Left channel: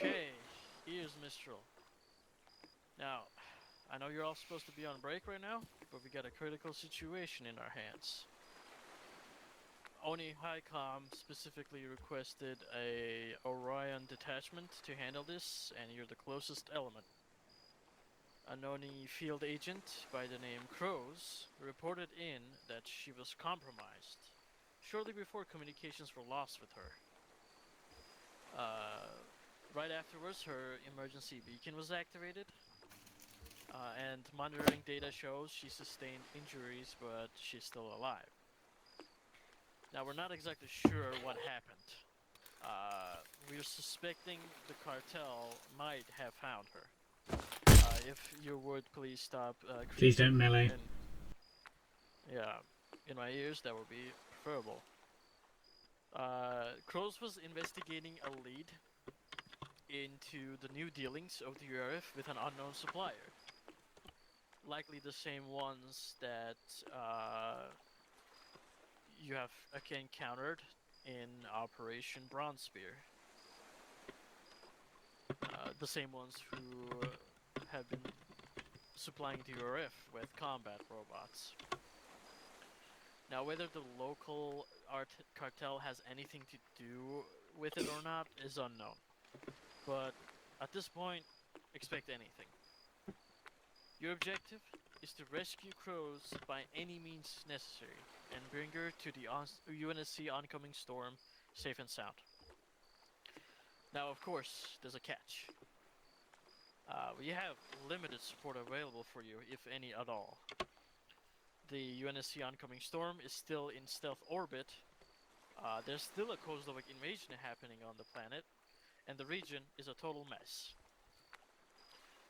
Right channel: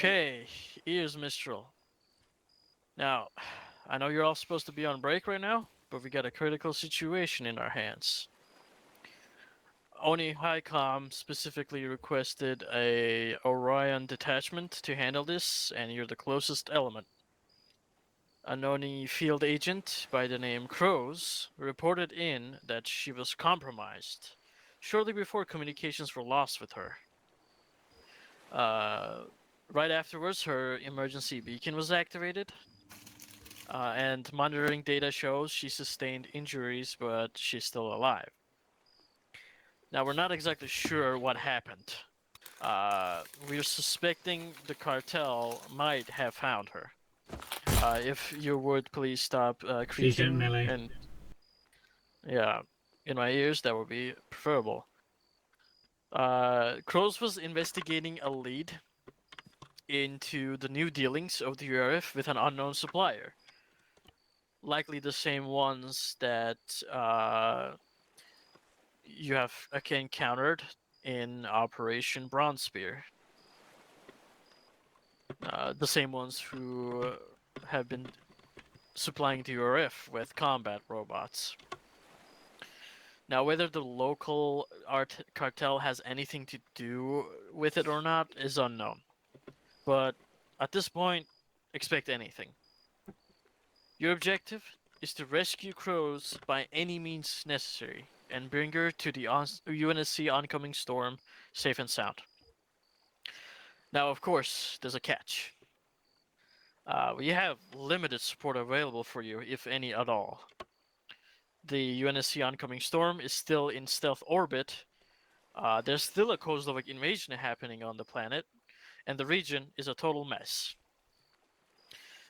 Okay, here's Mistral. Now, I know you're all supposed to be on break right now, but we got a critical situation in our hands. Oni Highcom specifically requested a Orion detachment to handle this, and you're the closest element. A Noni field agent by the name Crows reported in that she was compromised shortly before communications were lost with her. Uh, right afterwards, her emergency beacon was activated, and monitoring data shows she sustained injuries, but she's still alive. Now, we're not exactly sure what happened. We're suspecting the cartel might have found her. If you would please stop Please don't creaking melee. and yeah, in my ears, that would be preferable. Crows was investigating a lead into the new dealings of the URF with an unknown supplier. Likely the same ones that you have encountered in Operation Bronze Spear. The same ones who have been supplying the URF with combat robots. Now, whether the local art cartel has anything to do with it or not is unknown. But at this point, expect anything. Your objective is to rescue Crows by any means necessary and bring her to the UNSC oncoming storm safe and sound. Now, of course, there's a catch. We have limited support available for you, if any at all. The UNSC oncoming storm is still in stealth orbit. There's still a Kozlovic invasion happening on the planet, and the region is a total mess.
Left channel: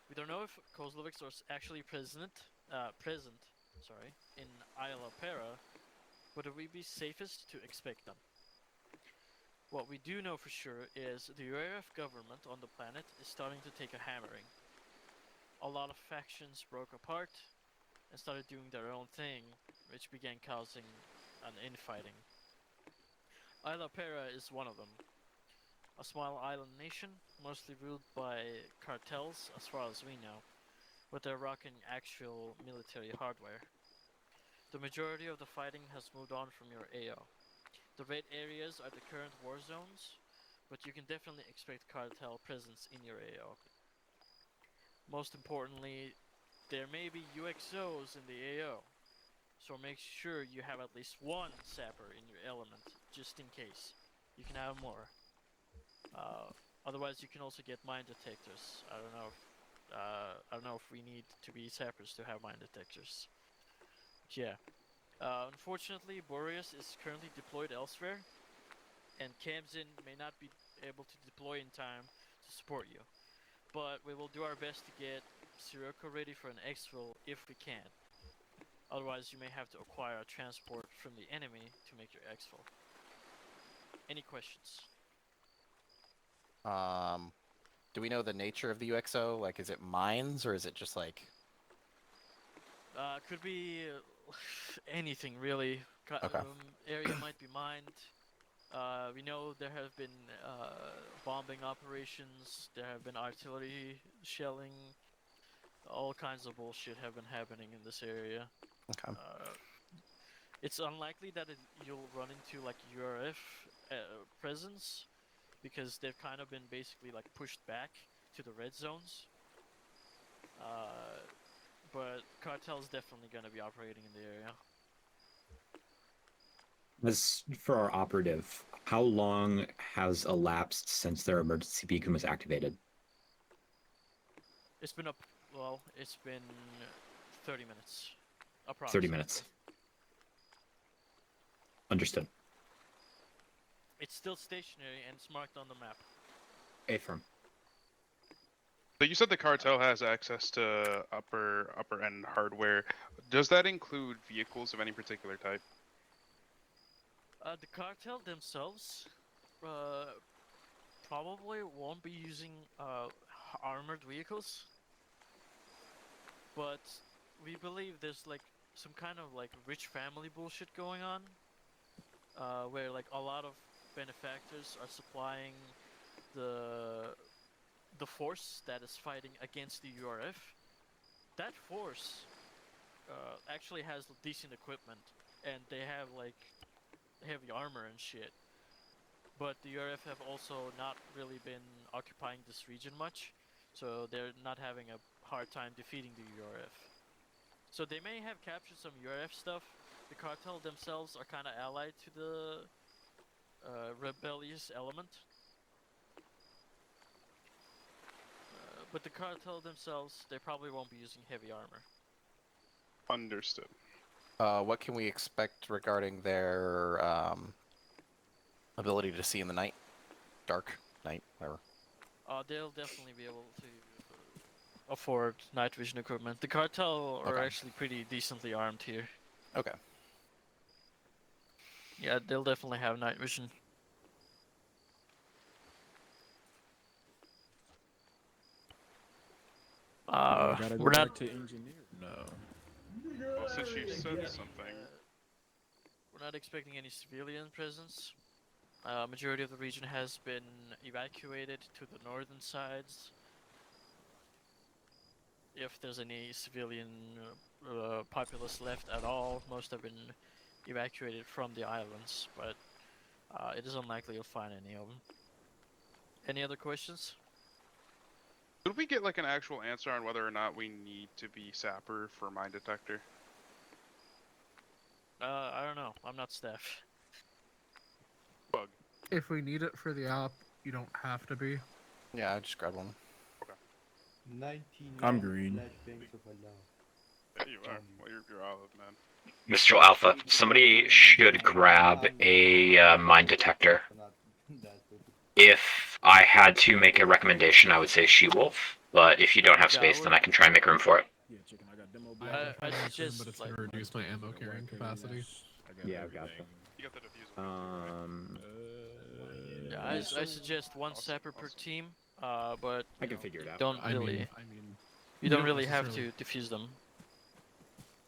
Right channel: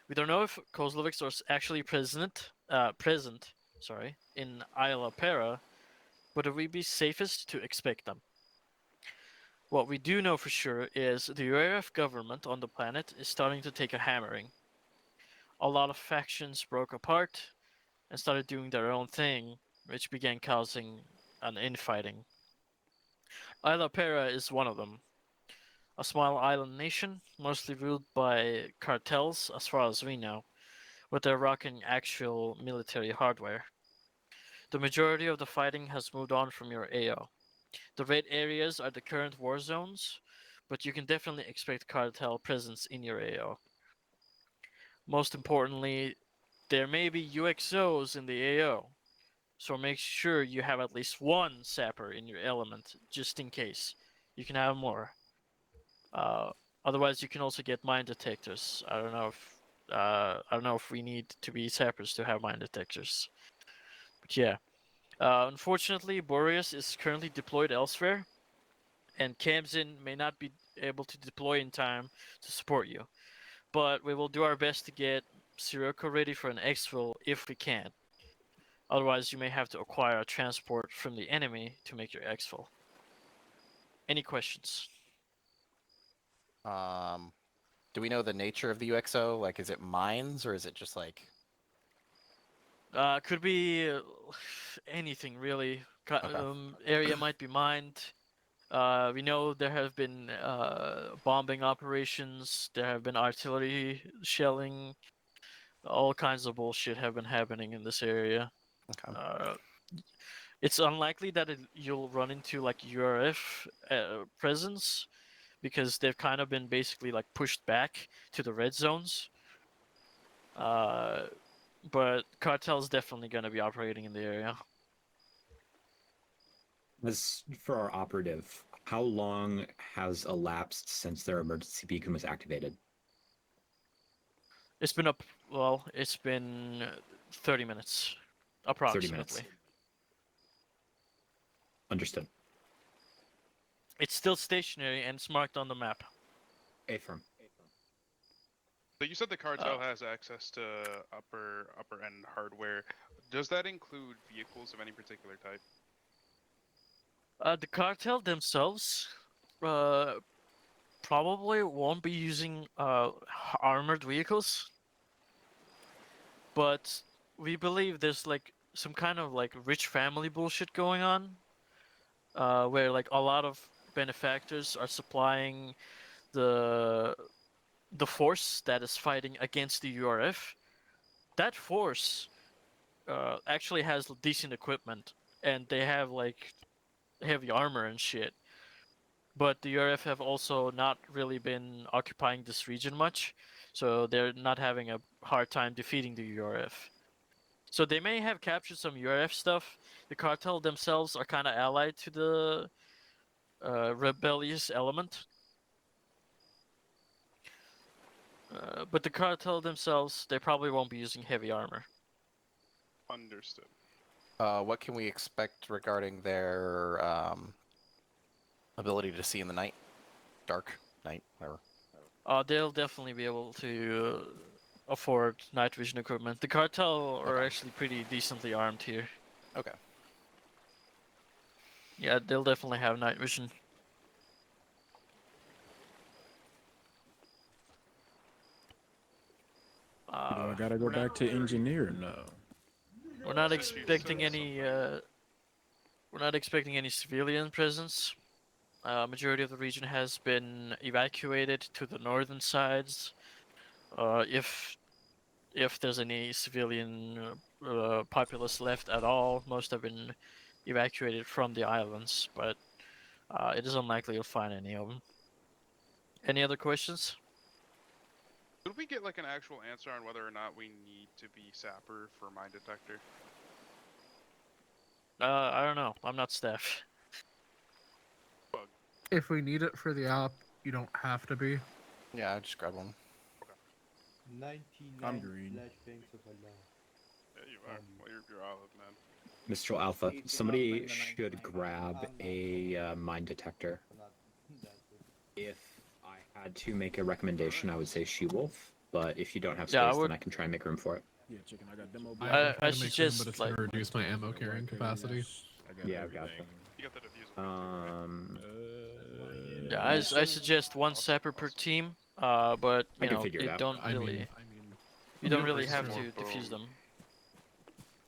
We don't know if Kozlovics are actually present, in Isla Pera, but it would be safest to expect them. What we do know for sure is the URF government on the planet is starting to take a hammering. A lot of factions broke apart and started doing their own thing, which began causing an infighting. Isla Pera is one of them. A small island nation, mostly ruled by cartels as far as we know, but they're rocking actual military hardware. The majority of the fighting has moved on from your AO. The red areas are the current war zones, but you can definitely expect cartel presence in your AO. Most importantly, there may be UXOs in the AO, so make sure you have at least one sapper in your element, just in case. You can have more. Uh, Otherwise, you can also get mine detectors. I don't know if we need to be sappers to have mine detectors. But yeah. Unfortunately, Boreas is currently deployed elsewhere, and Kamzin may not be able to deploy in time to support you. But we will do our best to get Sirocco ready for an exfil if we can. Otherwise, you may have to acquire a transport from the enemy to make your exfil. Any questions? Um, do we know the nature of the UXO? Like, is it mines or is it just like? Could be anything really. Okay. Area might be mined. We know there have been bombing operations. There have been artillery shelling. All kinds of bullshit have been happening in this area. Okay. Uh, it's unlikely that you'll run into like URF presence because they've kind of been basically like pushed back to the red zones. Uh, but cartel's definitely going to be operating in the area. As for our operative, how long has elapsed since their emergency beacon was activated? It's been it's been 30 minutes, 30 minutes. approximately. Understood. It's still stationary and it's marked on the map. Affirm. So you said the cartel has access to upper end hardware. Does that include vehicles of any particular type? The cartel themselves probably won't be using armored vehicles, but we believe there's like some kind of like rich family bullshit going on, where like a lot of benefactors are supplying the the force that is fighting against the URF, that force actually has decent equipment, and they have like heavy armor and shit. But the URF have also not really been occupying this region much, so they're not having a hard time defeating the URF. So they may have captured some URF stuff. The cartel themselves are kind of allied to the rebellious element. But the cartel themselves, they probably won't be using heavy armor. Understood. What can we expect regarding their ability to see in the night? Dark night, whatever. They'll definitely be able to afford night vision equipment. The cartel are Okay. actually pretty decently armed here. Okay. Yeah, they'll definitely have night vision. I gotta go we're back not to engineer now. we're not That's a huge expecting difference, any something. we're not expecting any civilian presence. Majority of the region has been evacuated to the northern sides. If there's any civilian populace left at all, most have been evacuated from the islands, but it is unlikely you'll find any of them. Any other questions? Could we get like an actual answer on whether or not we need to be sapper for mine detector? I don't know. I'm not staff. If we need it for the app, you don't have to be. Yeah, I just grabbed one. I'm green. There you are. Well, you're olive, man. Mistral Alpha, somebody should grab a mine detector. If I had to make a recommendation, I would say She-Wolf, but if you don't have Yeah, I space, would- then I can try and make room for it. Yeah, chicken, I got demo I I have a suggest, but it's like- gonna reduce my ammo carrying capacity. Yeah, I've got that. You got the diffuser. Yeah, I suggest one sapper per team. But I you can know, figure it you out. don't I really, mean, you don't really have to necessarily- defuse them.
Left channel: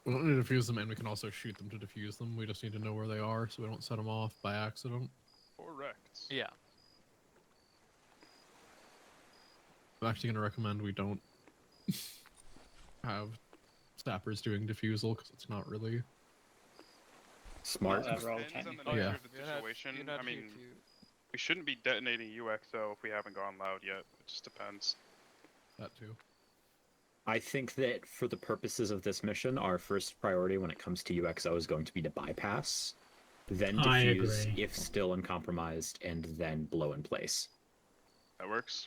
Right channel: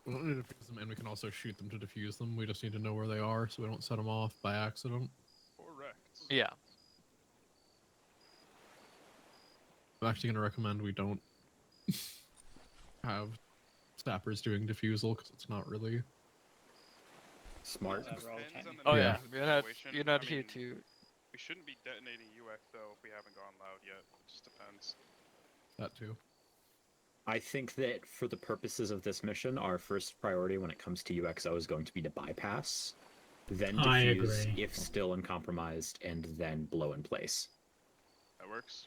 we don't need to defuse them, and we can also shoot them to defuse them. We just need to know where they are, so we don't set them off by accident. Correct. Yeah. I'm actually going to recommend we don't have sappers doing defusal, because it's not really... Smart. Depends on the Oh yeah. Yeah. You're not I here mean, to. We shouldn't be detonating UXO if we haven't gone loud yet. It just depends. That too. I think that for the purposes of this mission, our first priority when it comes to UXO is going to be to bypass, then I defuse agree. if still uncompromised, and then blow in place. That works.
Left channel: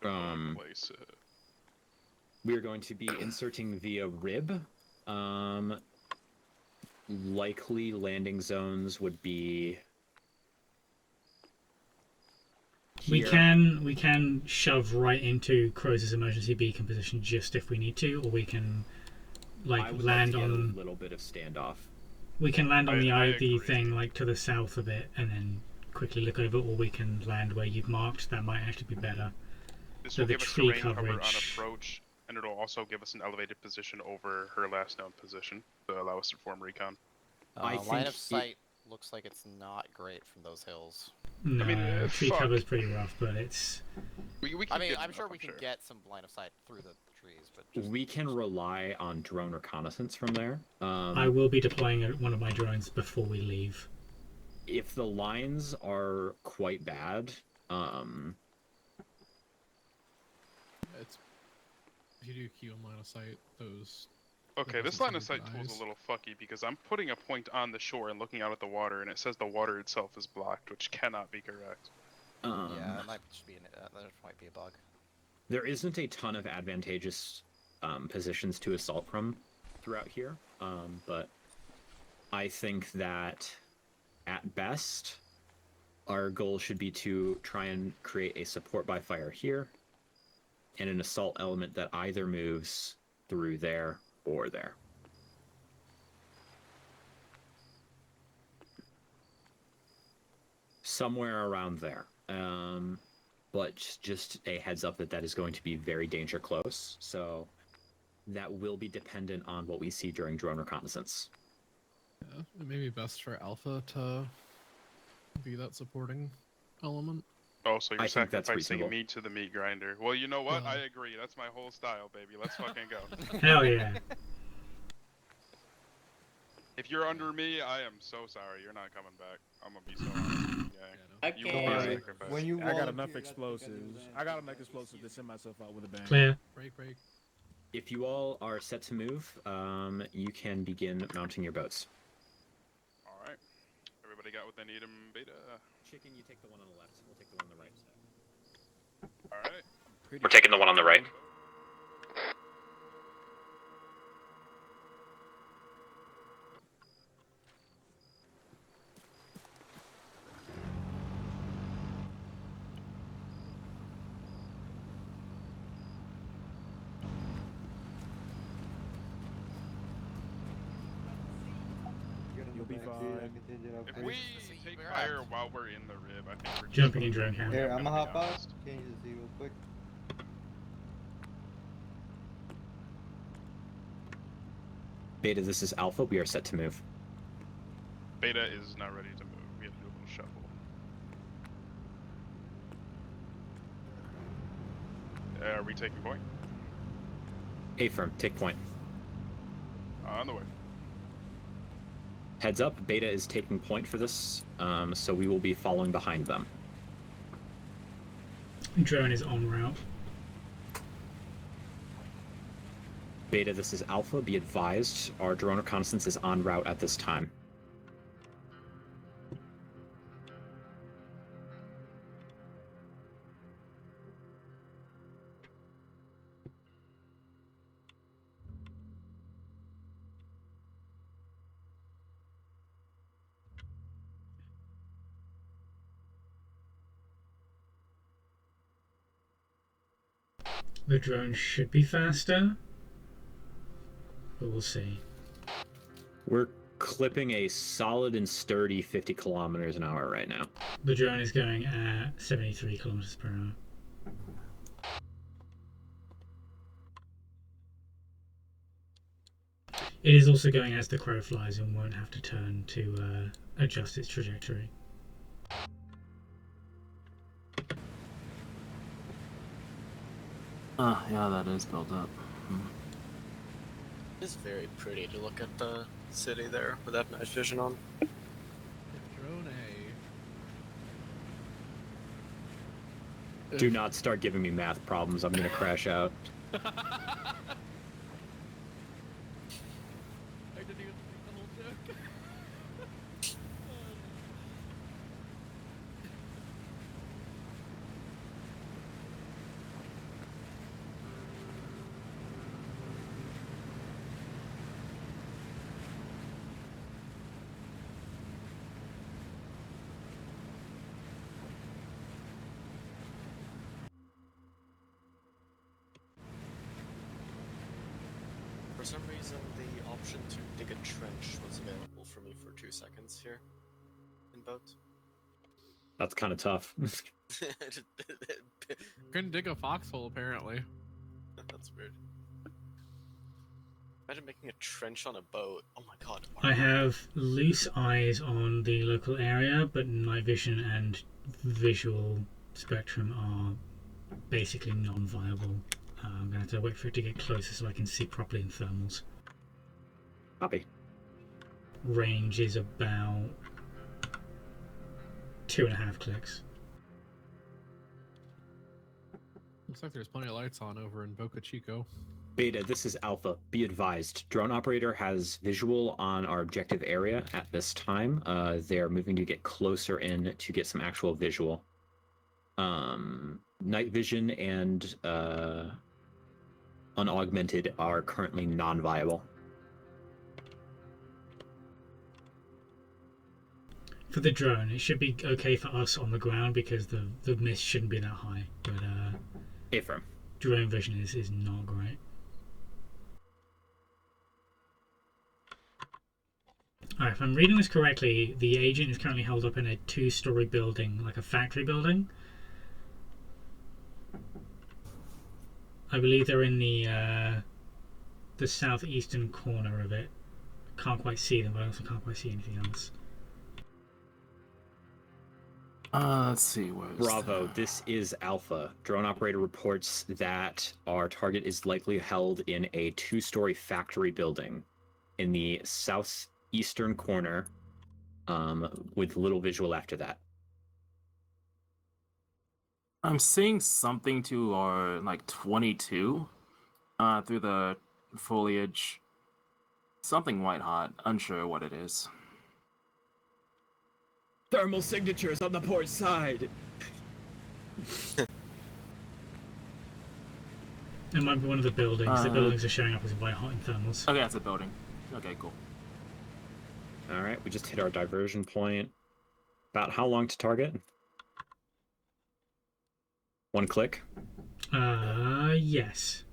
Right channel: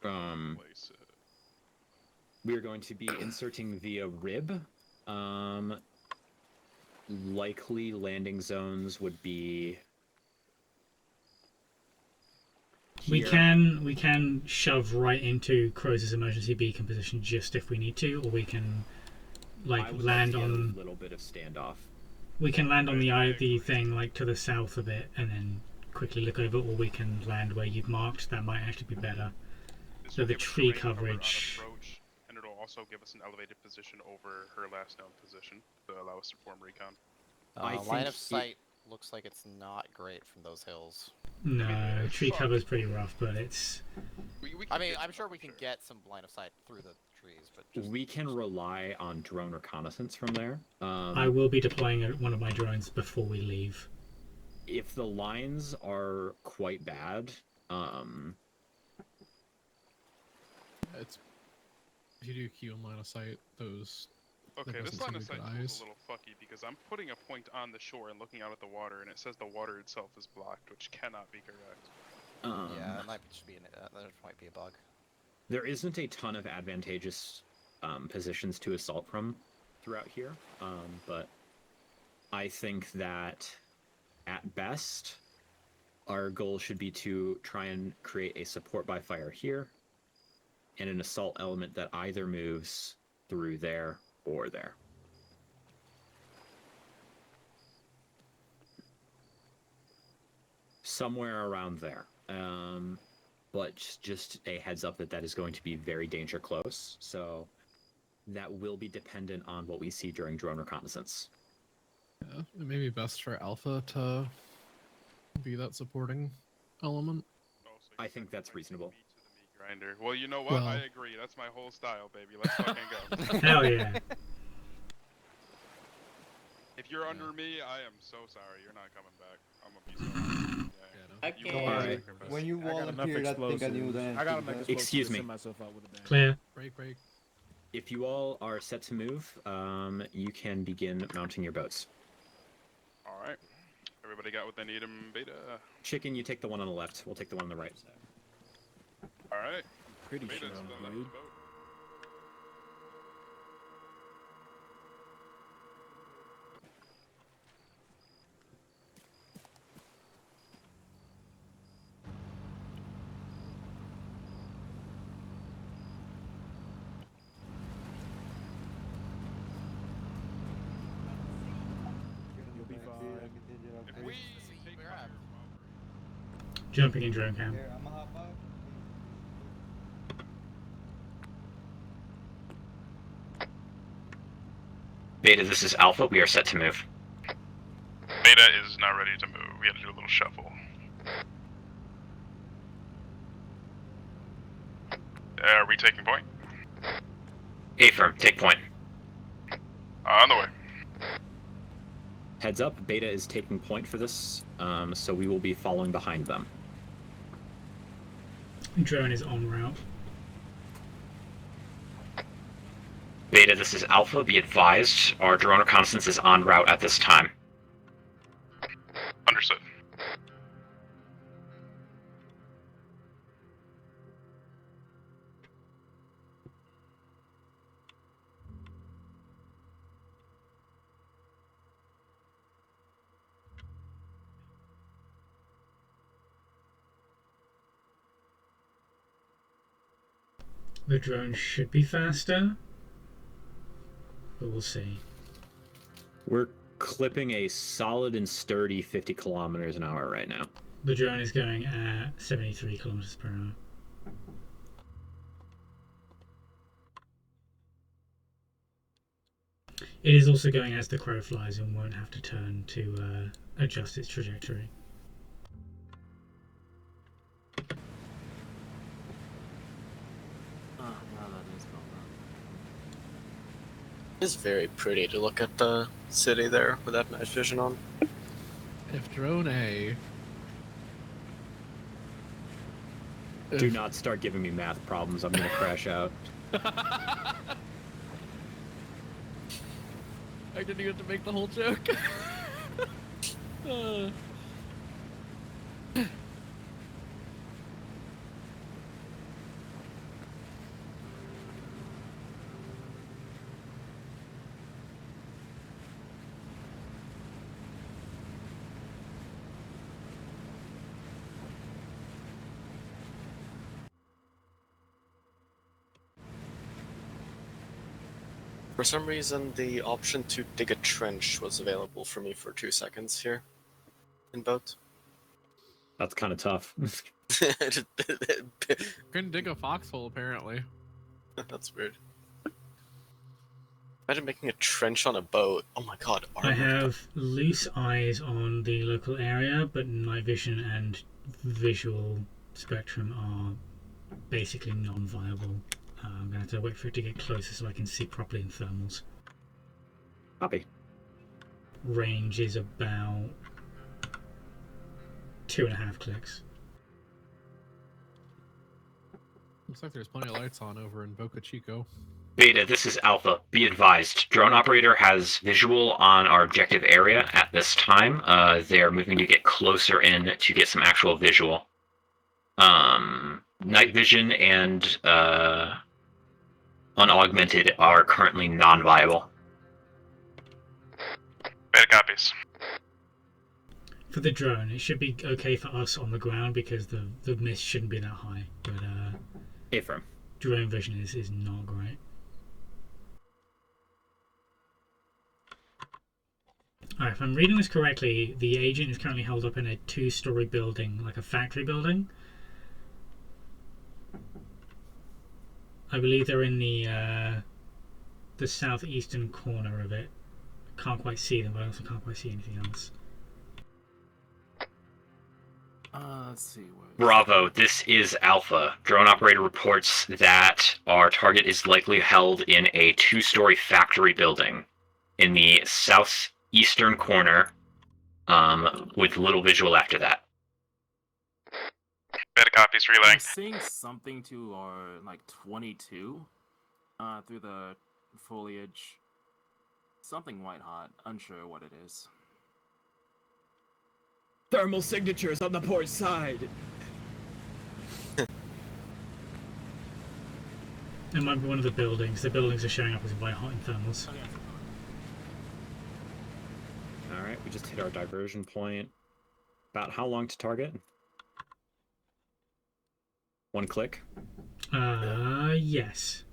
Place it. We are going to be inserting via rib. Likely landing zones would be. We here. can shove right into Crow's emergency beacon position just if we need to, or we can I would land like to get on a little bit of standoff. we can land on the I IV agree. thing like to the south a bit and then quickly look over, or we can land where you've marked. That might actually be better. This So will the give us tree terrain cover on coverage- approach, and it'll also give us an elevated position over her last known position to allow us to perform recon. I Line think of sight looks like it's not great from those hills. No, mean, tree fuck. cover's pretty rough, but it's We I can mean, get I'm some sure up, we can get some line of sight through the trees, but just... We can rely on drone reconnaissance from there. I will be deploying one of my drones before we leave. If the lines are quite bad, It's... If you do key on line of sight, those... Okay, It this doesn't line of seem sight good tool is eyes. a little fucky because I'm putting a point on the shore and looking out at the water, and it says the water itself is blocked, which cannot be correct. Yeah, that might just be that might be a bug. there isn't a ton of advantageous positions to assault from throughout here, but I think that at best, our goal should be to try and create a support by fire here, and an assault element that either moves through there or there. Somewhere around there. But just a heads up that that is going to be very danger close, so that will be dependent on what we see during drone reconnaissance. Yeah, it may be best for Alpha to be that supporting element. Oh, so you're I think that's sacrificing reasonable. meat to the meat grinder. Well, you know what? Well- I agree. That's my whole style, baby. Let's fucking go. Hell yeah. If you're under me, I am so sorry. You're not coming back. I'm gonna be so honest. I You can. will be Alright. sacrificed. When you I got enough volunteered, I think I knew explosives. the answer. I got to enough that. explosives Excuse to me. send myself out with a bang. Clear. Break. If you all are set to move, you can begin mounting your boats. All right. Everybody got what they need in beta. Chicken, you take the one on the left. We'll take the one on the right. All right. We're taking the one on the right. You'll be fine. If we take fire while we're in the rib, I think we're Jumping in drone cam. Here, I'm gonna gonna be hop out. honest. Change this real quick. Beta, this is Alpha. We are set to move. Beta is not ready to move. We have to do a little shuffle. Are we taking point? Affirm, take point. On the way. Heads up, Beta is taking point for this, so we will be following behind them. Drone is en route. Beta, this is Alpha. Be advised, our drone reconnaissance is en route at this time. Understood. The drone should be faster, but we'll see. We're clipping a solid and sturdy 50 kilometers an hour right now. The drone is going at 73 kilometers per hour. It is also going as the crow flies and won't have to turn to adjust its trajectory. Yeah, that is built up. It's very pretty to look at the city there with that night vision on. If drone A. Do not start giving me math problems. I'm gonna crash out. I didn't even have to make the whole joke. For some reason, the option to dig a trench was available for me for 2 seconds here in boat. That's kind of tough. Couldn't dig a foxhole, apparently. That's weird. Imagine making a trench on a boat. Oh my god. I have loose eyes on the local area, but night vision and visual spectrum are basically non-viable. I'm going to have to wait for it to get closer so I can see properly in thermals. Copy. Range is about 2.5 clicks. Looks like there's plenty of lights on over in Boca Chico. Beta, this is Alpha. Be advised, drone operator has visual on our objective area at this time. They are moving to get closer in to get some actual visual. Night vision and unaugmented are currently non-viable. Beta copies. For the drone, it should be okay for us on the ground because the mist shouldn't be that high. But Affirm. drone vision is not great. Alright, if I'm reading this correctly, the agent is currently held up in a 2-story building, like a factory building. I believe they're in the southeastern corner of it. Can't quite see them, but I also can't quite see anything else. Let's see. Where's Bravo, this is Alpha. Drone operator reports that our target is likely held in a 2-story factory building in the southeastern corner, with little visual after that. Beta copies I'm relaying. seeing something to our like 22 through the foliage. Something white hot. Unsure what it is. Thermal signatures on the port side. It might be one of the buildings. The buildings are showing up as white hot in thermals. Okay, that's a building. Okay, cool. All right, we just hit our diversion point. About how long to target? 1 click. Yes.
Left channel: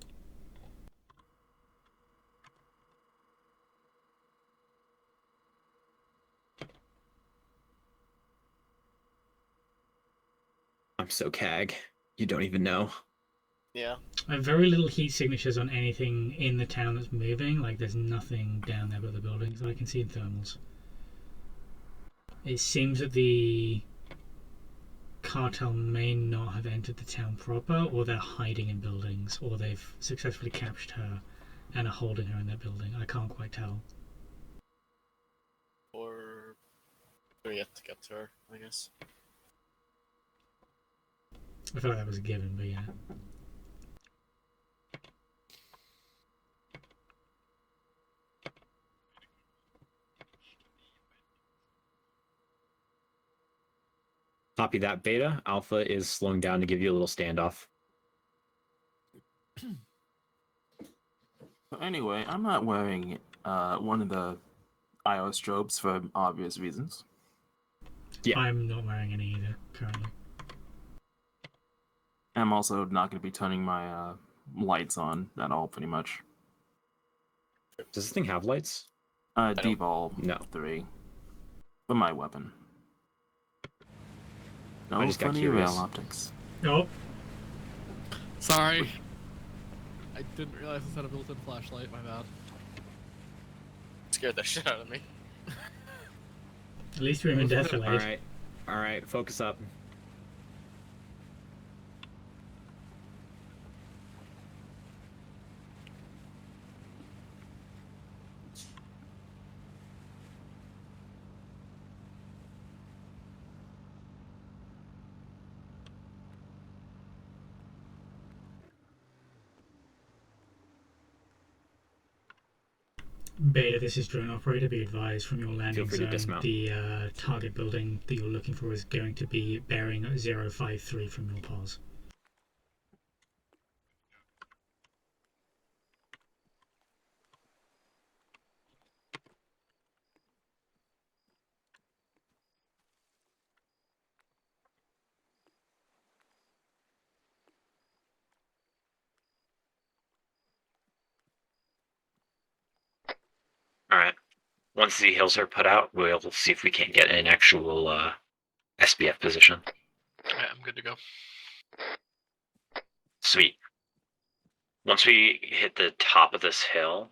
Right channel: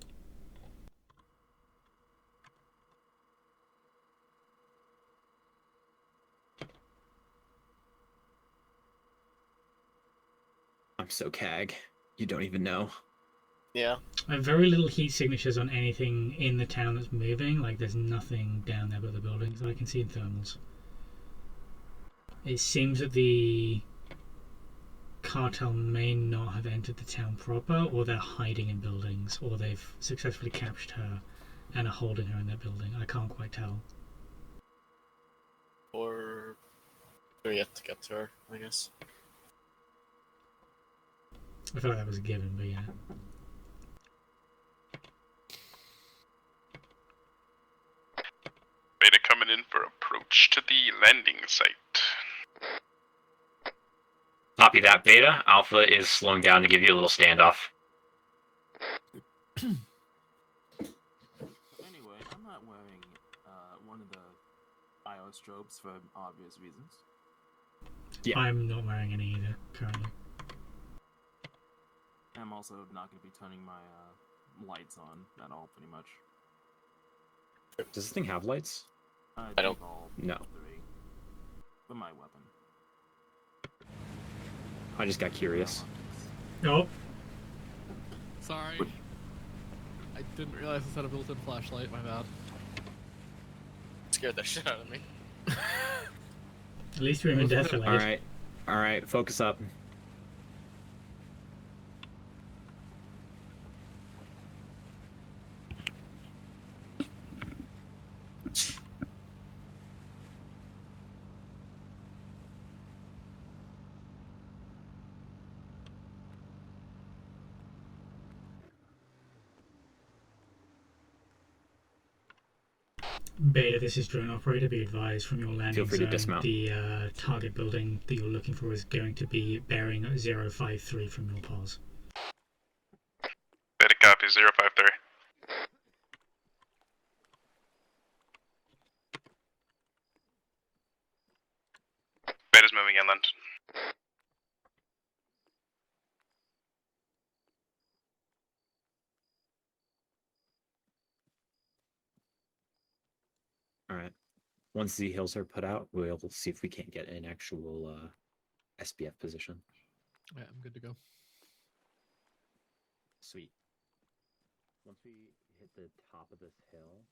I'm so cag. You don't even know. Yeah. I have very little heat signatures on anything in the town that's moving. Like, there's nothing down there but the buildings that I can see in thermals. It seems that the cartel may not have entered the town proper, or they're hiding in buildings, or they've successfully captured her and are holding her in their building. I can't quite tell. Or we're yet to get to her, I guess. I feel like that was a given, but yeah. Beta coming in for approach to the landing site. Copy that, Beta. Alpha is slowing down to give you a little standoff. Anyway, I'm not wearing one of the IO strobes for obvious reasons. Yeah. I'm not wearing any either, currently. I'm also not going to be turning my lights on at all, pretty much. Does this thing have lights? Devolve No. 3. For my weapon. No, I just got funny curious. rail optics. Oh, Sorry. I didn't realize this had a built-in flashlight. My bad. Scared the shit out of me. at least we're in death All delayed. right. Focus up. Beta, this is drone operator. Be advised from your landing free to zone, dismount. the target building that you're looking for is going to be bearing 053 from your pause. Beta copy 053. Beta's moving inland. Alright. Once the hills are put out, we'll see if we can't get an actual SBF position. Yeah, I'm good to go. Sweet. Once we hit the top of this hill,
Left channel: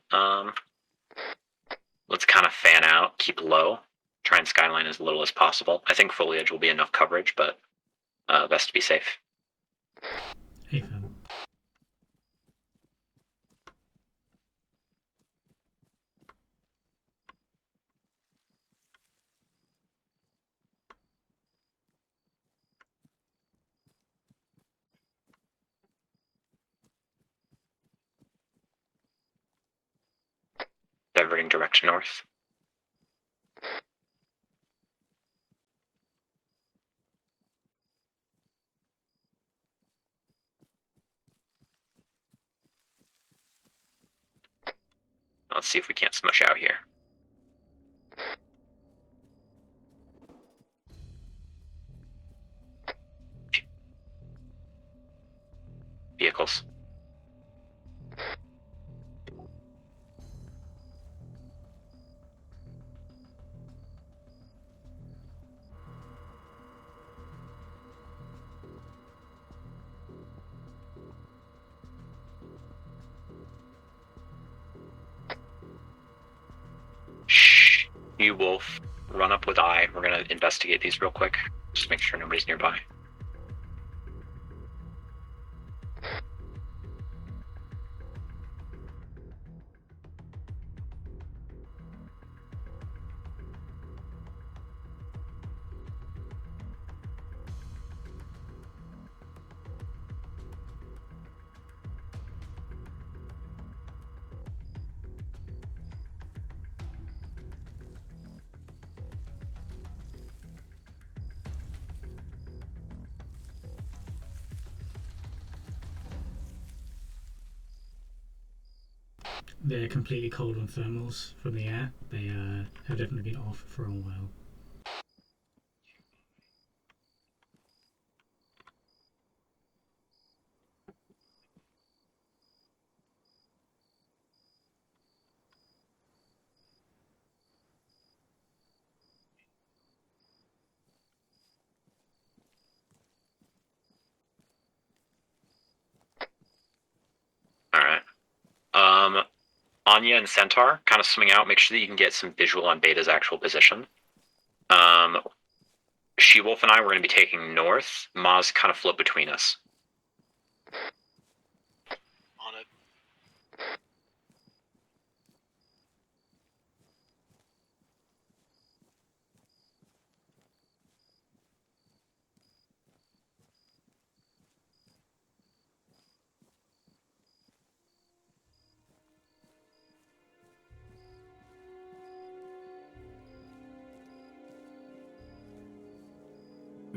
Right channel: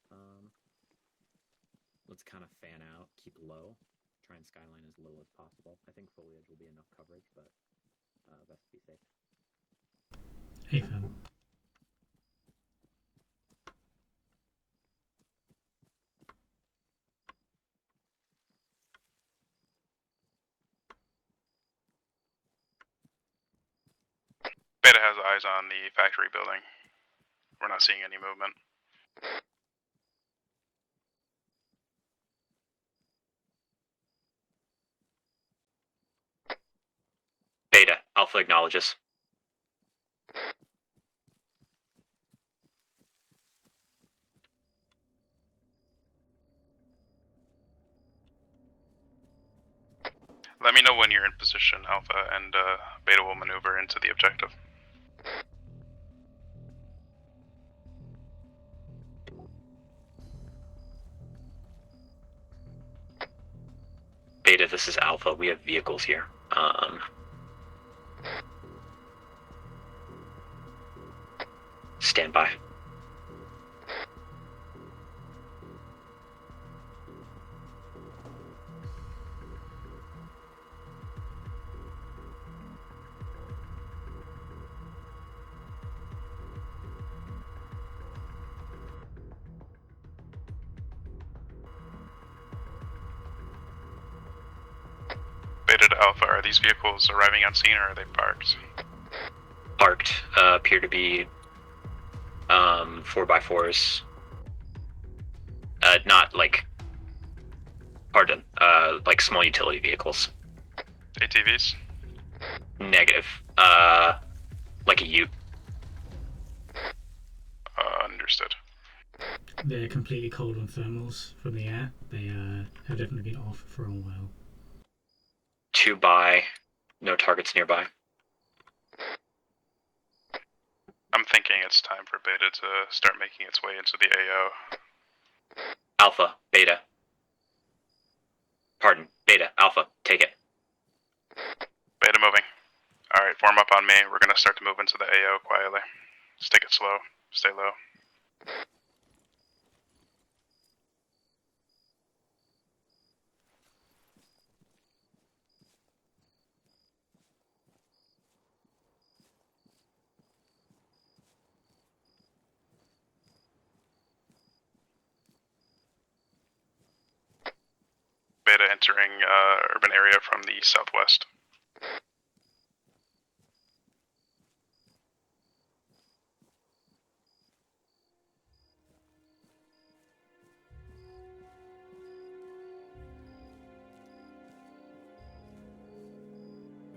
let's kind of fan out, keep low, try and skyline as little as possible. I think foliage will be enough coverage, but best to be safe. Hey, fam. Beta has eyes on the factory building. We're not seeing any movement. Diverting direct north. Beta, Alpha acknowledges. Let's see if we can't smush out here. Let me know when you're in position, Alpha, and Beta will maneuver into the objective. Vehicles. Beta, this is Alpha. We have vehicles here. Stand by. Shh. You wolf. run up with I. We're gonna investigate these real quick. Just make sure nobody's nearby. Beta to Alpha, are these vehicles arriving on scene or are they parked? Parked. Appear to be 4x4s. Not like, pardon, like small utility vehicles. ATVs? Negative. Like a ute. Understood. They're completely cold on thermals from the air. They have definitely been off for a while. 2 by, no targets nearby. I'm thinking it's time for Beta to start making its way into the AO. Alpha, Beta. Pardon, Beta, Alpha, take it. Beta moving. Alright, form up on me. We're gonna start to move into the AO quietly. Just take it slow. Stay low. Alright. Anya and Centaur, kind of swimming out. Make sure that you can get some visual on Beta's actual position. She-Wolf and I, we're going to be taking north. Maz kind of float between us. On it. Beta entering urban area from the southwest.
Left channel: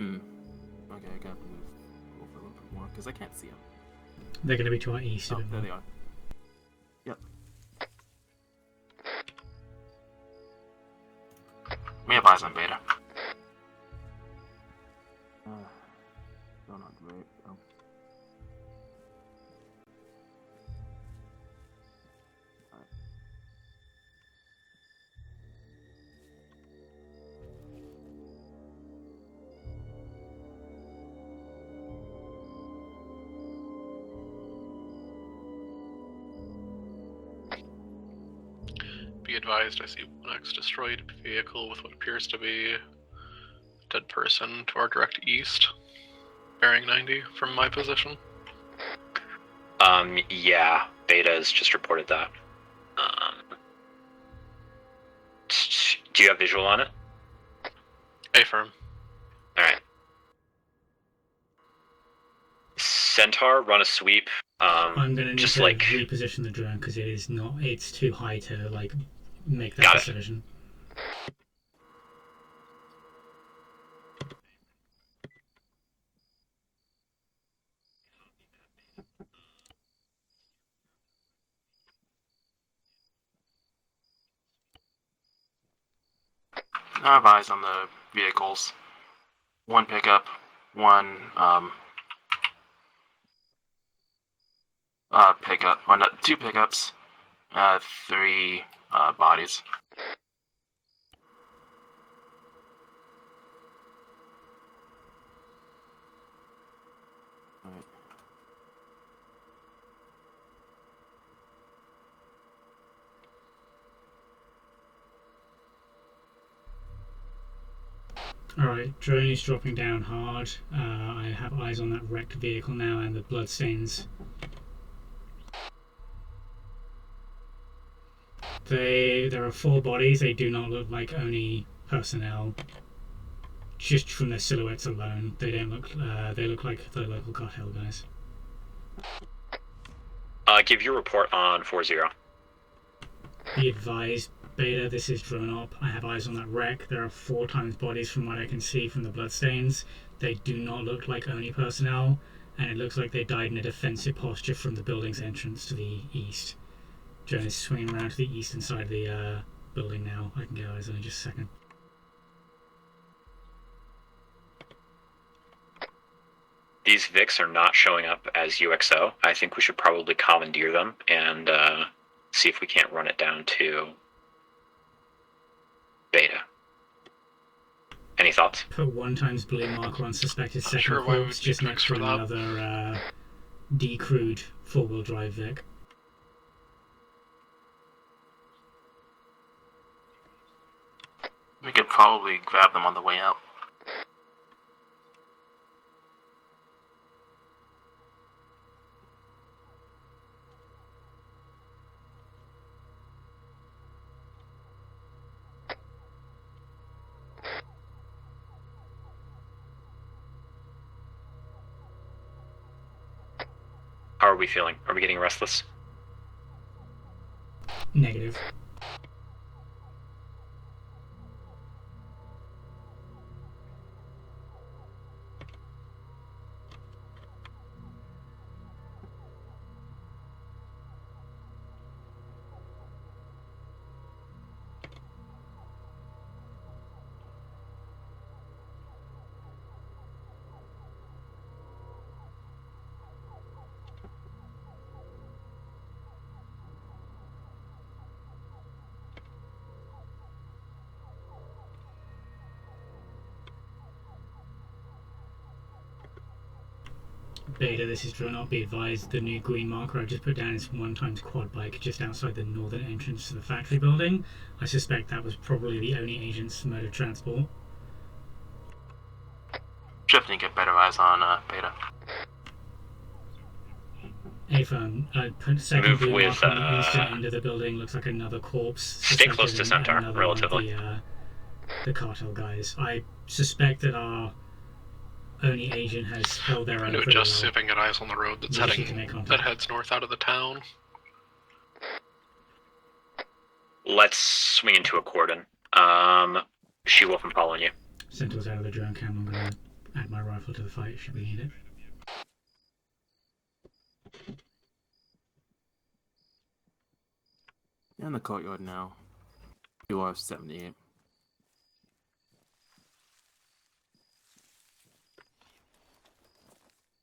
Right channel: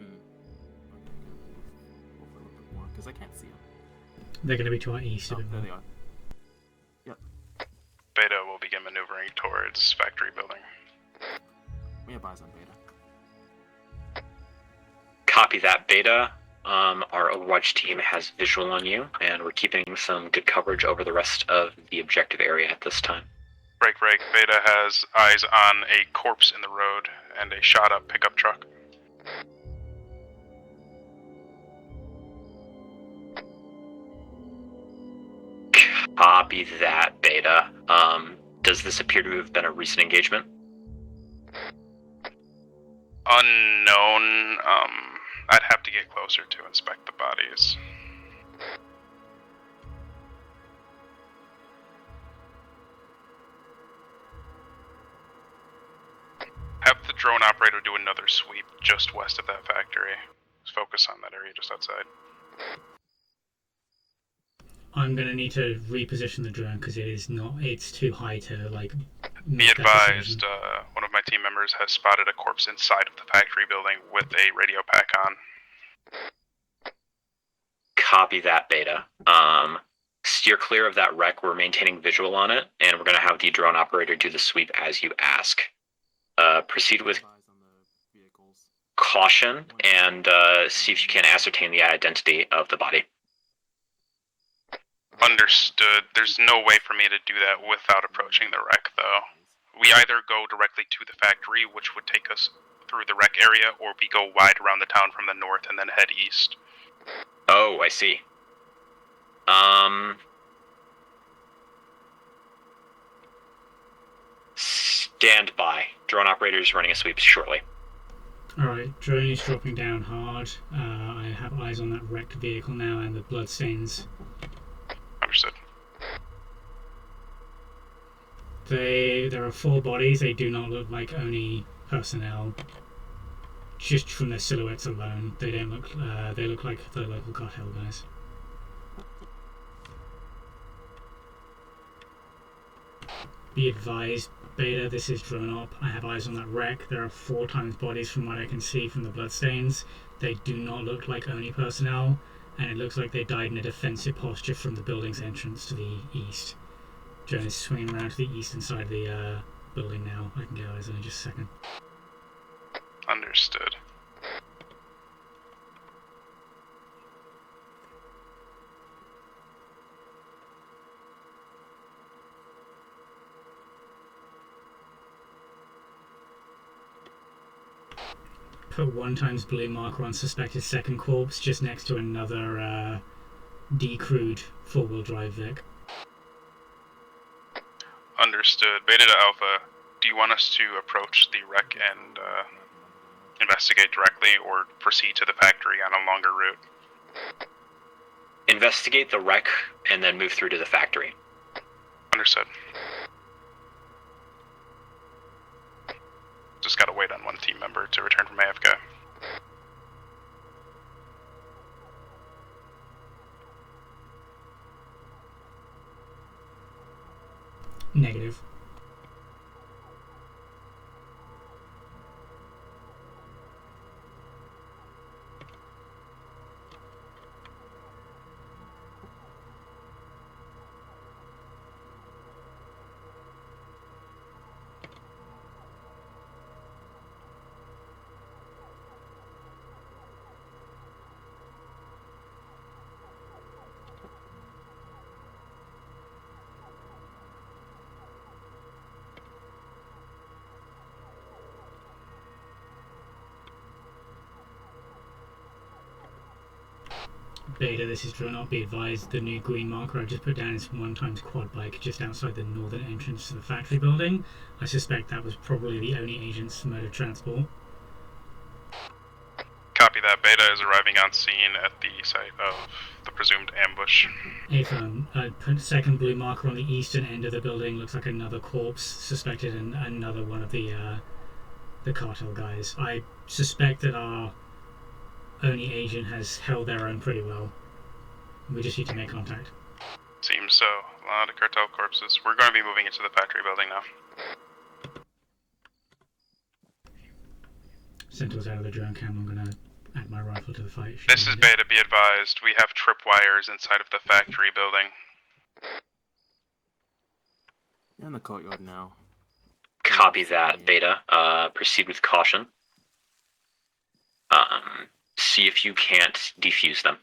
Okay, I gotta move over a little bit more because I can't see them. They're going to be to our east a bit There more. they are. Yep. Beta will begin maneuvering towards factory building. We have eyes on Beta. Copy that, Beta. Our Overwatch team has visual on you, and we're keeping some good coverage over the rest of the objective area at this time. Break. Beta has eyes on a corpse in the road and a shot-up pickup truck. Copy that, Beta. Does this appear to have been a recent engagement? Destroyed vehicle with what appears to be Unknown. direct east. I'd have to get closer to bearing inspect the 90 from my bodies. position. Yeah, Beta's just reported that. Do you have visual on it? Have the drone operator do another sweep Affirm. just west of that Alright. factory. Just focus on that area just outside. Centaur, run a sweep. I'm going to need just to like reposition the drone because it's too high to like Be make that decision. advised, one of my team members has spotted a corpse inside of the factory building with a radio pack on. copy that, Beta. Steer clear of that wreck. We're maintaining visual on it, and we're going to have the drone operator do the sweep as you ask. Proceed I with have eyes on the vehicles. caution One and pickup, see if you can one, ascertain the identity of the body. Understood. There's two no way pickups, for me to do that without approaching the three, wreck, though. bodies. We either go directly to the factory, which would take us through the wreck area, or we go wide around the town from the north and then head east. Oh, I see. Stand by. Drone operators running a sweep shortly. Alright, drone is dropping down hard. I have eyes on that wrecked vehicle now and the bloodstains. Understood. There are 4 bodies. They do not look like Oni personnel. Just from their silhouettes alone, they don't look. They look like the local cartel guys. Give your report on 4-0. Be advised, Beta, this is drone op. I have eyes on that wreck. There are 4 times bodies from what I can see from the bloodstains. They do not look like Oni personnel, and it looks like they died in a defensive posture from the building's entrance to the east. Drone is swinging around to the eastern side of the building now. I can get eyes on in just a second. Understood. These Vics are not showing up as UXO. I think we should probably commandeer them and see if we can't run it down to Beta. Any thoughts? Put 1 times blue marker on suspected second sure why we corpse just took next to for that. another decrewed 4-wheel drive Vic. Understood. Beta to Alpha. Do you want us to approach the wreck We could and probably grab them on the way out. investigate directly, or proceed to the factory on a longer route? Investigate the wreck and then move through to the factory. Understood. Just gotta wait on one team member to return from AFK. How are we feeling? Are we getting restless? Negative. Beta, this is Drill Not. Be advised, the new green marker I just put down is 1x quad bike just outside the northern entrance to the factory building. I suspect that was probably the only agent's mode of transport. Copy that. Just Beta is arriving on scene yeah. at the site of the presumed ambush. A-Firm, second Move blue with, mark on the eastern end of the building looks like another corpse. Stay close to center, another one of relatively. the cartel guys. I suspect that our only agent has held their own pretty just well. sipping at eyes on the road that's We just need to heading, make contact. that heads north out of the town. So, a lot of cartel corpses. We're going to be moving into the factory building now. Let's swing into a cordon. She-Wolf, I'm following you. Sentinel's out of the drone cam. I'm gonna add my rifle to the fight. Should This we is need it? Beta, be advised. We have tripwires inside of the factory building. In the courtyard now. Copy that, Beta. Proceed with caution. See if you can't defuse them.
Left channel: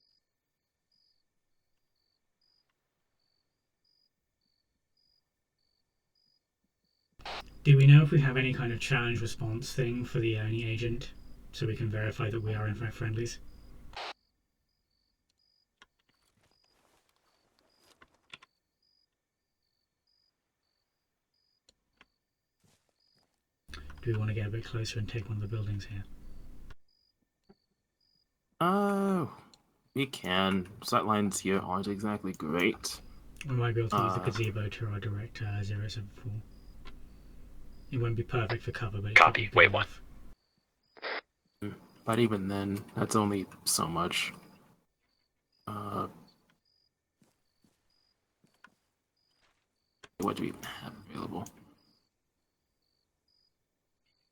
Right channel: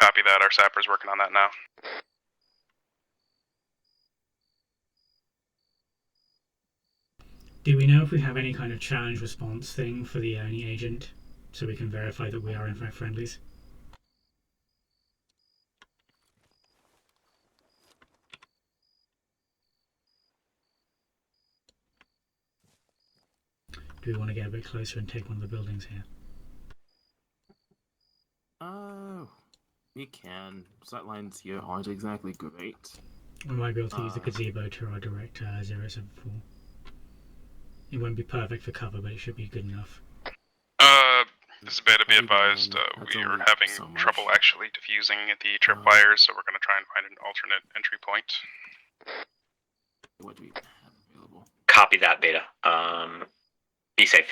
Copy that. Our sapper's working on that now. Do we know if we have any kind of challenge response thing for the Oni agent, so we can verify that we are in fact friendlies? Do we want to get a bit closer and take one of the buildings here? Oh, we can. Sightlines here aren't exactly great. We might be able to use the gazebo to our direct 074. It won't be perfect for cover, but it Copy. should be good Wait, enough. This is Beta, be Not even advised. then, that's We are only having so much. trouble actually diffusing the tripwires, so we're going to try and find an alternate entry point. What do we have available? Copy that, Beta. Be safe.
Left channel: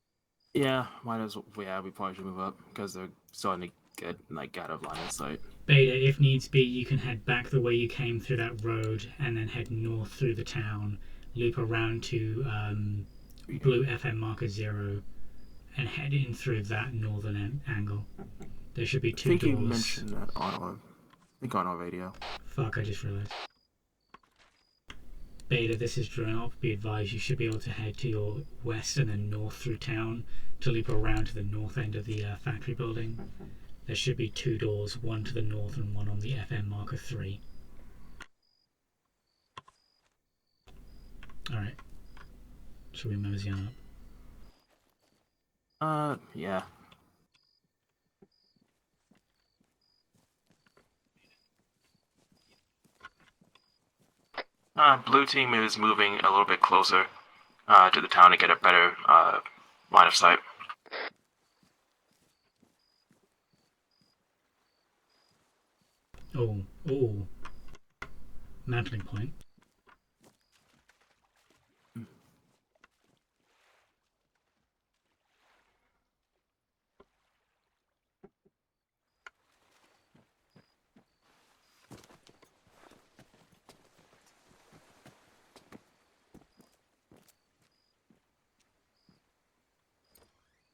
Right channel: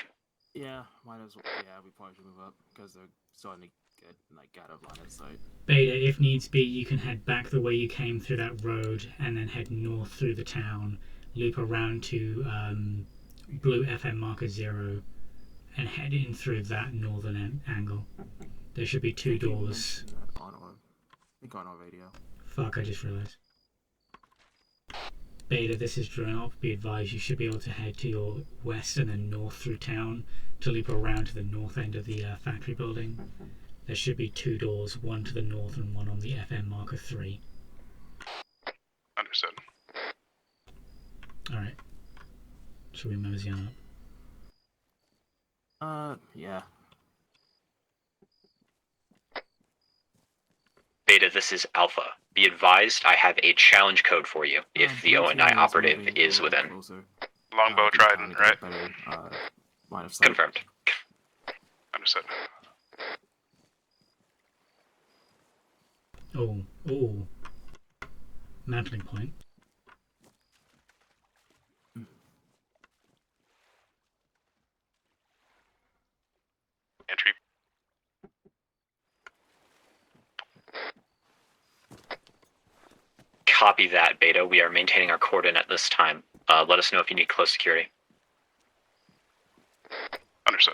Yeah, might as well. Yeah, we probably should move up because they're starting to get like out of line of sight. Beta, if needs be, you can head back the way you came through that road and then head north through the town, loop around to blue FM marker 0, and head in through that northern angle. There should be two I think you doors. mentioned that I think on our radio. Fuck, I just realized. Beta, this is Drone Op. Be advised, you should be able to head to your west and then north through town to loop around to the north end of the factory building. There should be two doors, one to the north and one on the FM marker 3. Understood. Alright. Shall we mosey on up? Yeah. Beta, this is Alpha. Be advised, I have a challenge code for you. If the Blue ONI team is operative moving a is little within. bit closer Longbow to the drive, town to get right? a better line of sight. Confirmed. Understood. Oh. Mantling point. Entry. Copy that, Beta. We are maintaining our cordon at this time. Let us know if you need close security. Understood.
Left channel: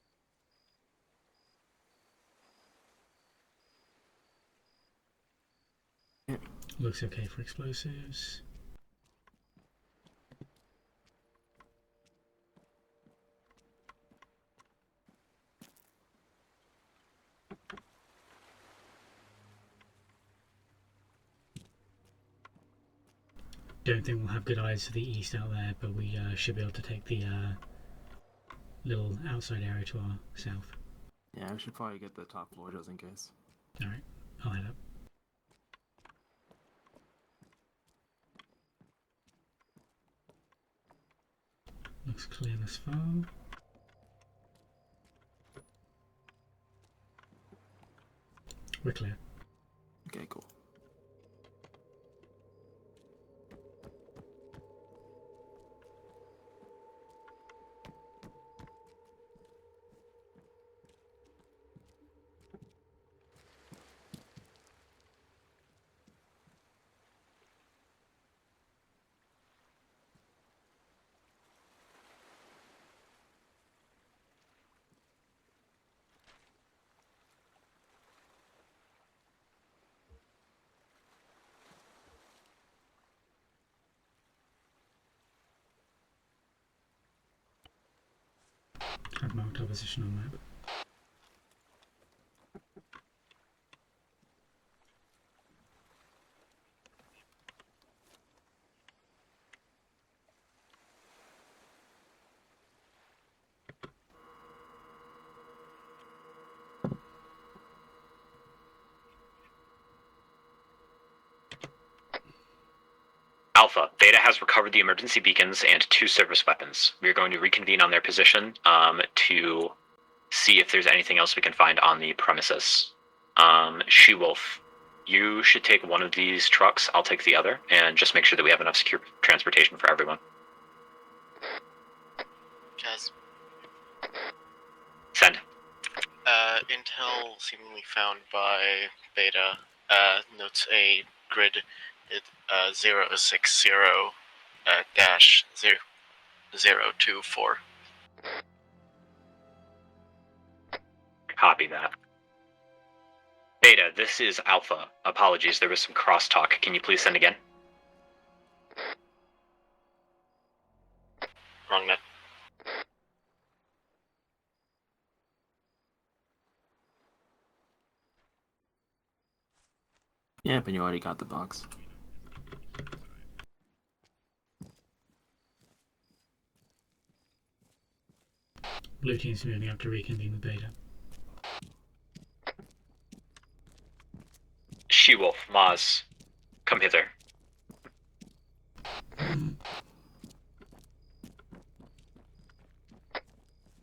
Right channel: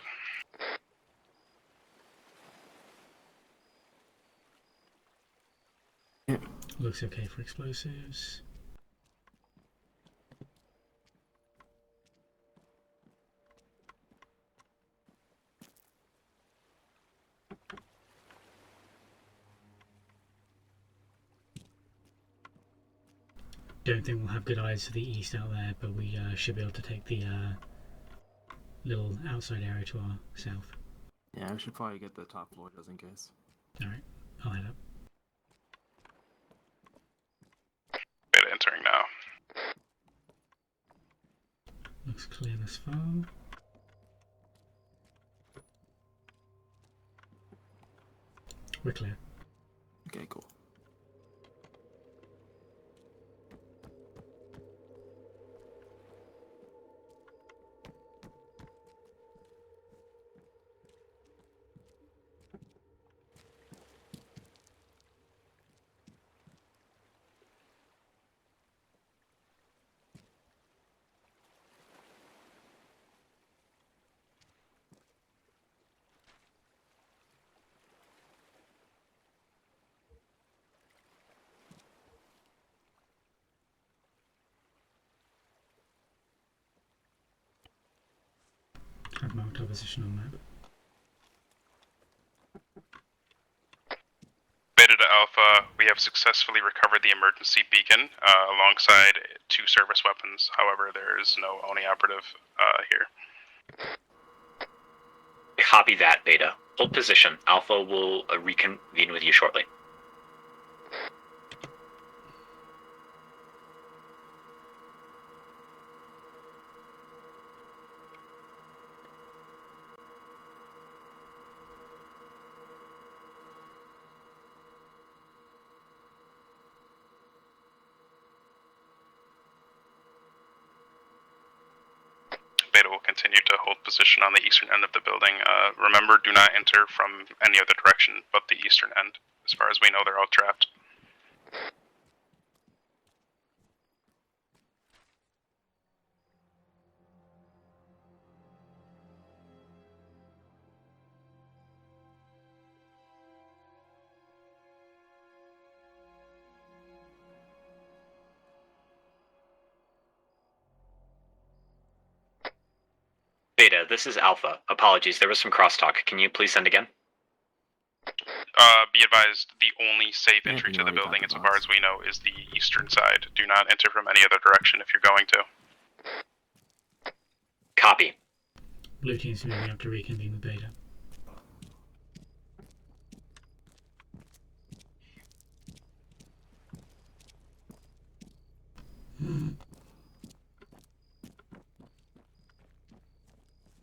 Looks okay for explosives. don't think we'll have good eyes to the east out there, but we should be able to take the little outside area to our south. Yeah, I should probably get the top floor just in case. Alright, I'll head up. Beta entering now. Looks clear thus far. We're clear. Okay, cool. I've marked our position on map. Beta to Alpha, we have successfully recovered the emergency beacon alongside 2 service weapons. However, there is no ONI operative here. Copy that, Beta. Hold position. Alpha will reconvene with you shortly. Alpha, Beta has recovered the emergency beacons and 2 service weapons. We are going to reconvene on their position to see if there's anything else we can find on the premises. She-Wolf, you should take one of these trucks, I'll take the other, and just make sure that we have enough secure transportation for everyone. Beta will continue to hold position on the eastern end of the building. Remember, do not enter from any other direction but the eastern end. Beta, as far as we know, they're all trapped. A grid 060 dash 024. Copy that. Beta, this is Alpha. Apologies, there was some crosstalk. Can you please send again? Wrong net. Beta, this is Alpha. Apologies, there was some crosstalk. Can you please send again? Be advised, the only safe Yeah, entry you to the already got building, the as far box. as we know, is the eastern side. Do not enter from any other direction if you're going to. Copy. Blue team's moving up to reconvene with Beta. She-Wolf, Maz, come hither.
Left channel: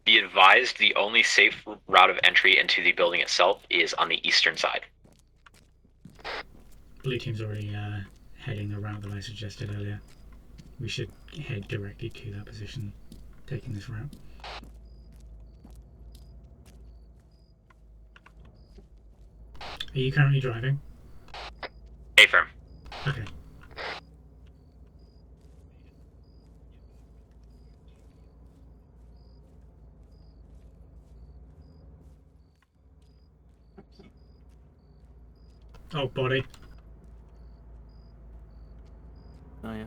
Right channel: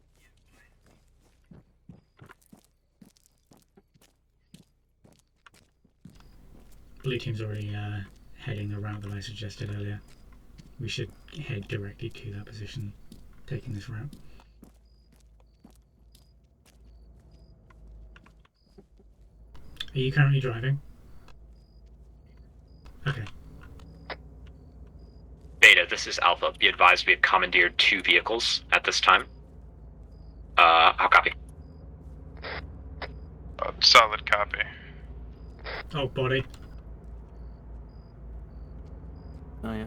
Be advised, the only safe route of entry into the building itself is on the eastern side. Blue team's already heading the route that I suggested earlier. We should head directly to that position, taking this route. Are you currently driving? Affirm. Okay. Beta, this is Alpha. Be advised, we have commandeered 2 vehicles at this time. I'll copy. Solid copy. Oh, body. Oh yeah.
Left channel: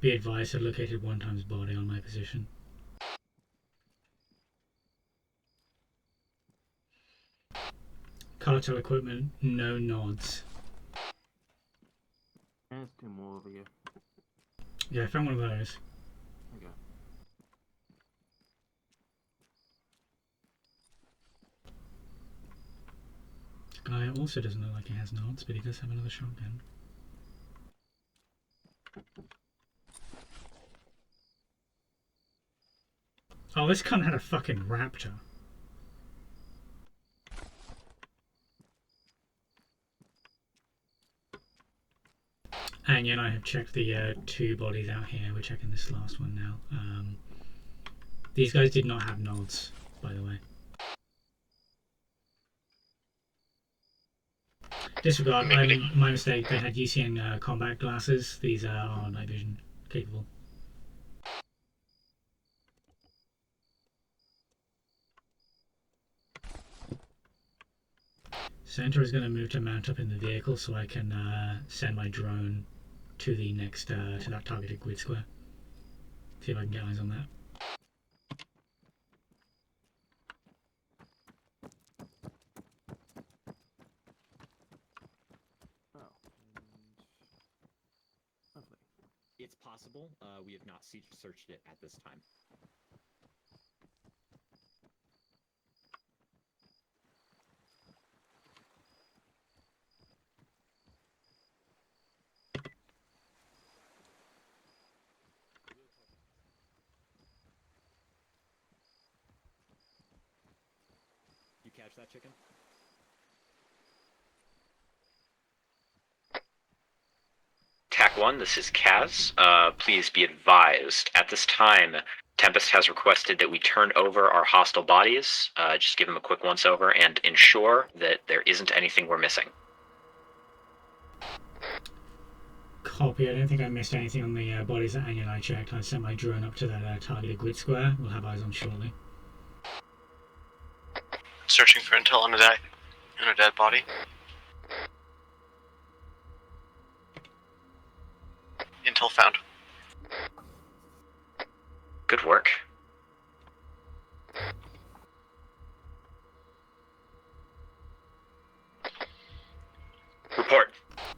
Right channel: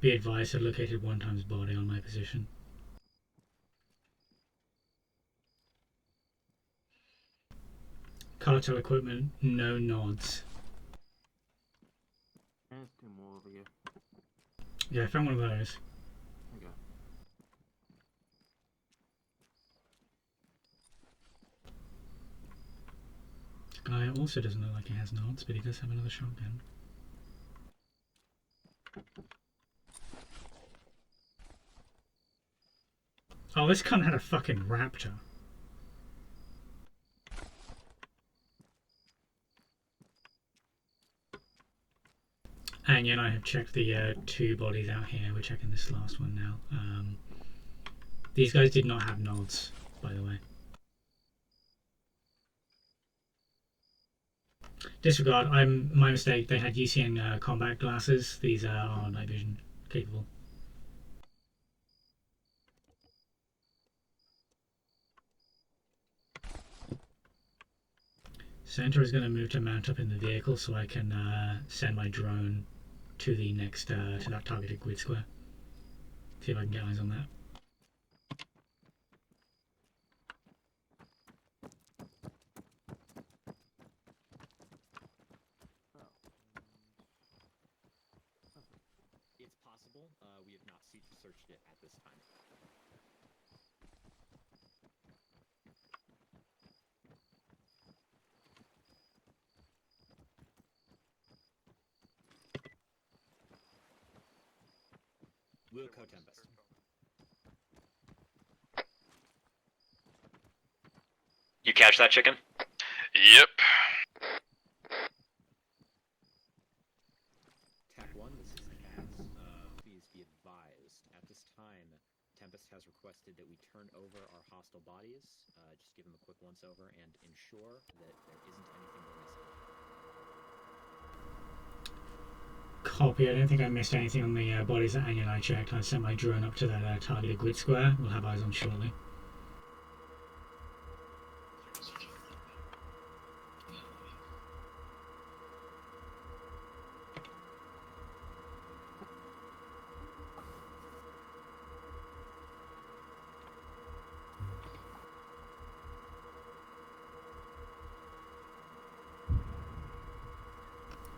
Be advised, I located 1 times body on my position. Cartel equipment, no nods. There's 2 more over here. Yeah, I found one of those. Okay. Guy also doesn't look like he has nods, but he does have another shotgun. Oh, this cunt had a fucking raptor. Anya and I have checked the 2 bodies out here. We're checking this last one now. These guys did not have nods, by the way. Disregard, my mistake. They had UCN combat glasses. These are night vision capable. Center is going to move to mount up in the vehicle so I can send my drone to the next to that targeted grid square. See if I can get eyes on that. It's possible. We have not searched it at this time. Wilco Tempest. You catch that, chicken? Yep. TAC 1, this is Kaz. Please be advised, at this time, Tempest has requested that we turn over our hostile bodies, just give him a quick once-over, and ensure that there isn't anything we're missing. Copy. I don't think I missed anything on the bodies that Anya and I checked. I sent my drone up to that targeted grid square. We'll have eyes on shortly. Searching for intel on a dead body. Intel found. Good work. Report.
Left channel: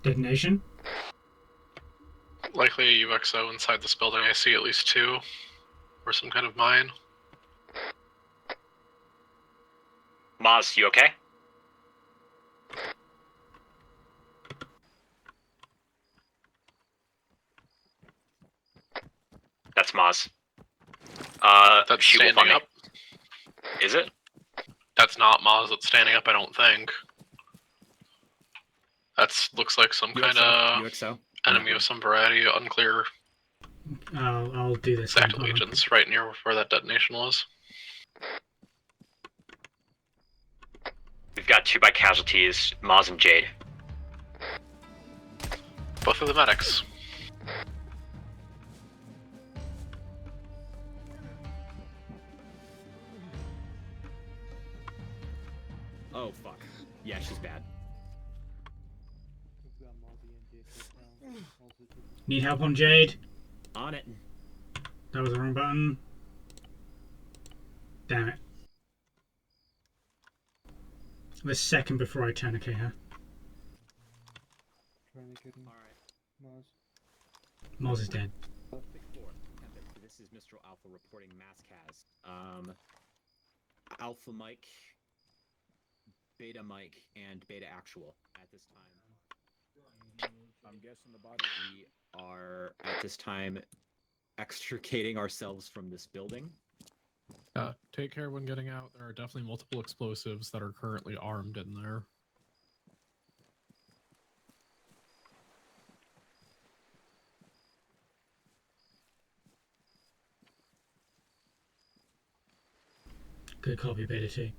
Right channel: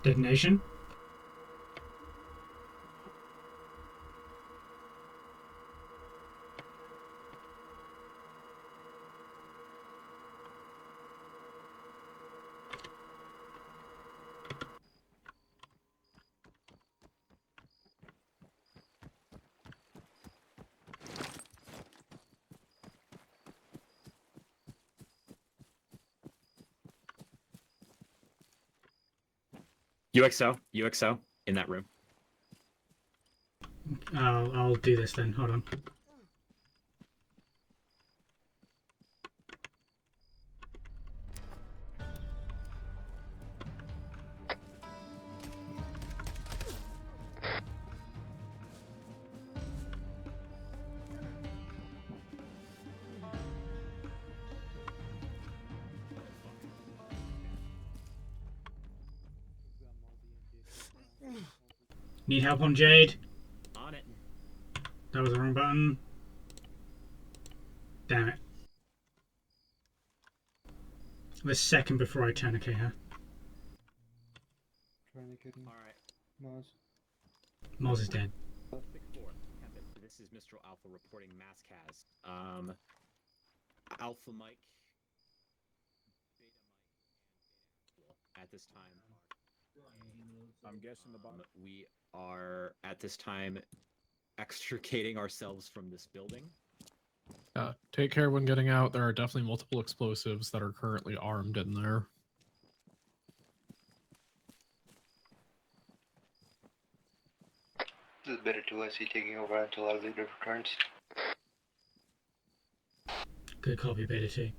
Detonation. Likely a UXO inside this building. I see at least 2. Or some kind of mine. Maz, you okay? That's Maz. That's she will standing find me. up. Is it? That's not Maz that's standing up, I don't think. That's looks like some kind of UXO. enemy of some variety, unclear I'll do this then. exact allegiance right near where that detonation was. We've got 2 by casualties, Maz and Jade. Both of the medics. Oh, fuck. Yeah, she's bad. Need help on Jade? On it. That was the wrong button. Damn it. The second before I tourniquet her. Alright. Moz is dead. 6-4. Tempest, this is Mistral Alpha reporting Maskaz. Alpha Mike, Beta Mike, and Beta Actual at this time. I'm guessing the bottom. We are, at this time, extricating ourselves from this building. Take care when getting out. There are definitely multiple explosives that are currently armed in there. This is better to us. Taking over until our leader returns. Good copy, Beta T.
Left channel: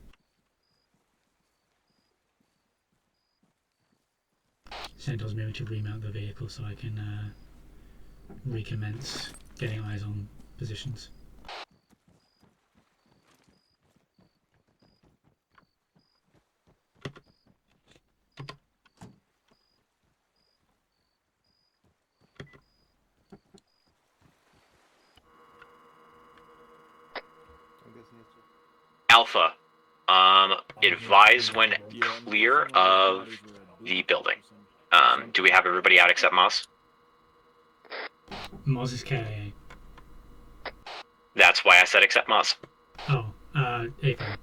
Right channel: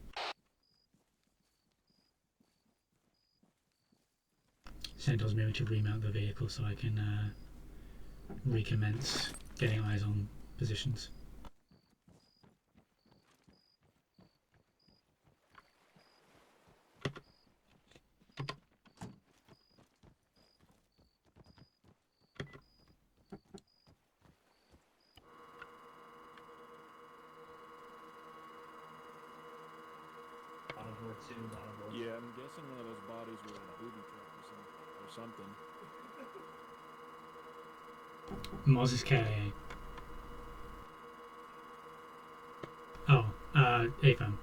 Centaur's moving to remount the vehicle so I can recommence getting eyes on positions. Alpha, advise when clear of the building. Do we have everybody out except Moss? Moz is KIA. That's why I said except Moss. Oh, Ethan.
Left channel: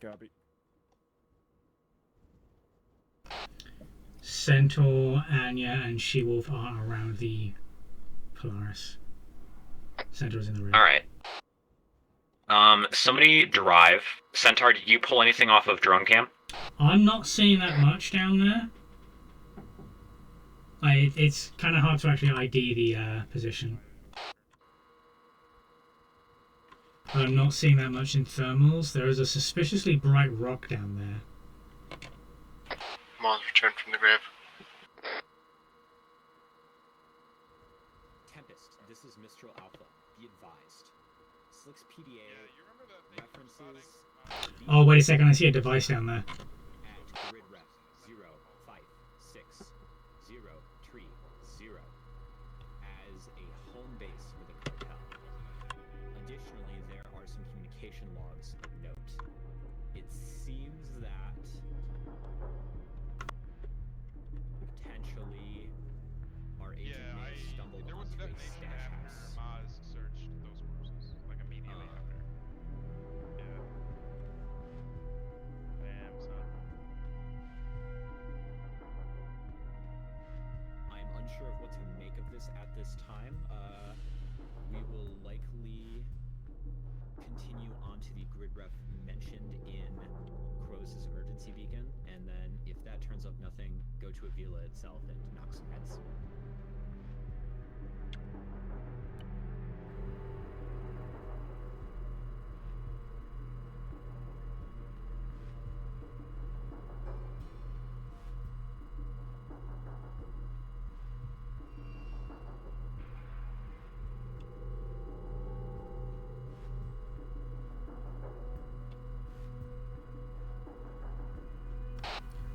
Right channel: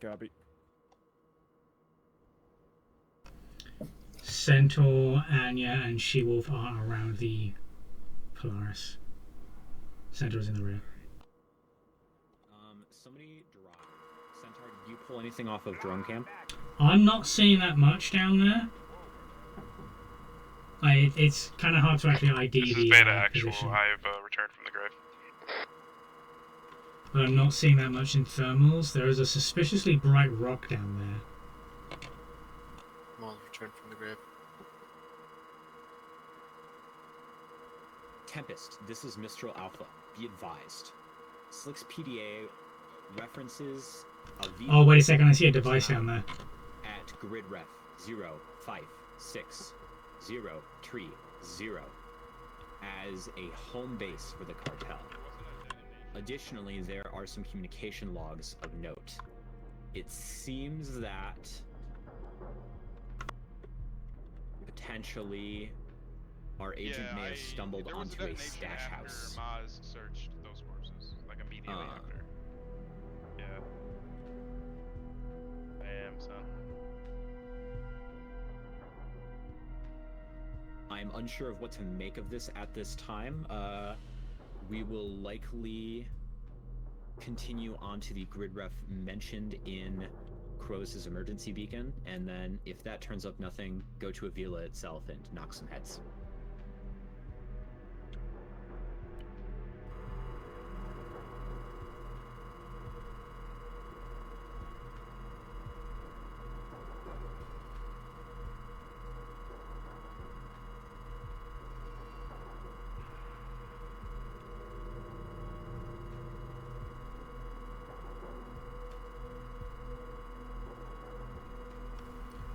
Copy. Centaur, Anya, and She-Wolf are around the Polaris. Centaur's in the room. Alright. Somebody drive. Centaur, did you pull anything off of drone cam? I'm not seeing that much down there. It's kind of hard to actually ID the position. I've returned from the grave. I'm not seeing that much in thermals. There is a suspiciously bright rock down there. Mons returned from the grave. Tempest, this is Mistral Alpha. Be advised. Slick's PDA references... Oh, wait a second. I see a device down there. At grid ref 056-030 as a home base for the cartel. Additionally, there are some communication logs of note. It seems that potentially our agent may have stumbled there was onto a detonation stash after house. Maz searched those corpses, like immediately after. Yeah. Damn, son. I'm unsure of what to make of this at this time. We will likely continue on to the grid ref mentioned in Crow's emergency beacon, and then if that turns up nothing, go to Avila itself and knock some heads.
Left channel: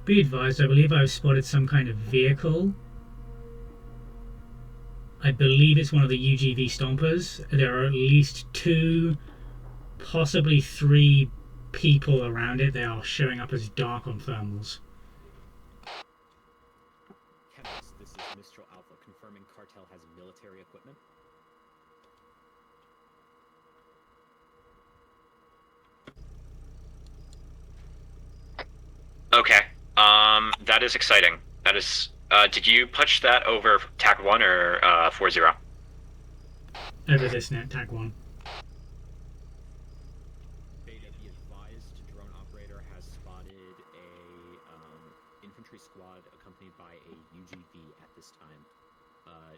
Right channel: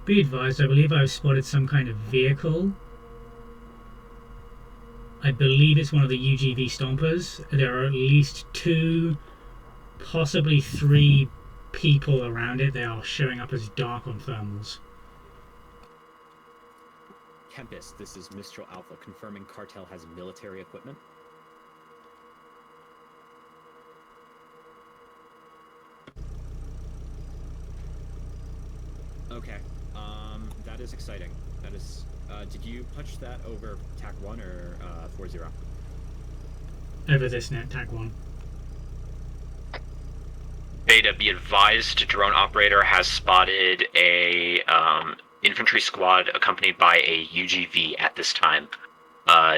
Be advised, I believe I've spotted some kind of vehicle. I believe it's one of the UGV stompers. There are at least 2, possibly 3 people around it. They are showing up as dark on thermals. Tempest, this is Mistral Alpha, confirming Cartel has military equipment. Okay. That is exciting. That is. Did you punch that over TAC 1 or 4-0? Over this net, tag 1. Beta, be advised, drone operator has spotted a infantry squad accompanied by a UGV at this time,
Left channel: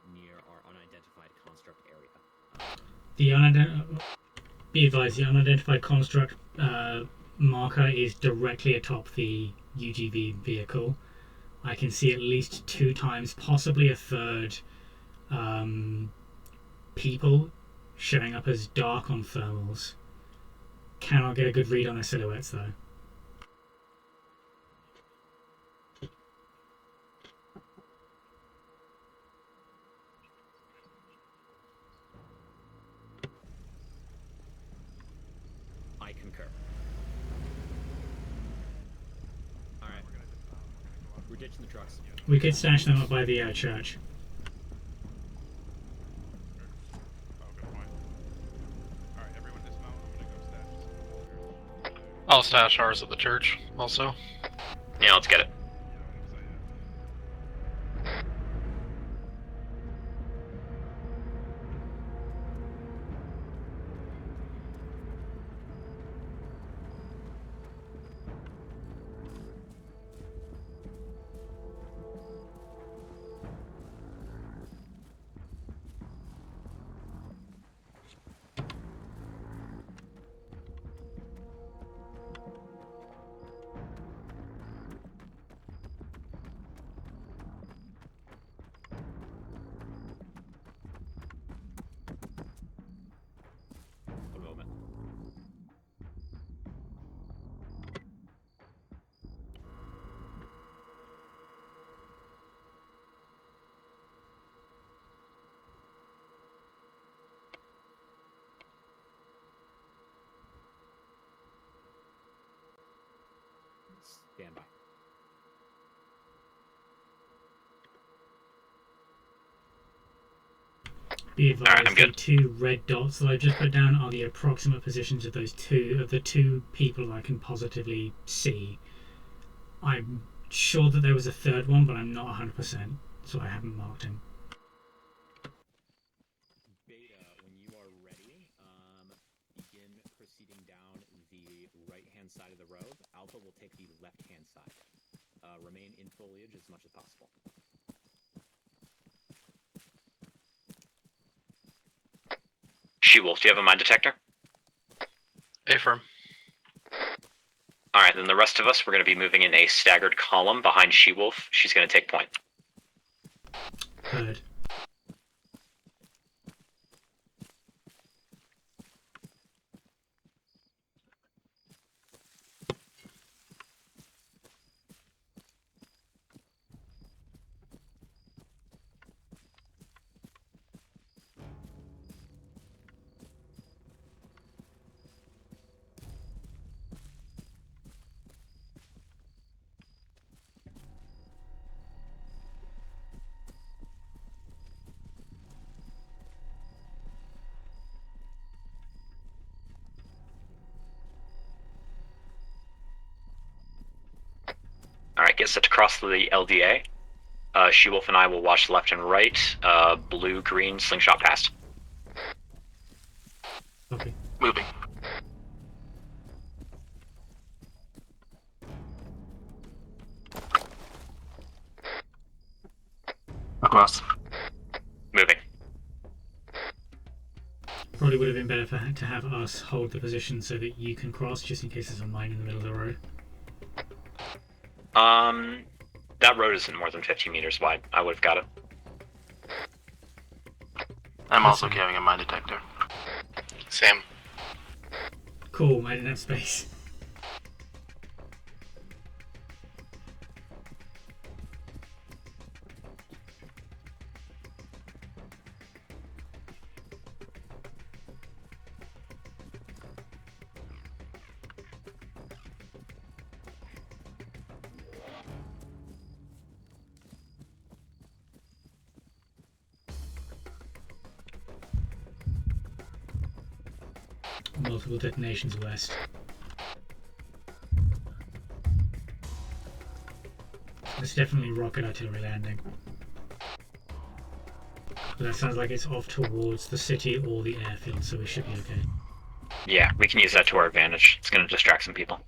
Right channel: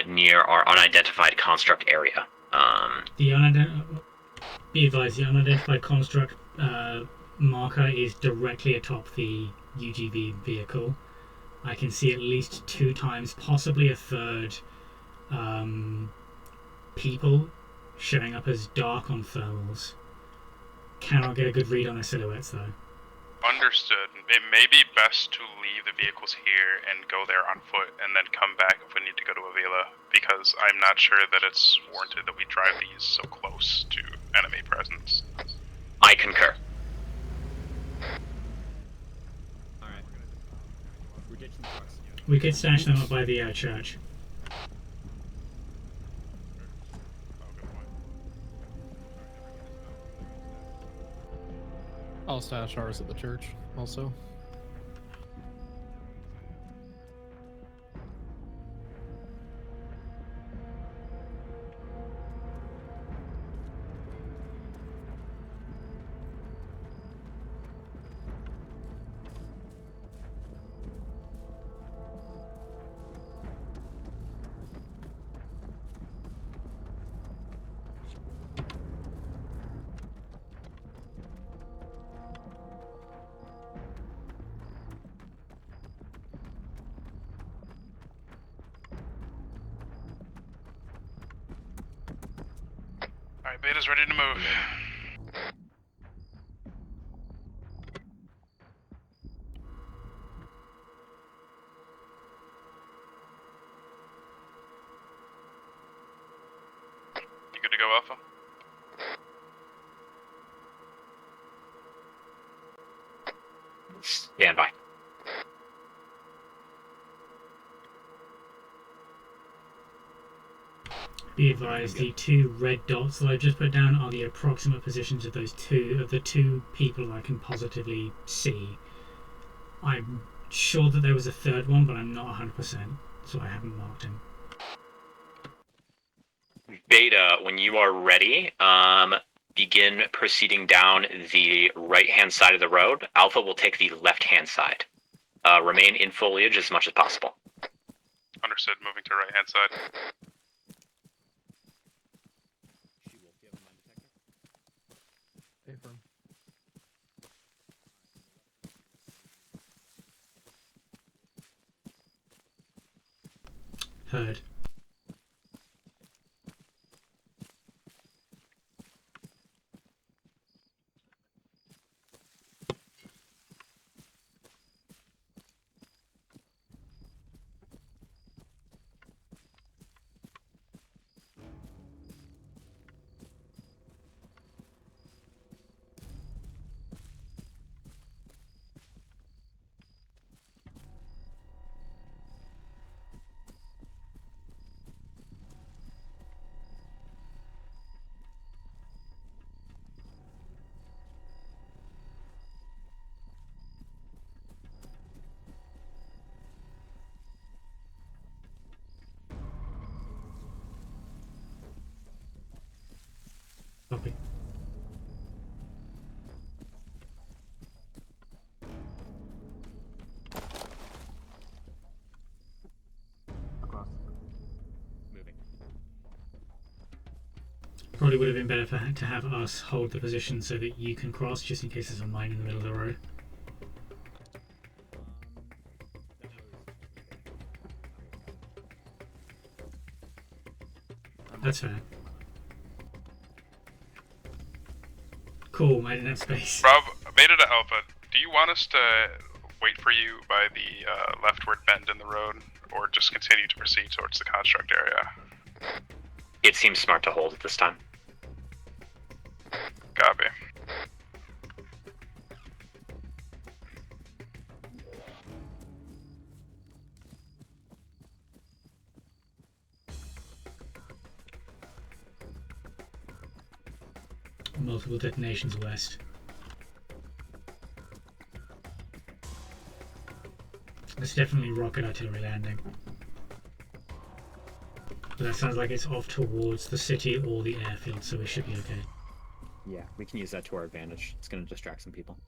near our unidentified construct area. Be advised, the unidentified construct marker is directly atop the UGV vehicle. I can see at least 2 times, possibly a third, people showing up as dark on thermals. Cannot get a good read on their silhouettes though. Understood. It may be best to leave the vehicles here and go there on foot and then come back if we need to go to Avila, because I'm not sure that it's warranted that we drive these so close to enemy presence. I concur. Alright. We're ditching the trucks. We could stash them up by the church. I'll stash ours at the church, also. Yeah, let's get it. Alright, Beta's ready to move. You good to go, Alpha? Stand by. Be advised, Alright, I'm the 2 red dots that I just put down are the approximate positions of the 2 people I can positively see. I'm sure that there was a third one, but I'm not 100%, so I haven't marked him. Beta, when you are ready, begin proceeding down the right-hand side of the road. Alpha will take the left-hand side. Remain in foliage as much as possible. Understood, moving to right-hand side. She-Wolf, do you have a mine detector? Affirm. Alright, then the rest of us, we're going to be moving in a staggered column behind She-Wolf. She's going to take point. Heard. get set to cross the LDA. She-Wolf and I will watch left and right. Blue, green, slingshot past. Okay. Moving. Across. Moving. Probably would have been better to have us hold the position so that you can cross, just in case there's a mine in the middle of the road. That road isn't more than 50 meters wide. I would have got it. I'm also carrying a mine detector. Same. Cool, I didn't have space. Rob, Beta to Alpha, do you want us to wait for you by the leftward bend in the road, or just continue to proceed towards the construct area? It seems smart to hold at this time. Copy. Multiple detonations west. It's definitely rocket artillery landing. But that sounds like it's off towards the city or the airfield, so we should be okay. Yeah, we can use that to our advantage. It's going to distract some people.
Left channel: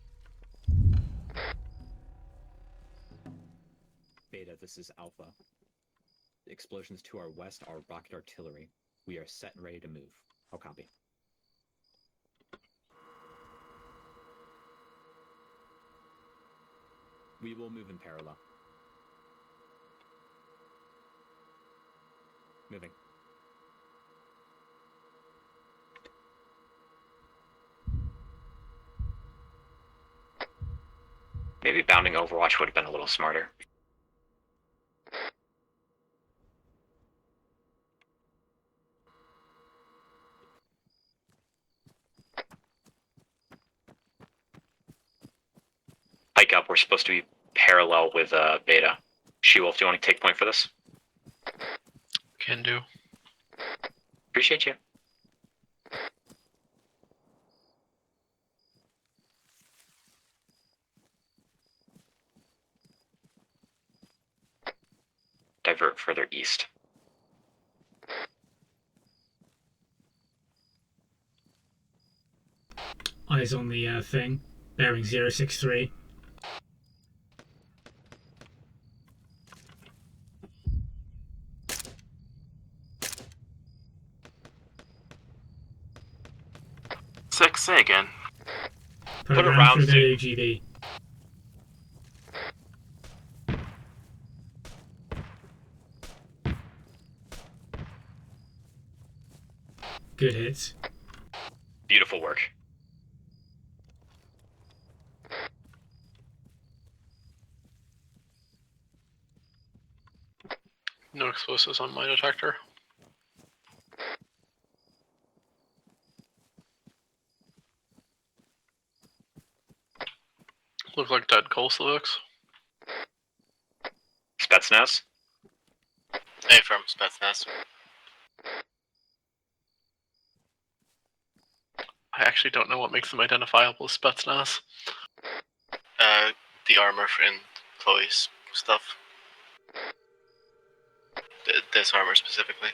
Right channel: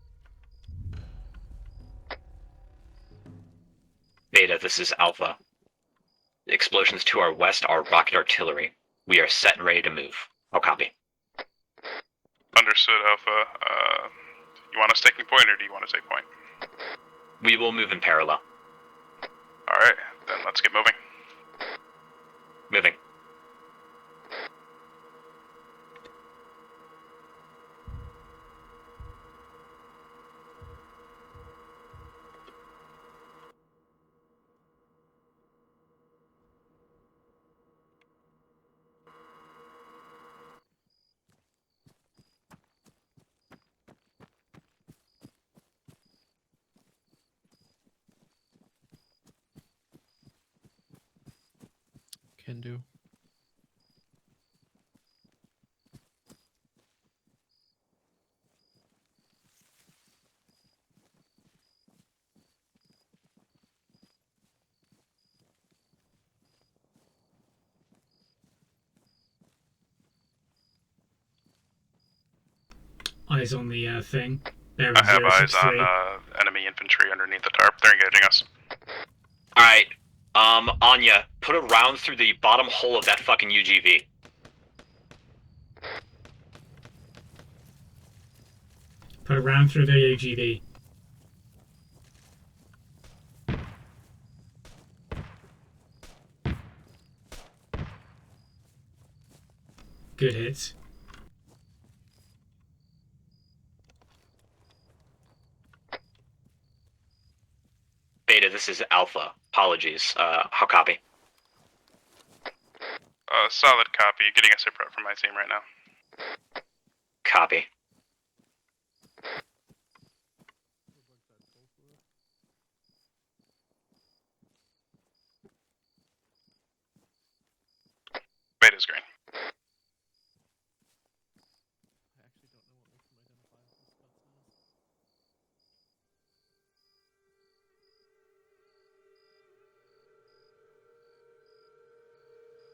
Beta, this is Alpha. The explosions to our west are rocket artillery. We are set and ready to move. I'll copy. Understood, Alpha. You want us taking point, or do you want to take point? We will move in parallel. Alright, then let's get moving. Moving. Maybe bounding Overwatch would have been a little smarter. Hike up, we're supposed to be parallel with Beta. She-Wolf, do you want to take point for this? Can do. Appreciate you. Divert further east. Eyes on the thing. Bearing I have eyes 063. on enemy infantry underneath the tarp. They're engaging us. Alright, Anya, put a round through the bottom hole of that fucking UGV. Say again. Put a round through the AGV. Good hits. Beautiful work. Beta, this is Alpha. Apologies. How copy? No explosives on my detector. Solid copy. Getting a sit prep from my team right now. Copy. Look like dead Kolsevix. Spetsnaz? Hey, from Spetsnaz. Beta's green. I actually don't know what makes them identifiable as Spetsnaz. The armor in Chloe's stuff. This armor specifically.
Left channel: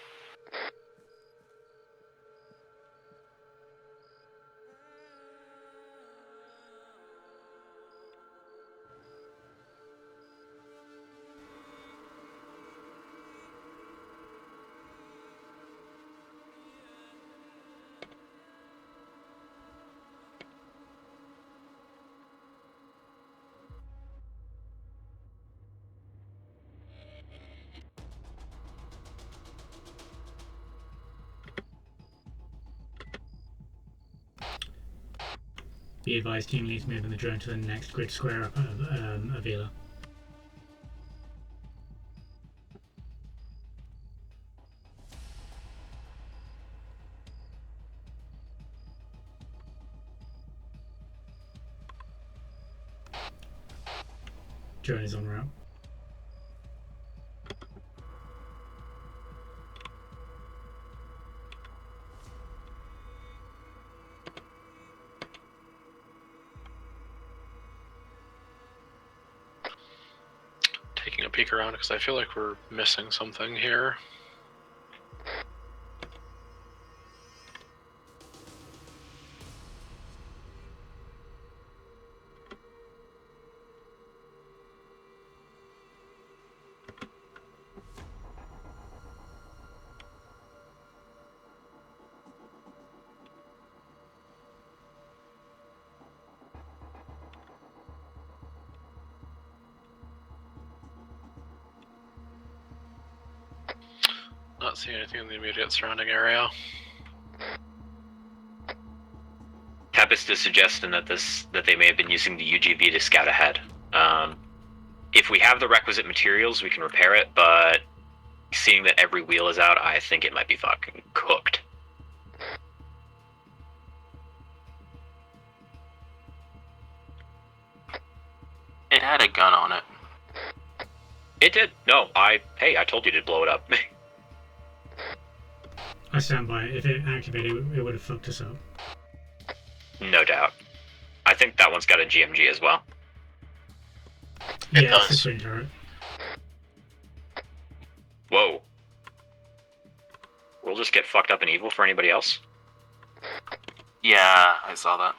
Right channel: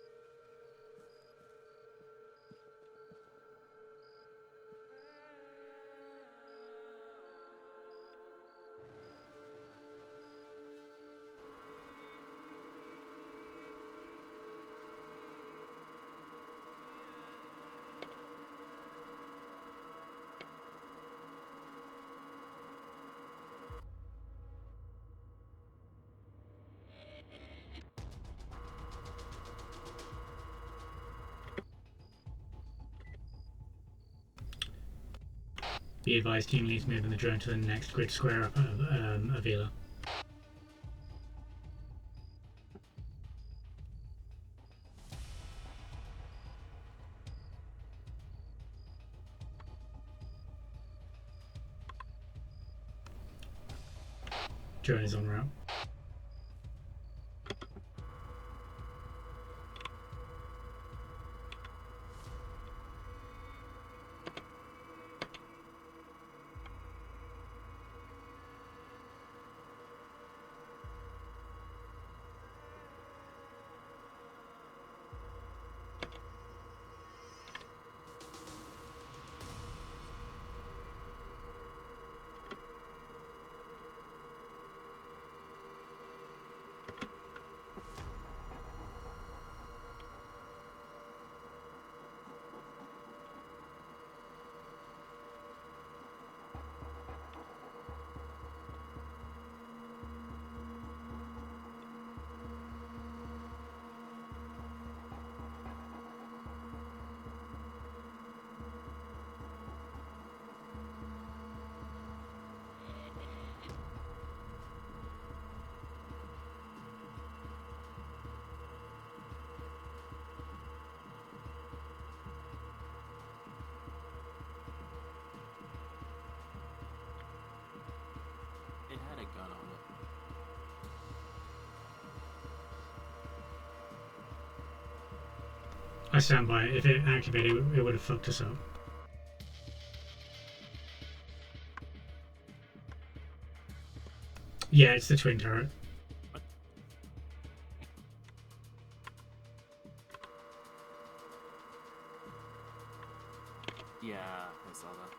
Be advised, team leads moving the drone to the next grid square up Avila. Drone is en route. peek around because I feel like we're missing something here. Not seeing anything in the immediate surrounding area. Tempest is suggesting that they may have been using the UGV to scout ahead. If we have the requisite materials, we can repair it, but seeing that every wheel is out, I think it might be fucking cooked. It had a gun on it. It did. No, I told you to blow it up. I stand by it. If it activated, it would have fucked us up. No doubt. I think that one's got a GMG as well. Yeah, it's the twin turret. Whoa. We'll just get fucked up and evil for anybody else? Yeah, I saw that.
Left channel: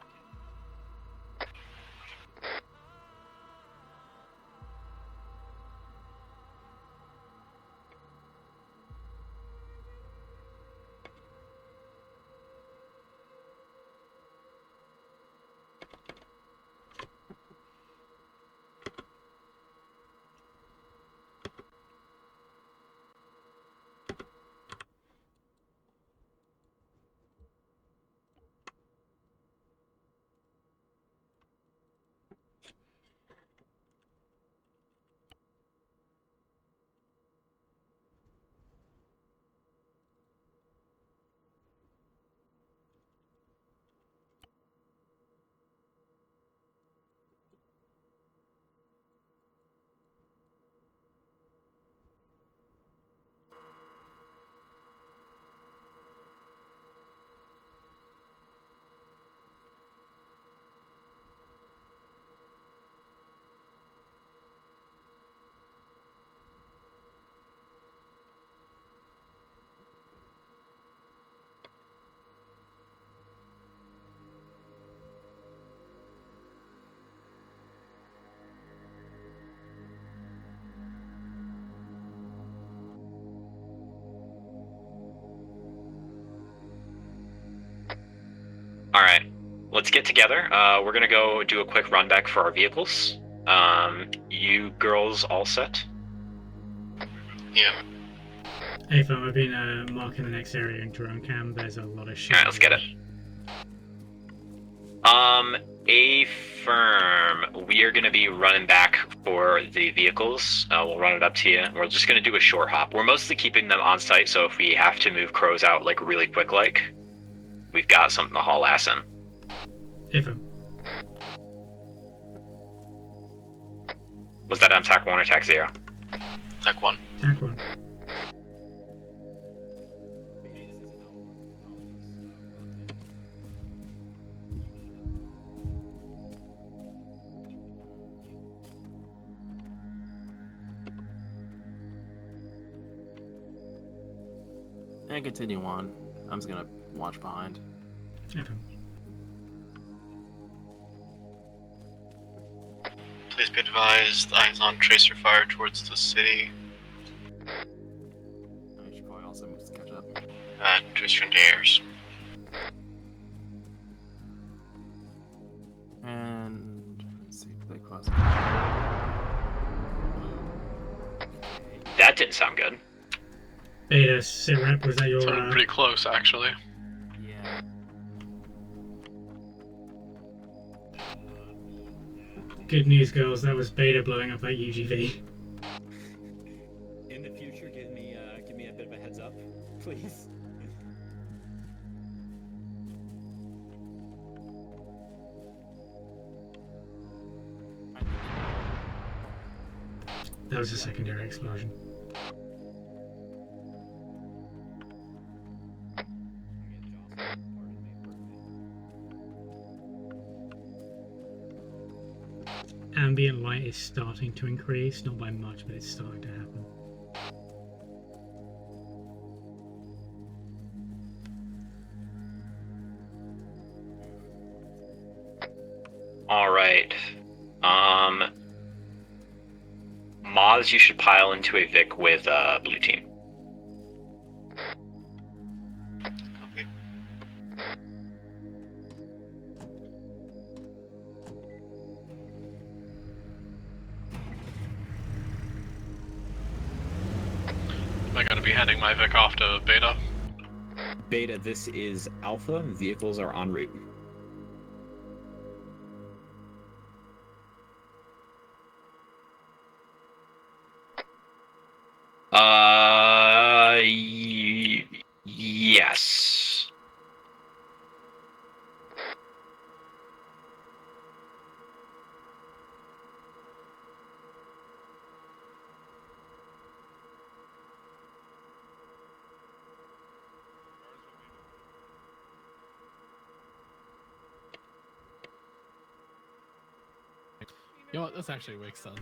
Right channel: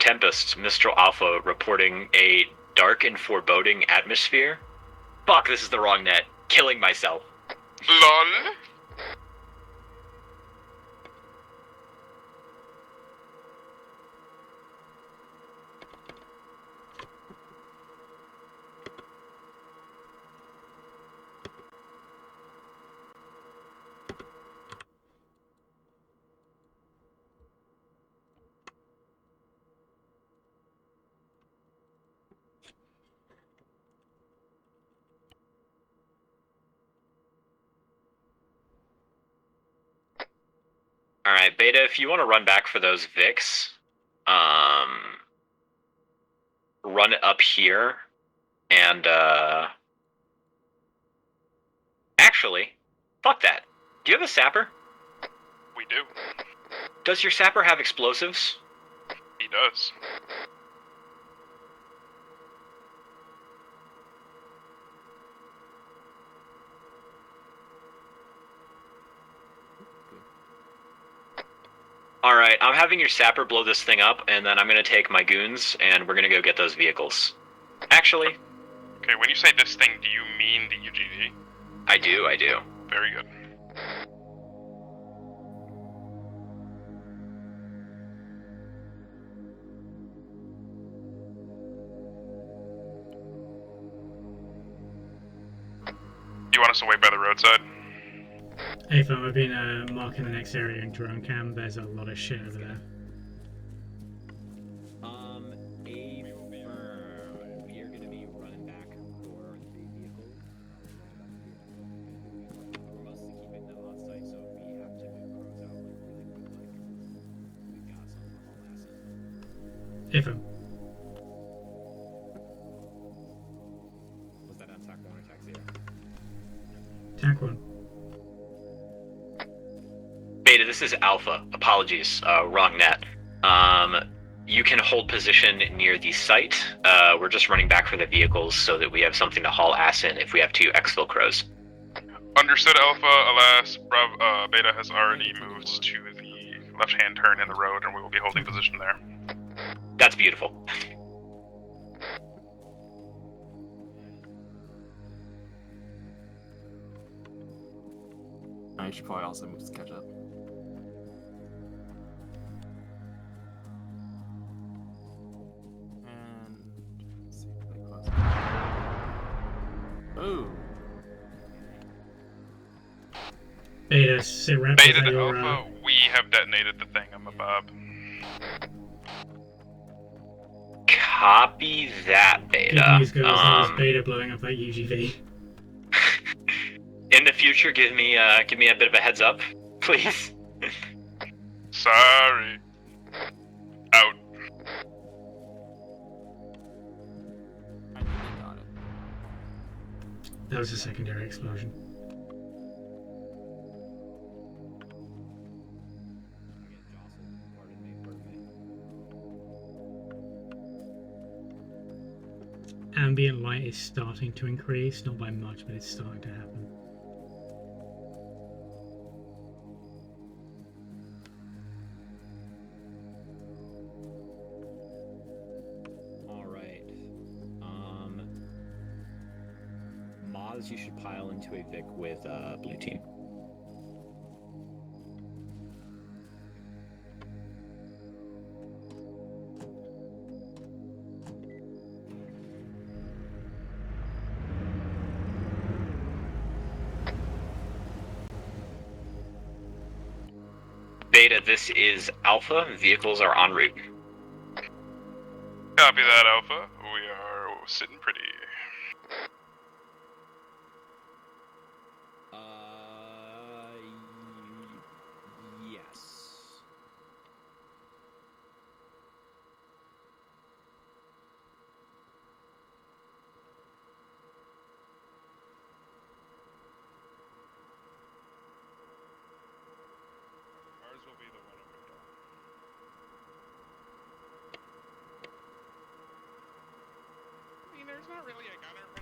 Tempest, Mistral Alpha reporting a dark and foreboding atmosphere. Fuck, this is the wrong net. Killing myself. LOL. Alright, Beta, if you want to run back for those Vics, run it up here, and, actually, fuck that. Do you have a sapper? We do. Does your sapper have explosives? He does. Alright, I'm having your sapper blow this thing up, and then I'm gonna take my goons, and we're gonna go get those vehicles. Actually... Okay, when you say this thing, do you mean the UGV? I do. Very good. Alright, let's get together. We're gonna go do a quick run back for our vehicles. You girls all set? You want us to wait by the roadside? Yeah. Hey fam, I've been marking the next area in drone cam. There's a lot of shit. Alright, let's get it. A-firm, we are going to be running back for the vehicles. We'll run it up to you. We're just going to do a short hop. We're mostly keeping them on site, so if we have to move crows out like really quick, we've got something to haul ass in. Hey fam. Was that on TAC 1 or TAC 0? TAC 1. TAC 1. Beta, this is Alpha. Apologies, wrong net. You can hold position near the site. We're just running back for the vehicles so that we have something to haul ass in if we have 2 exfil crows. Understood, Alpha. Alas, Beta has already continue moved on. to I'm just the gonna left-hand watch turn in behind. the road, and we will be holding position there. That's beautiful. Please be advised, eyes on tracer fire towards the city. I should probably also move to catch up. Tracer into airs. And let's see if they cross. Ooh. That didn't sound good. Beta, sit right Beta, beside that's your pretty close, We have actually. detonated the thing. I'm above. Copy that, Beta. good news, girls. That was Beta blowing up that UGV. In the future, give me a bit of a heads up, please. Sorry. Out. That was a secondary explosion. ambient light is starting to increase, not by much, but it's starting to happen. All right. Moz, you should pile into a Vic with blue team. Copy. I gotta be handing my Vic off to Beta. Beta, this is Alpha. Vehicles are en route. Copy that, Alpha. We are sitting pretty. Yes. You know what? This actually makes sense.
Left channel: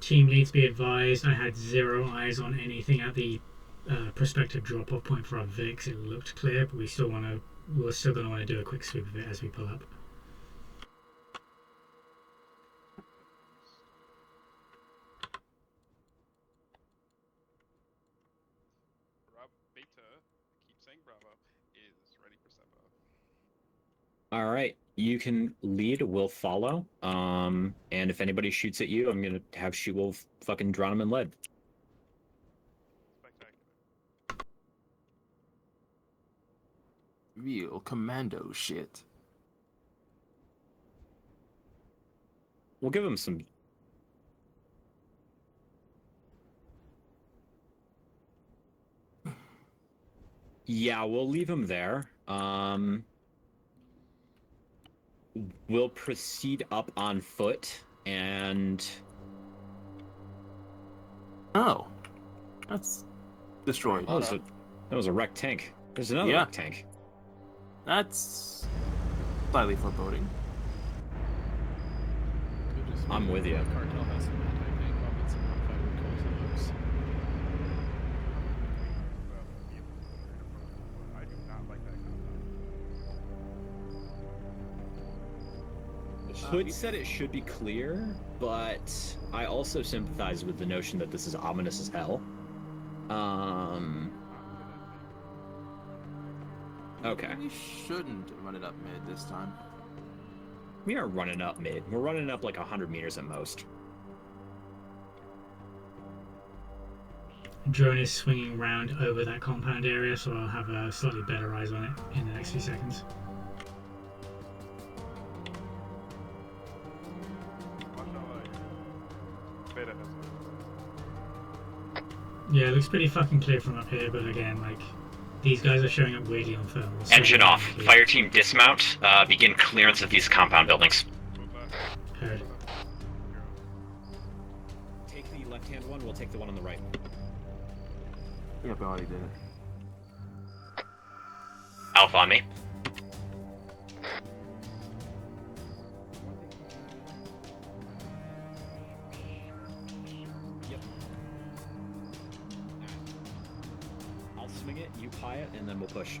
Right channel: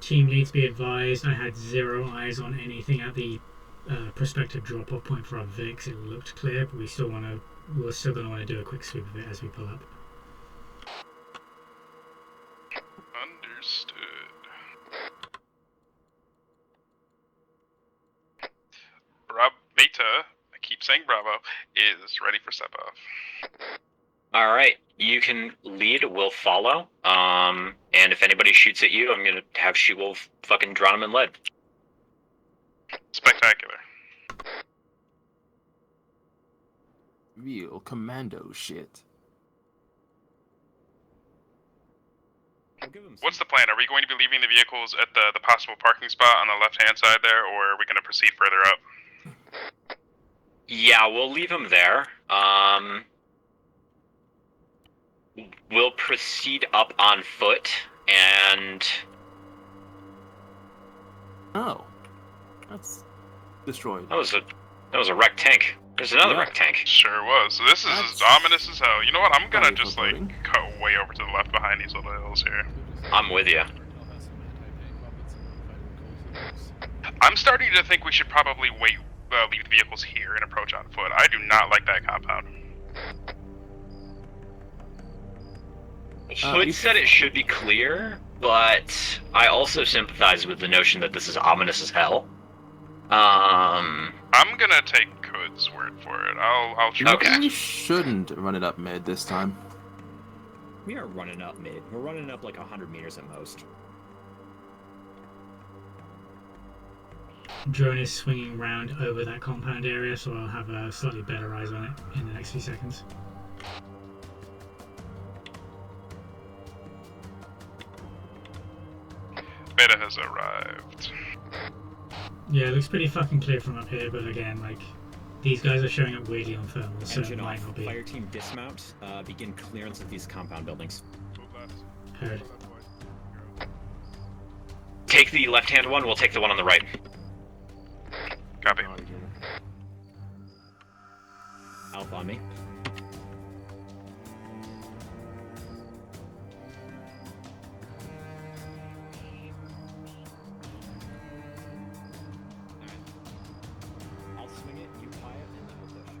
Team needs to be advised. I had 0 eyes on anything at the prospective drop-off point for our Vix. It looked clear, but we're still going to want to do a quick sweep of it as we pull up. Understood. Beta, I keep saying Bravo, is ready for step off. All right, you can lead. We'll follow. And if anybody shoots at you, I'm gonna have She-Wolf fucking drown him in lead. Spectacular. Real commando shit. We'll give him some... What's the plan? Are we going to be leaving the vehicles at the possible parking spot on the left-hand side there, or are we going to proceed further up? Yeah, we'll leave him there. We'll proceed up on foot, and... Oh. That's destroyed. That was a wrecked tank. There's another wrecked tank. Sure was. So this is as ominous as hell. You know what? I'm gonna just like cut way over to the left behind these little hills here. I'm with you. I'm starting to think we should probably leave the vehicles here and approach on foot. I do not like that compound. Hood said it should be clear, but I also sympathize with the notion that this is ominous as hell. I'm gonna take Hood's word for it. I'll try. Okay. We shouldn't run it up mid this time. We aren't running up mid. We're running up like 100 meters at most. Drone is swinging round over that compound area, so I'll have a slightly better eyes on it in the next few seconds. Beta has arrived. Yeah, it looks pretty fucking clear from up here, but again, like, these guys are showing up weirdly on thermals. Engine off. Fire team dismount. Begin clearance of these compound buildings. Heard. Take the left-hand one, we'll take the one on the right. Copy. Alpha on me. I'll swing it, you pie it, and then we'll push.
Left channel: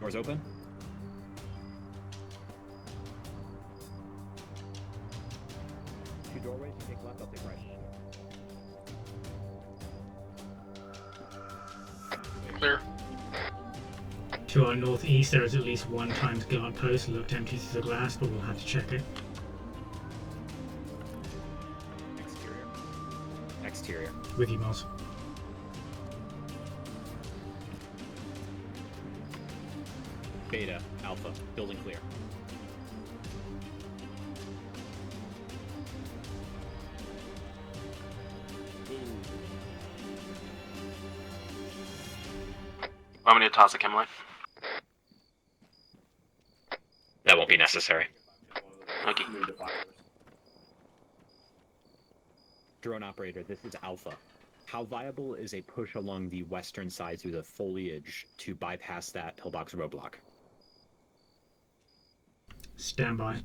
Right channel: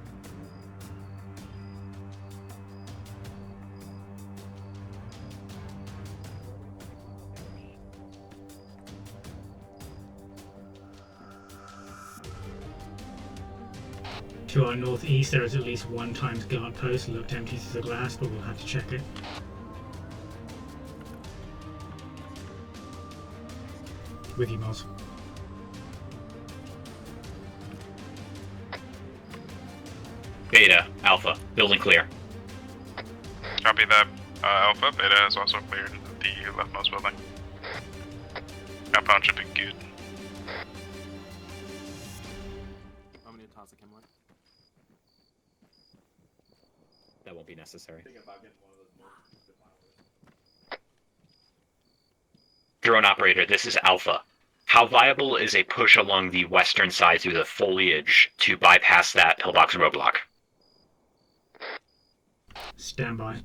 Doors open. Two doorways, you take left, I'll take right. Clear. To our northeast, there is at least one times guard post. It looked empty through the glass, but we'll have to check it. Exterior. With you, Moz. Beta, Alpha, building clear. Copy that. Alpha, Beta has also cleared the leftmost building. Compound should be good. Want me to toss a chem light? That won't be necessary. Okay. Drone operator, this is Alpha. How viable is a push along the western side through the foliage to bypass that pillbox roadblock? Stand by.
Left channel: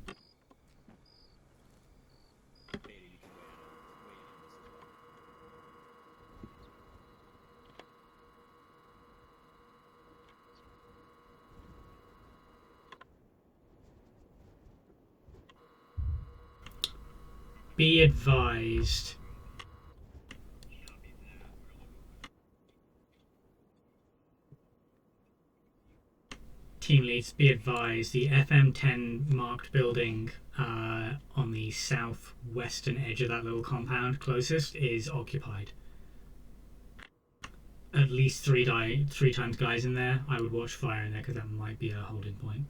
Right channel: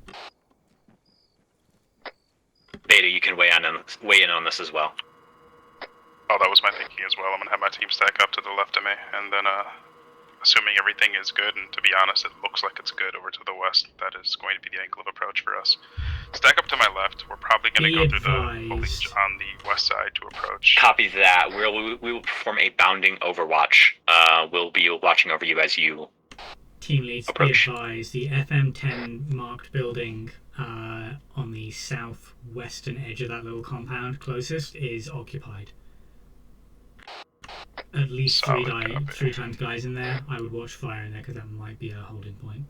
Beta, you can weigh in on this as well. Oh, that was my thinking as well. I'm gonna have my team stack up to the left of me, and then, assuming everything is good, and to be honest, it looks like it's good over to the west, that is going to be the angle of approach for us. Stack up to my left. We're probably gonna go through the village on the west side to approach. Copy that. We will perform a bounding overwatch. We'll be watching over you as you Team leads, be approach. advised, the FM10 marked building on the southwestern edge of that little compound closest is occupied. At least three times guys in there. I would watch fire in there because that might be a holding point.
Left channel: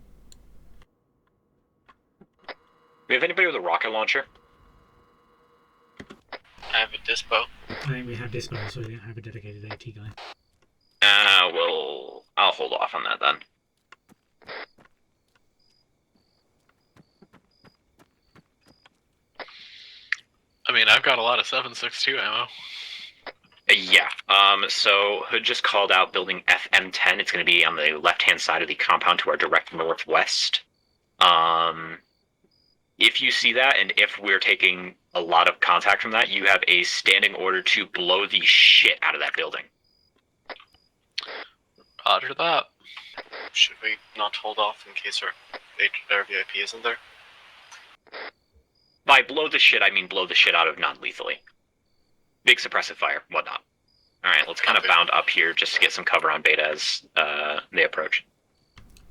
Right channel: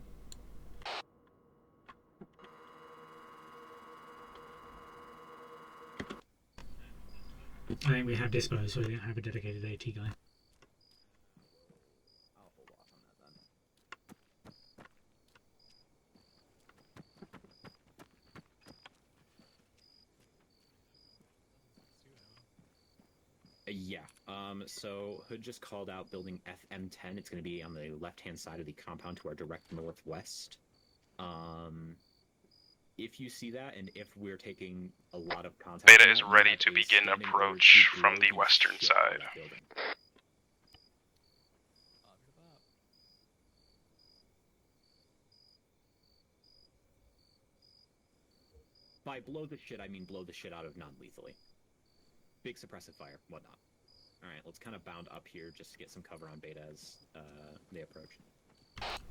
We have anybody with a rocket launcher? I have a dispo. I think we have dispo, so we don't have a dedicated AT guy. I'll hold off on that then. I mean, I've got a lot of 7.62 ammo. Yeah. So Hood just called out building FM10. It's going to be on the left-hand side of the compound to our direct northwest. If you see that, and if we're taking a lot of contact from that, you have a standing order to blow the shit out of that building. Roger that. Should we not hold off in case our VIP isn't there? By blow the shit, I mean blow the shit out of non-lethally. Big suppressive fire, whatnot. Alright, let's kind of bound up here just to get some cover on Beta as they approach.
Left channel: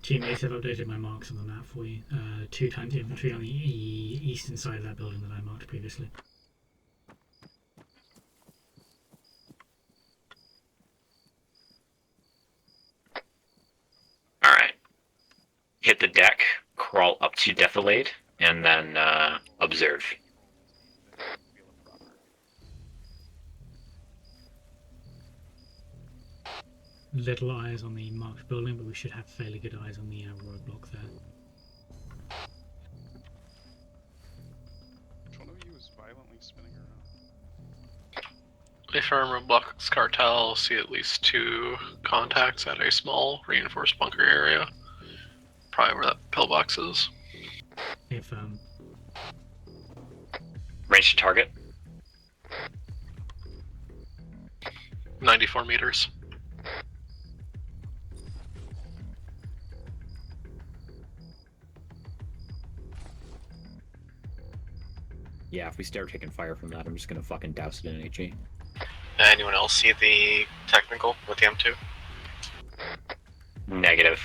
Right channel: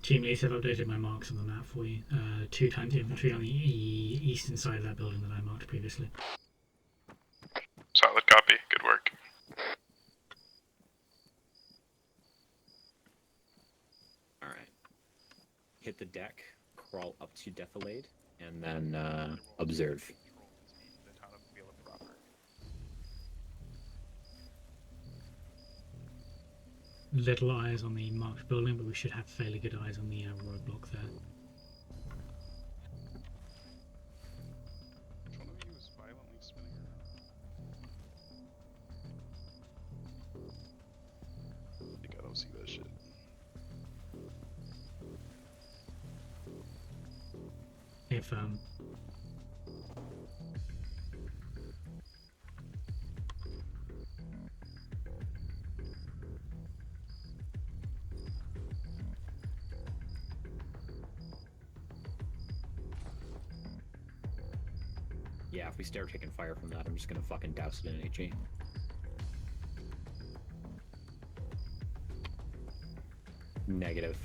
Teammates have updated my marks on the map for you. 2 times infantry on the eastern side of that building that I marked previously. Solid copy. Good work. Alright. Hit the deck, crawl up to defilade, and then observe. Little eyes on the marked building, but we should have fairly good eyes on the roadblock there. If our roadblocks cartel see at least 2 contacts at a small reinforced bunker area, probably where that pillbox is. If range to target? 94 meters. Yeah, if we start taking fire from that, I'm just gonna fucking douse it in an HE. Anyone else see the technical with the M2? Negative.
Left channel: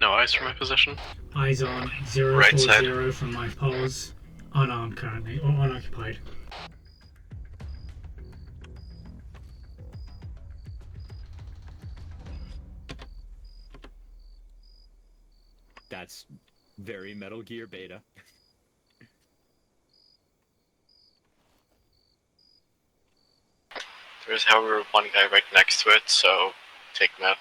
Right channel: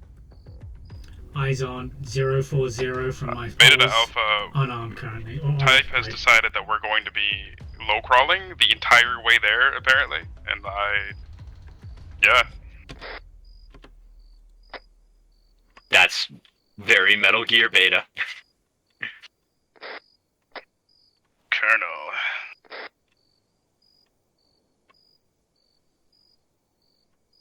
No eyes from my position. Eyes on 040 from my Beta to foes. Alpha. Unarmed currently. Type has decided that we're going to be low crawling the entire way there, apparently. And yeah. That's very Metal Gear Beta. Colonel. There's, however, one guy right next to it, so take him out.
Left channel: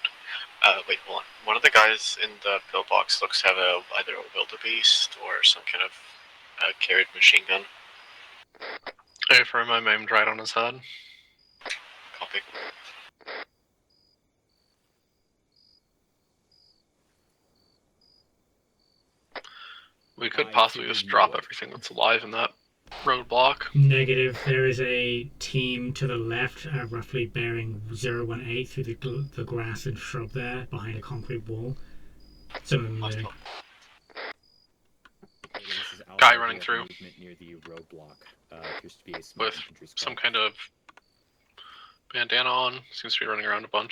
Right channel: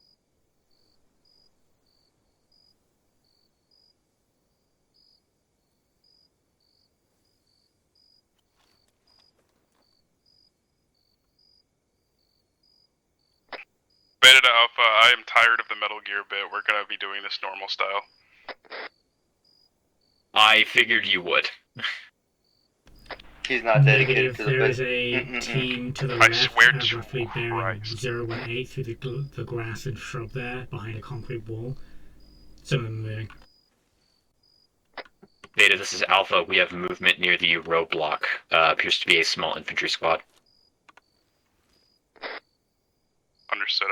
Wait, hold on. One of the guys in the pillbox looks to have either a wildebeest or some kind of carried machine gun. Hey, for him, I'm aimed right on his head. Copy. Beta to Alpha, I am tired of the Metal Gear bit. We're gonna be doing this normal style. We could possibly just drop everything that's alive in that roadblock. Negative. There is a team to the left, roughly bearing 018 through the grass and shrub there, behind a concrete wall. Some of them moving. Beta, this is Alpha. We have movement near the roadblock. Appears to be a small infantry squad. Some kind of bandana on. Seems to be running around a bunch.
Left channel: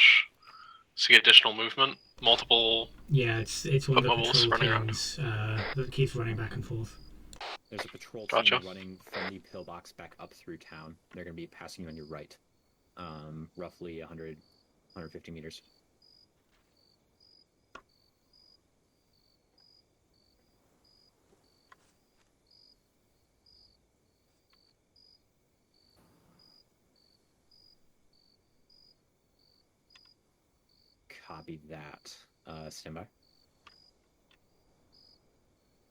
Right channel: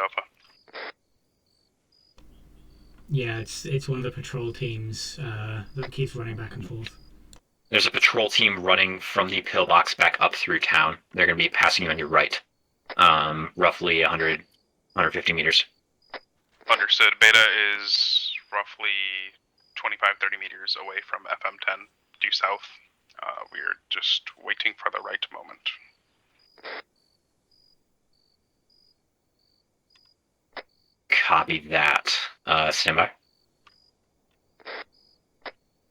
See additional movement. Multiple. Yeah, it's one of the patrol teams that keeps running back and forth. There's a patrol team running from the pillbox back up through town. They're going to be passing you on your right. Roughly 100, 150 meters. Understood. Beta is roughly 25-30 meters away from FM10 due south. We're just waiting for the right moment. Copy that. Stand by.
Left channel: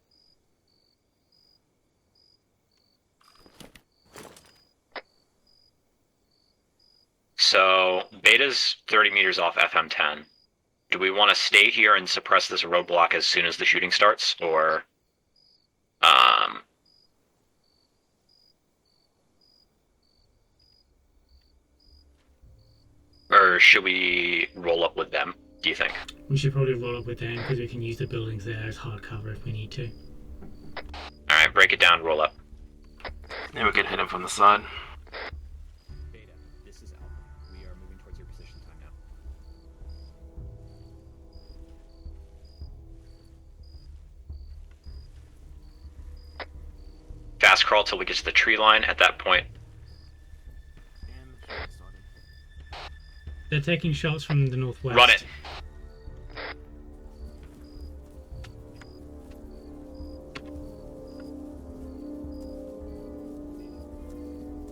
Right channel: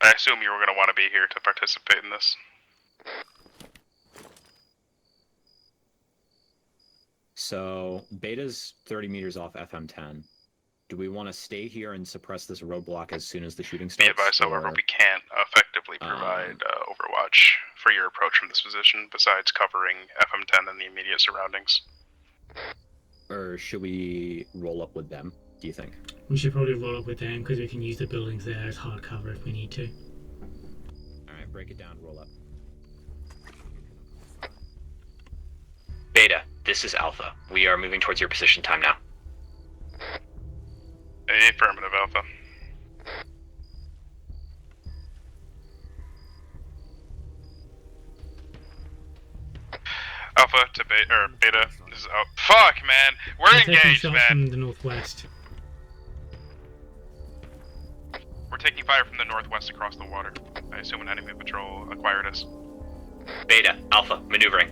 I assume you were going to want to be here to participate in this. So, Beta's 30 meters off FM10. Do we want to stay here and suppress this roadblock as soon as the shooting starts, However, we can't effectively provide overwatch for your approach from this position, besides covering FM10 and the immediate surroundings. or should we roll up with them? Do you think? We should probably roll up with them because we can use the buildings there as hard cover if we need to. All right, break it down. Roll up. Yeah, we could hit him from the side. Beta, this is Alpha. We are moving towards your position time now. Affirmative, Alpha. Fast crawl till we get to the tree line. At that point, Alpha to Beta. This is out. Fuck, man. We're They're taking engaged, shots man. from the northwest. run it. We're taking fire from the northwest across the water. I assume an enemy patrol acquired us. Beta, Alpha, maneuvering.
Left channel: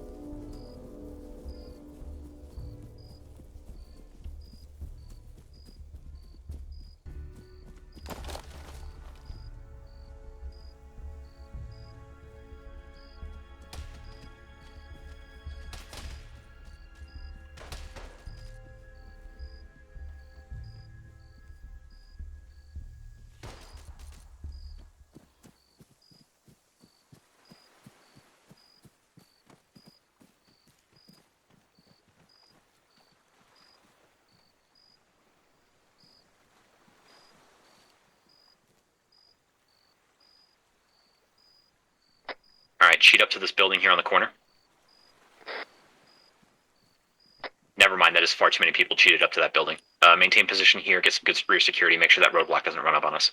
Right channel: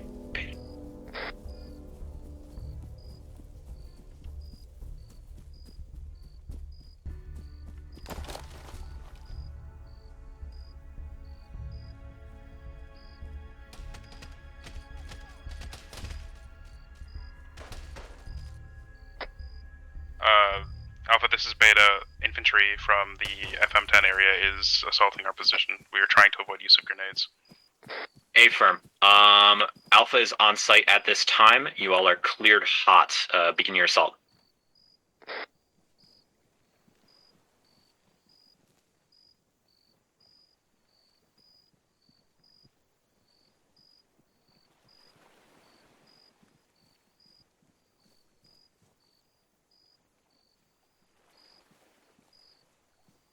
Alpha, this is Beta. Infantry from the FM10 area is assaulting our position. We are trying to avoid use of grenades. Affirm. Alpha is on site at this time. You all are cleared hot. Begin your assault. Alright, sheet up to this building here on the corner. Never mind, that is far too many people cheated up to that building. Maintain position here, get some good rear security, make sure that roadblock doesn't run up on us.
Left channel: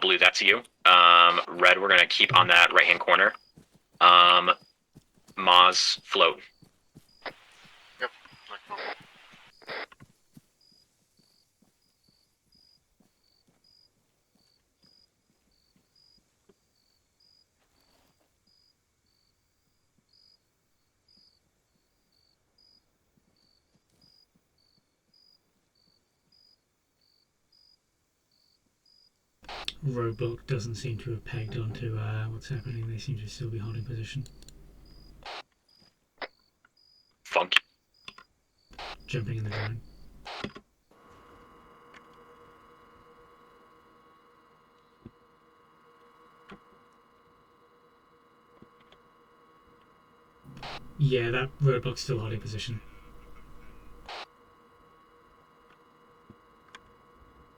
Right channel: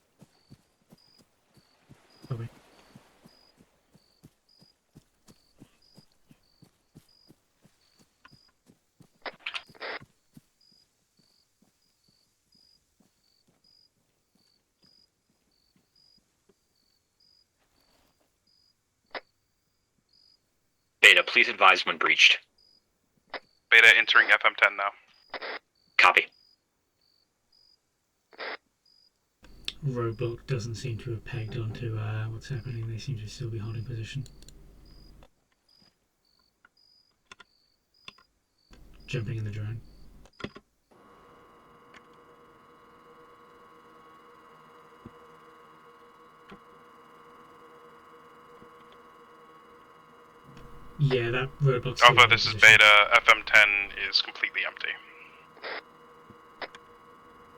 Blue, that's you. Red, we're gonna keep on that right-hand corner. Maz, float. Yep. Beta, please advise when breached. Beta entering FM10 now. Copy. Roadblock doesn't seem to have pegged onto what's happening. They seem to still be holding position. Funky. Jumping in the drone. Yeah, that roadblock's still Alpha, holding this is position. Beta. FM10 is completely empty.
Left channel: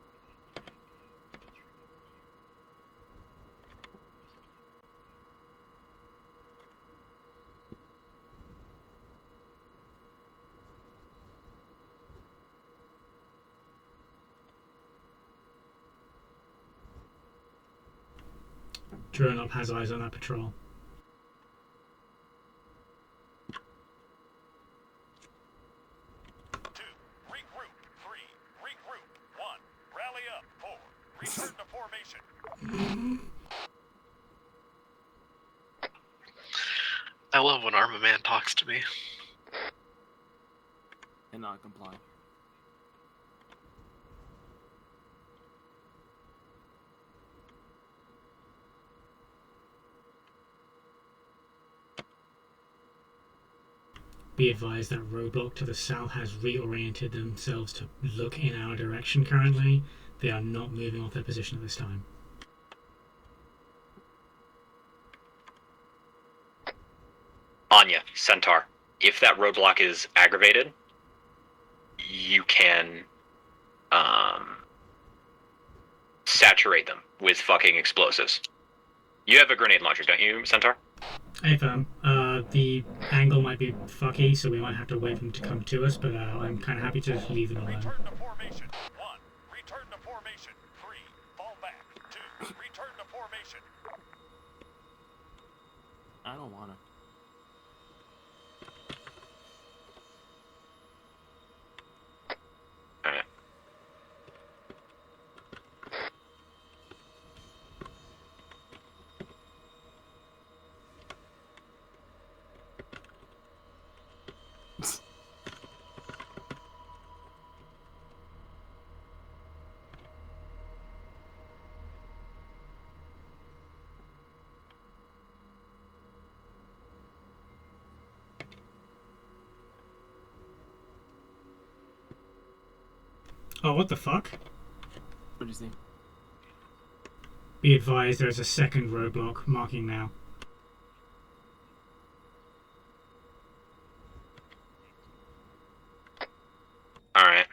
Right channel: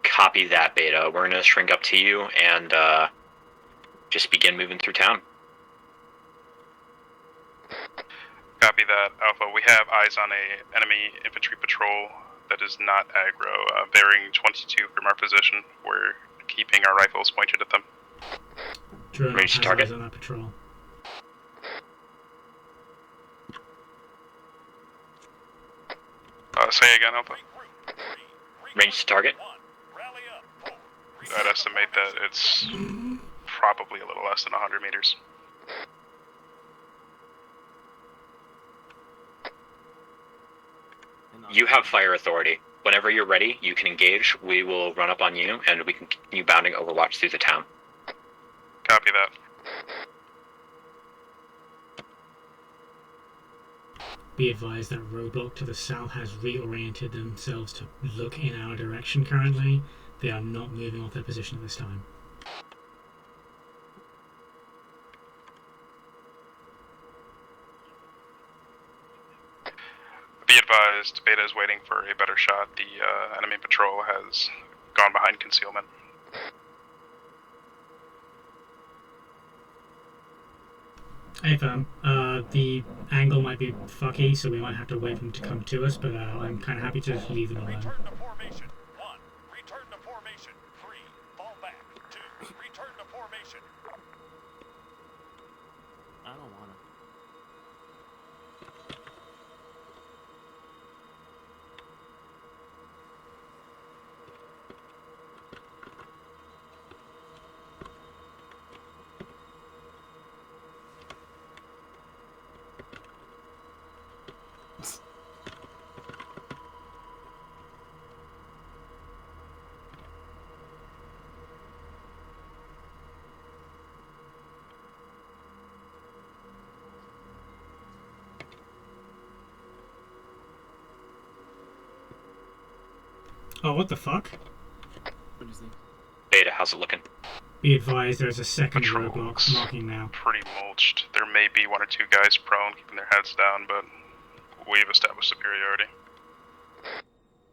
Copy that, Beta. We're gonna shrink up to you and just begin moving through town. Copy that, Alpha. We have eyes on a enemy infantry patrol that is not aggro, bearing 22 from our position. We're keeping our rifles pointed at them. Drone Range has target. eyes on that patrol. Say again, Alpha. Range to target. I'd estimate that it's probably a little less than 100 meters. I love when Arma Man talks to me. You have fire authority. Whenever you're ready, you can engage. We will run up on you, and we can continue bounding Overwatch through the town. Copy that. Be advised that roadblock to the south has reoriented themselves to look in our direction currently. They are not moving off their position at this time. Anya, Centaur. If that roadblock is Be aggravated, advised, Beta is waiting for a better You shot. can, The enemy patrol has gone behind concealment. saturate them with fucking explosives. You have a grenade launcher, don't you, Centaur? Hey fam, the angle might be fucky, so we might have to wait for them to come to us, but I'm kind of happy to just leave them alone. Return to formation. 1. Return to formation. 3. Fall back. 2. Return to formation. I don't want to. Alright. Oh, what the fuck? What is it? Beta, how's it looking? Be advised, there's a second Patrol roadblock looks marking now. pretty mulched. There may be one or two guys prone, keeping their heads down, but we've established superiority. Alright.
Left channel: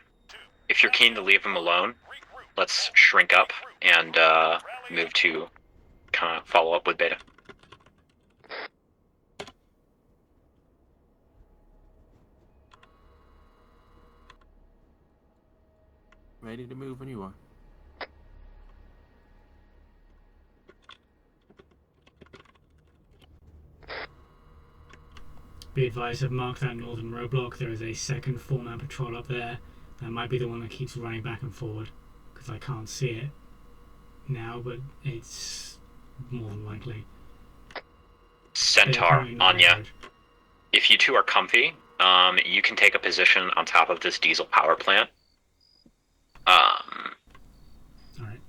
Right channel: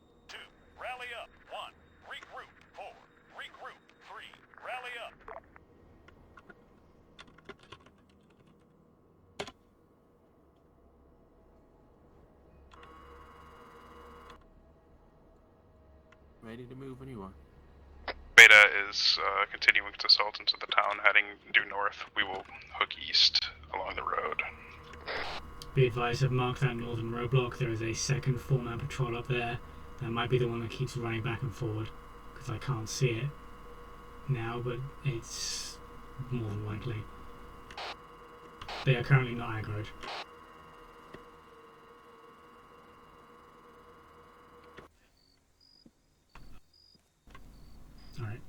If you're keen to leave them alone, let's shrink up and move to kind of follow up with Beta. Ready to move when you are. Beta is continuing to assault into the town, heading due north. We will hook east along the road. Be advised, I've marked that northern roadblock. There is a second 4-man patrol up there. That might be the one that keeps running back and forward, because I can't see it now, but it's more than likely. Centaur, Anya, if you two are comfy, you can take a position on top of this diesel power plant. Alright.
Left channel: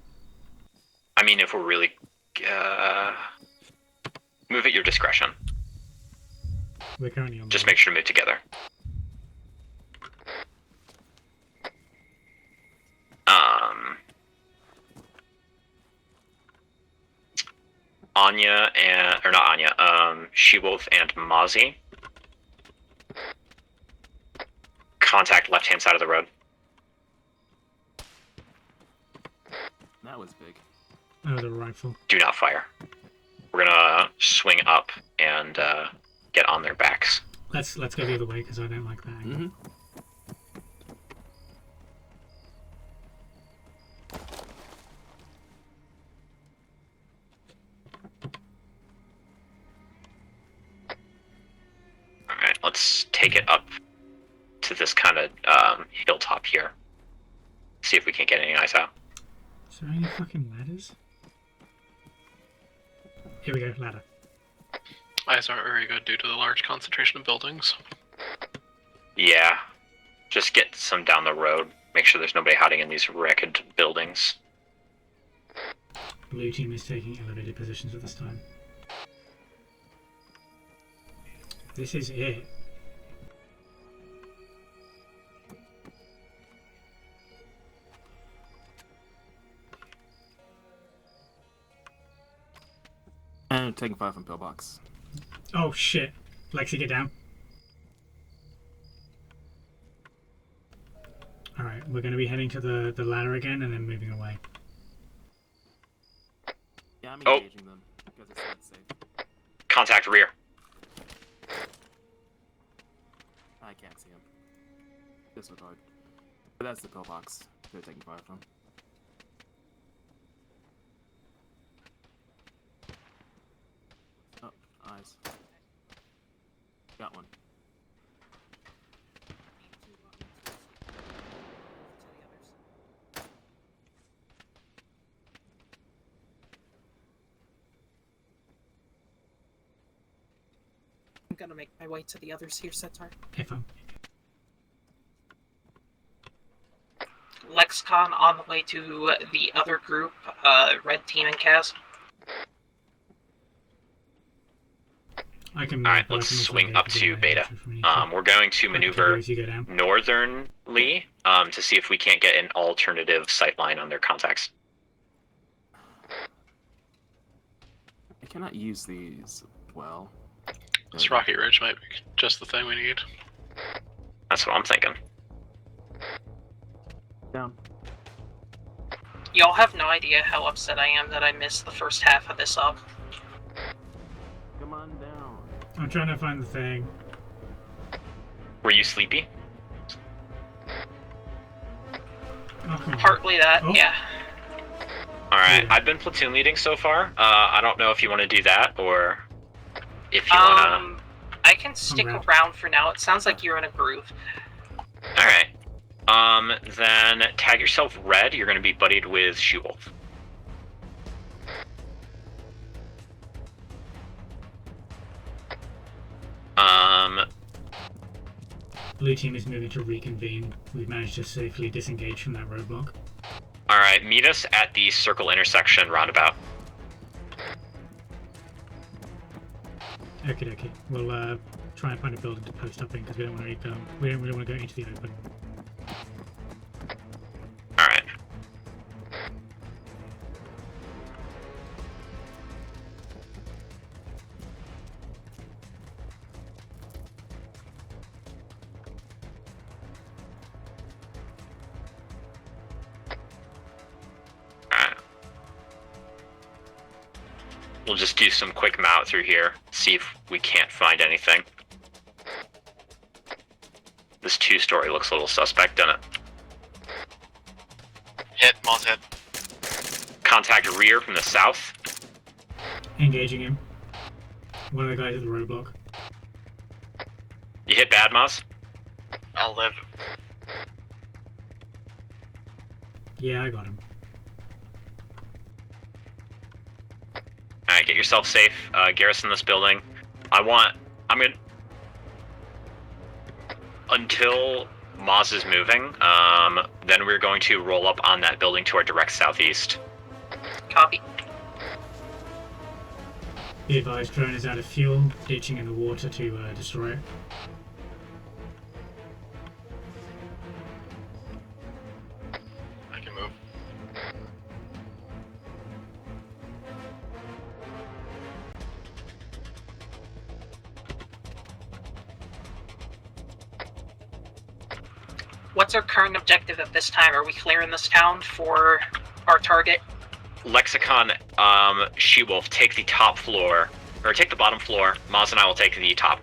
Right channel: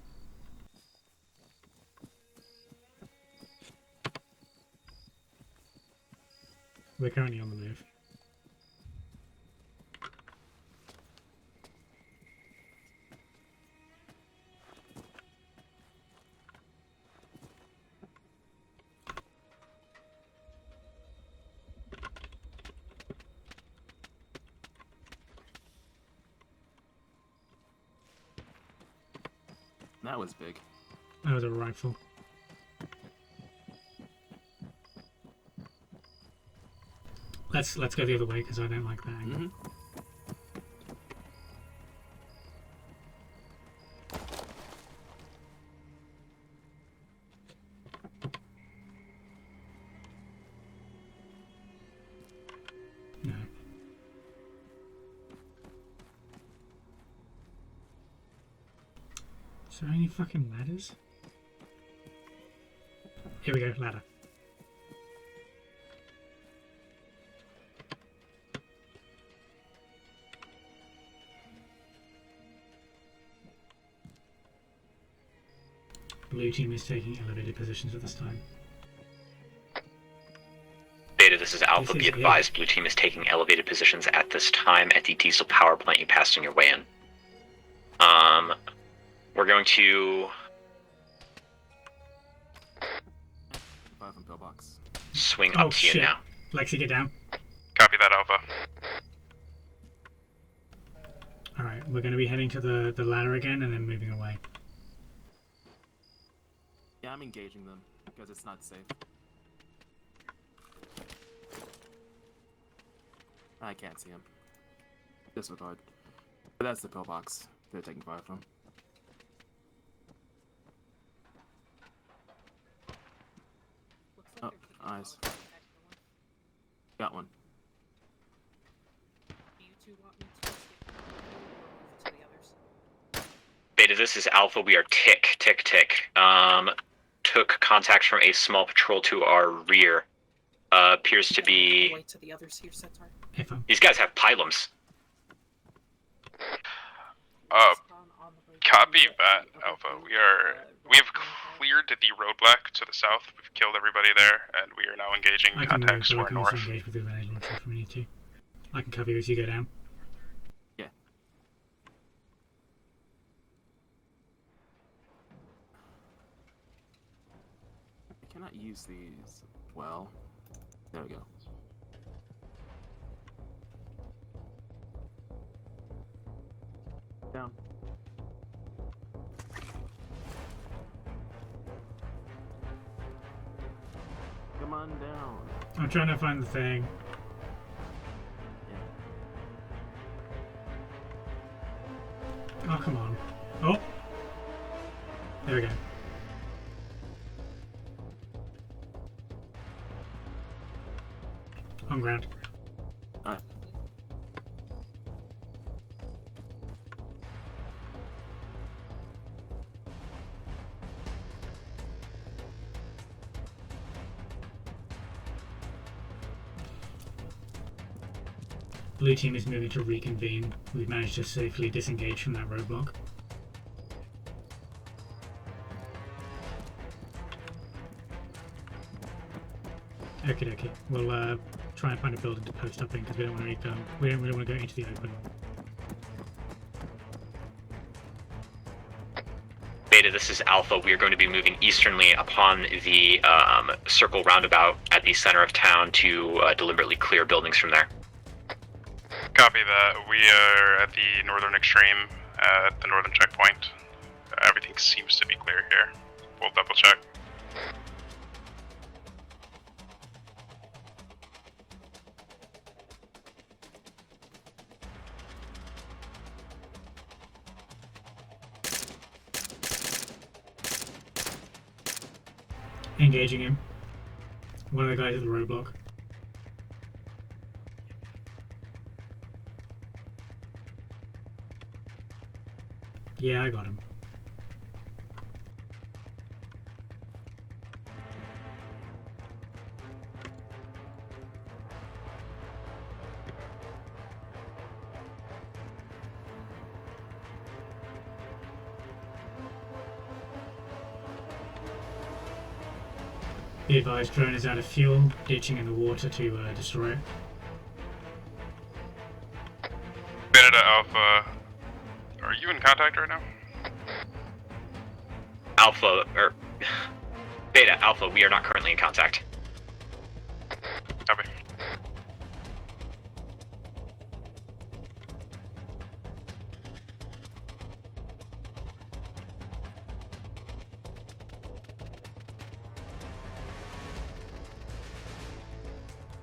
I mean, if we're really... move at your discretion. We're currently on Just make sure to move together. Anya and... or not Anya, She-Wolf and Mozzie. Contact left-hand side of the road. That was big. That was a rifle. Do not fire. We're gonna swing up and get on their backs. Let's go the other way, because I don't like that angle. Alright, let's take it up to this kind of hilltop here. See if we can't get any eyes out. Is there any fucking ladders? Here we go, ladder. Eyes aren't very good due to the large concentration of buildings. Yeah, just get some down the road. Make sure there's nobody hiding in these wrecked buildings. Blue team is taking elevated positions at this time. Beta, this is Alpha. This Be is advised, Blue team is taking elevated positions at this time at the diesel power plant you passed on your way in. We're going to... And taking 5 from pillbox. Swing Oh up to shit. you now. Lexi, get down. Copy that, Alpha. Alright, we're going to be heading to the ladder again and then moving away. Yeah, I'm engaging them because it's not safe. Contact rear. I can't see him. Disregard. But that's the pillbox they're taking fire from. Oh, nice. Got one. Beta, this is Alpha. We are tick. Took contact from a small patrol to our rear. Appears to be... Wait to the others here, Centaur. These guys have pylums. Lexicon on the way to Copy that, the other Alpha. group, We Red have Team and Cas. cleared the roadblock to the south. We've killed everybody there, and we are now engaging. I can Alright, so we're North. swing up to Beta. We're going to maneuver northernly to see if we can't get an alternative sight line on their contacts. I cannot use these well. This Rocky Ridge might be just the thing we need. That's what I'm thinking. Down. Y'all have no idea how upset I am that I missed the first half of this up. Come on down. I'm trying to find the thing. Were you sleepy? Oh, come on. Partly that, Oh. yeah. Alright, I've been platoon leading so far. I don't know if you want to do that, or if you want to... I can stick around for now. It sounds like you're in a groove. Alright. Then tag yourself red. You're going to be buddied with She-Wolf. Blue team is moving to reconvene. We've managed to safely disengage from that roadblock. Alright, meet us at the circle intersection roundabout. Okay. We'll try and find a building to post up in because we don't want to go into the open. Beta, this is Alpha. We are going to be moving easternly upon the circle roundabout at the center of town to deliberately clear buildings from there. Copy that. We are at the northern extreme, at the northern checkpoint. Everything seems to be clear here. We'll double check. We'll just do some quick mount through here, see if we can't find anything. This 2-story looks a little suspect, doesn't it? Hit, Moss hit. Contact rear from the south. Engaging him. One of the guys at the roadblock. You hit bad, Moss? I'll live. Yeah, I got him. Alright, get yourself safe. Garrison this building. I'm gonna... Until Moz is moving, then we're going to roll up on that building to our direct southeast. Copy. Be advised, drone is out of fuel, ditching in the water to destroy it. Beta Alpha, are you in contact right now? Beta, Alpha, we are not currently in contact. Copy. What's our current objective at this time? Are we clearing this town for our target? Lexicon, She-Wolf, take the top floor, or take the bottom floor. Maz and I will take the top.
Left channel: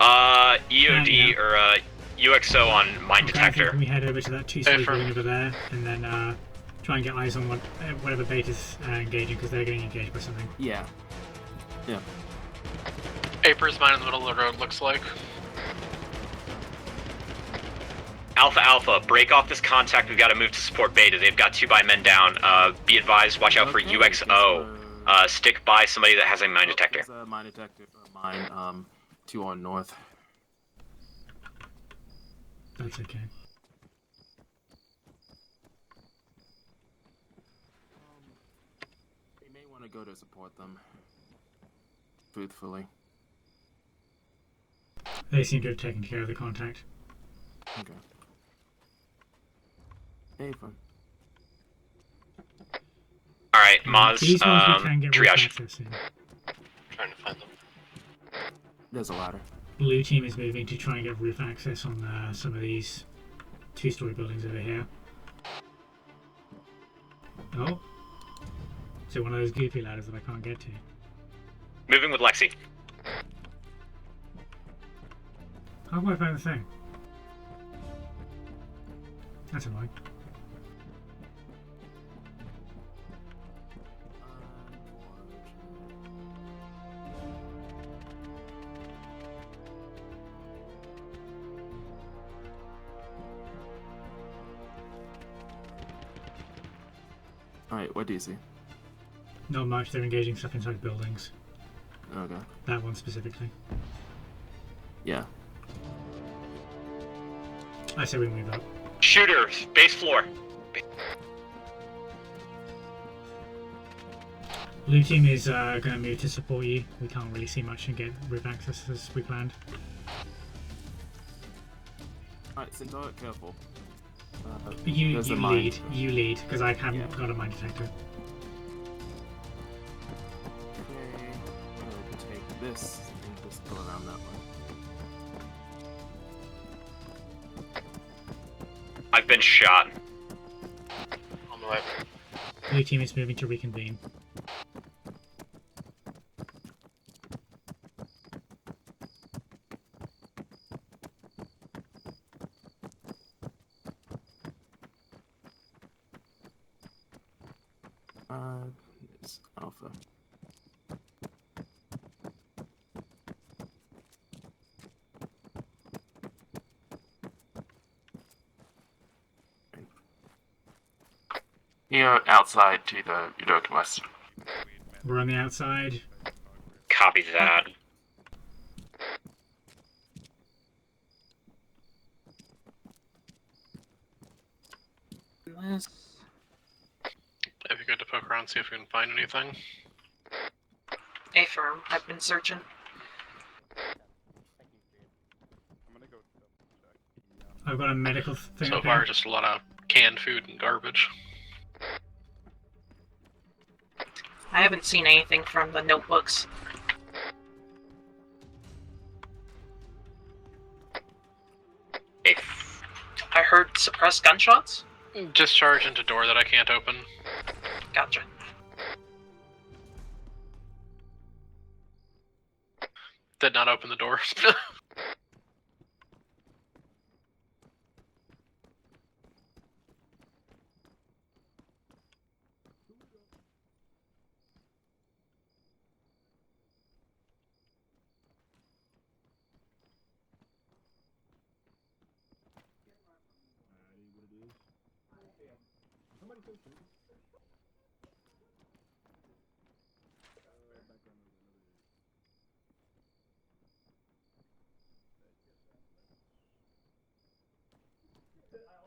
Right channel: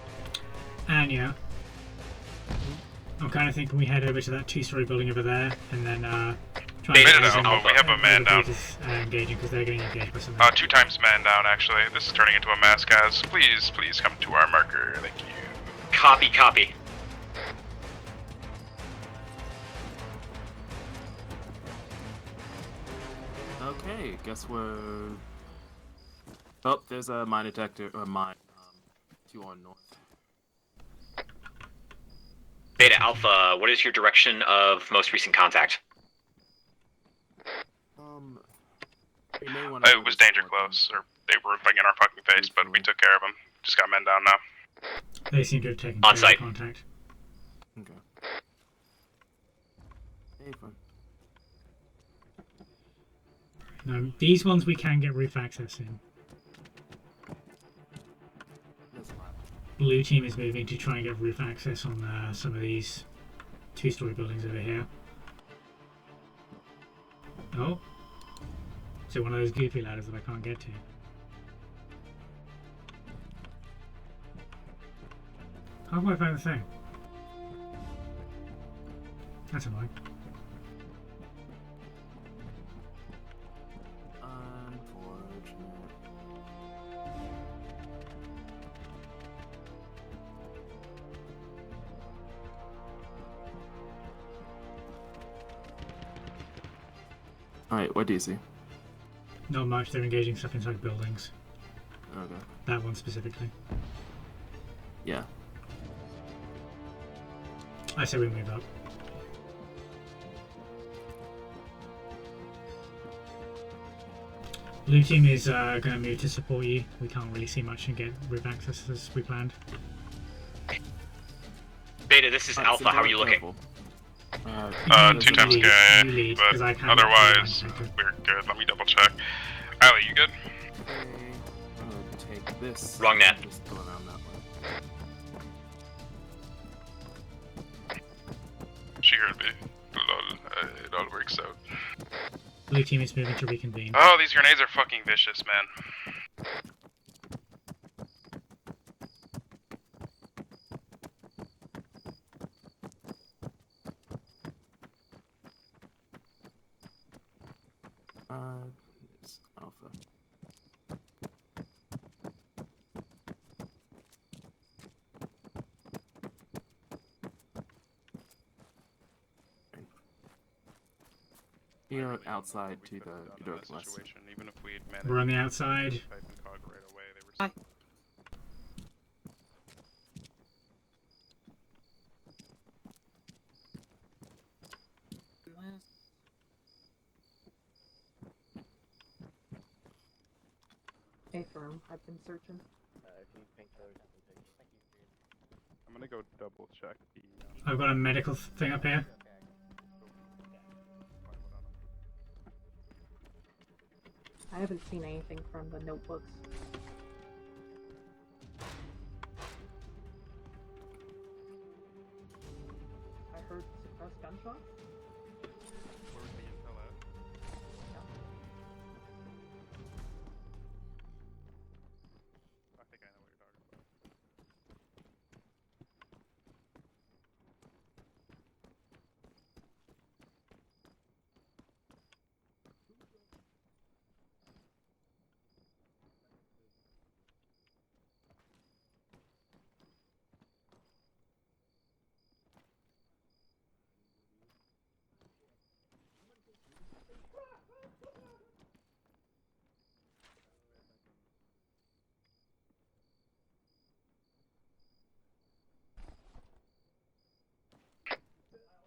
EOD, or UXO on mine Okay, I detector. think we head over to that 2-story building over there, and then try and Beta get down. them We have a man down. engaging, because they're getting engaged by something. 2 times man down, actually. This is turning into a mass gas. Papers minus what the road looks like. Copy. Alpha, break off this contact. We've got to move to support Beta. They've got 2 by men down. Be advised, watch out for UXO. Stick by somebody that has a mine detector. There's a mine detector, or mine, 2 on north. Beta Alpha, what is your direction of most recent contact? It was danger close, or they were in our fucking face, but we took care of them. Just got men down now. They seem to have taken care of the contact. Okay. Hey, fun. Alright, Maz, These ones we can get roof triage. access in. Trying to find them. There's a ladder. Blue team is moving to try and get roof access on some of these 2-story buildings over here. Oh. So one of those goofy ladders that I can't get to. Moving with Lexi. How do I find the thing? That's annoying. Alright, what do you see? Not much, they're engaging stuff inside buildings. Okay. That one specifically. Yeah. I say we move up. Shooter, base floor. Blue team is going to move to support you. We can't really see much and get roof access as we planned. Beta, this is Alpha. How are you looking? 2 times you good, lead, 'cause I but can't otherwise, get the mine we're good. Let me double check. Allie, you good? Take this. Wrong net. Just go around that way. I've been shot. It don't work so. Blue team is moving to reconvene. Oh, these grenades are fucking vicious, man. It's Alpha. You're outside to the northwest. We're on the outside. Copy that. It'd be good to poke around, see if we can find anything. A firm. I've been searching. I'm gonna go go double check the. I've got a medical thing So up far, here. just a lot of canned food and garbage. I haven't seen anything from the notebooks. I heard suppressed gunshots. Discharge into door that I can't open. Gotcha. Did not open the door.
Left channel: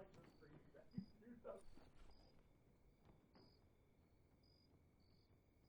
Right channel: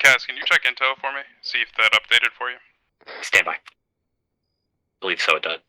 Kaz, can you check intel for me? See if that updated for you. Stand by. Believe so it did.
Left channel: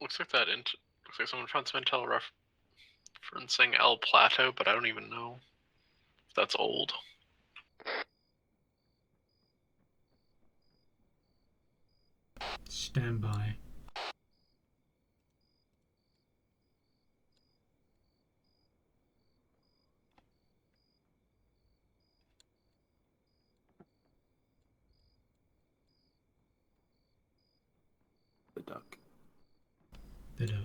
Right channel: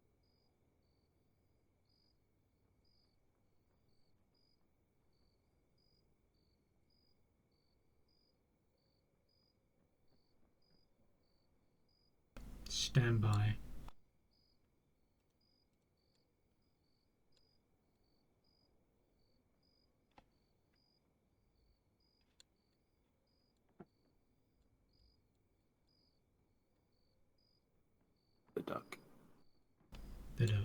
Looks like looks like someone found some intel referencing El Plato, but I don't even know if that's old. Stand by. The duck. The duck.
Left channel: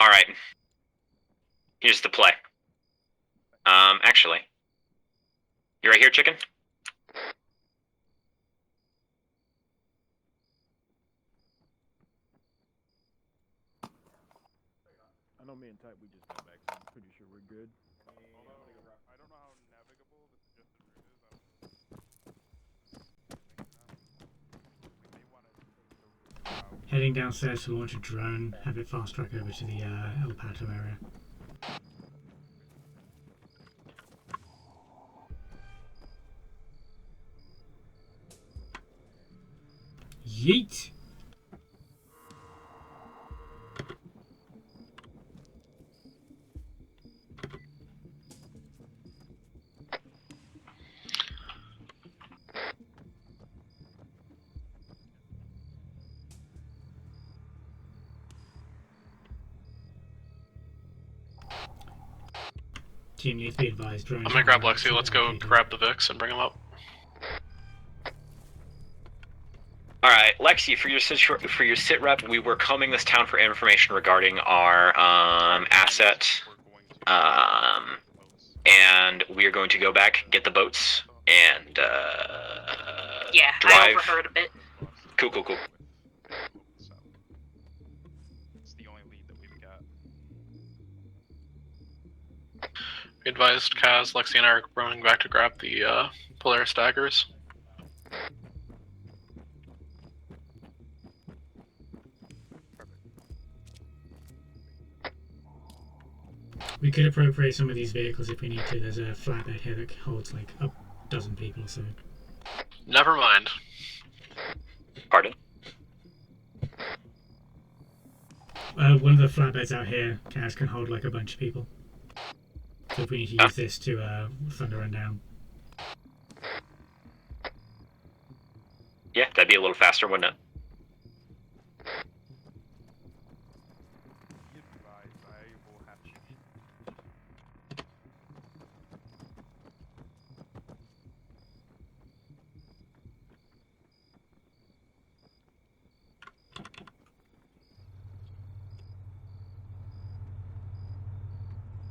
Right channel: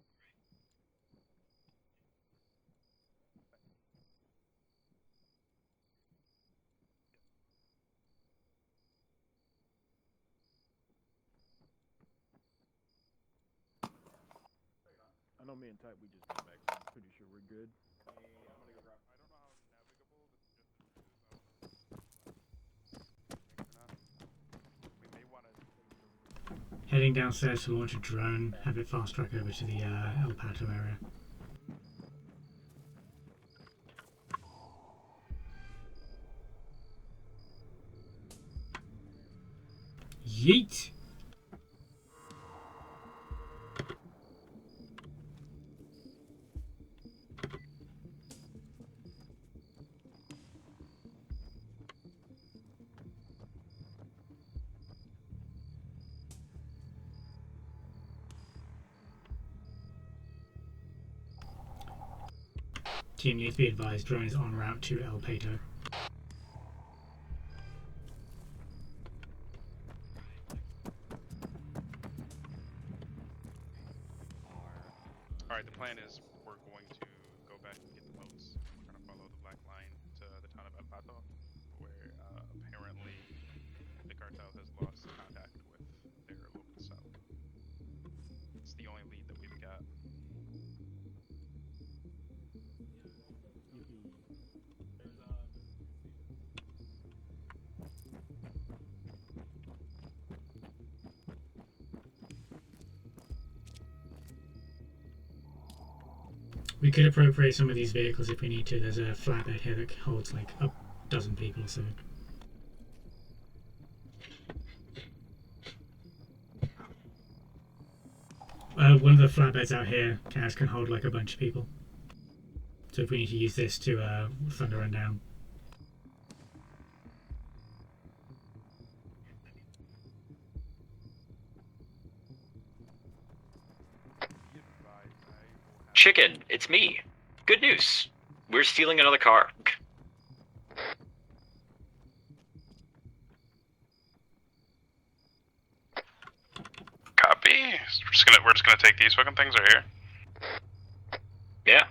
All right. Here's the play. Actually, you right here, chicken? I know me and Type, we just got back, so I'm pretty sure we're good. Heading downstairs to launch a drone, have it fast track over to the El Pato area. Yeet! Team needs to be advised. Drones I'm gonna grab en route Lexi. to Let's go El Pato. grab the Vix and bring him up. All right, Lexi, for your sit rep, we were combing this town for information regarding our asset, and we are going to go back, get the boats, and Yeah, drive. I overheard a bit. Cool. It's the only lead that we've got. We advised Kaz, Lexi, and I are running back to grab the Polaris daggers. We could appropriate some of these vehicles if we need to. There's a flatbed here that holds like a dozen people or so. Never mind. Pardon? One of the flatbeds out here, Kaz, can hold like a bunch of people. So if we need to use this to thunder run down. Yeah, that'd be a little faster, wouldn't it? Chicken, it's me. Good news. We're stealing another car. Copy. We're just gonna take these fucking things right here. Yeah.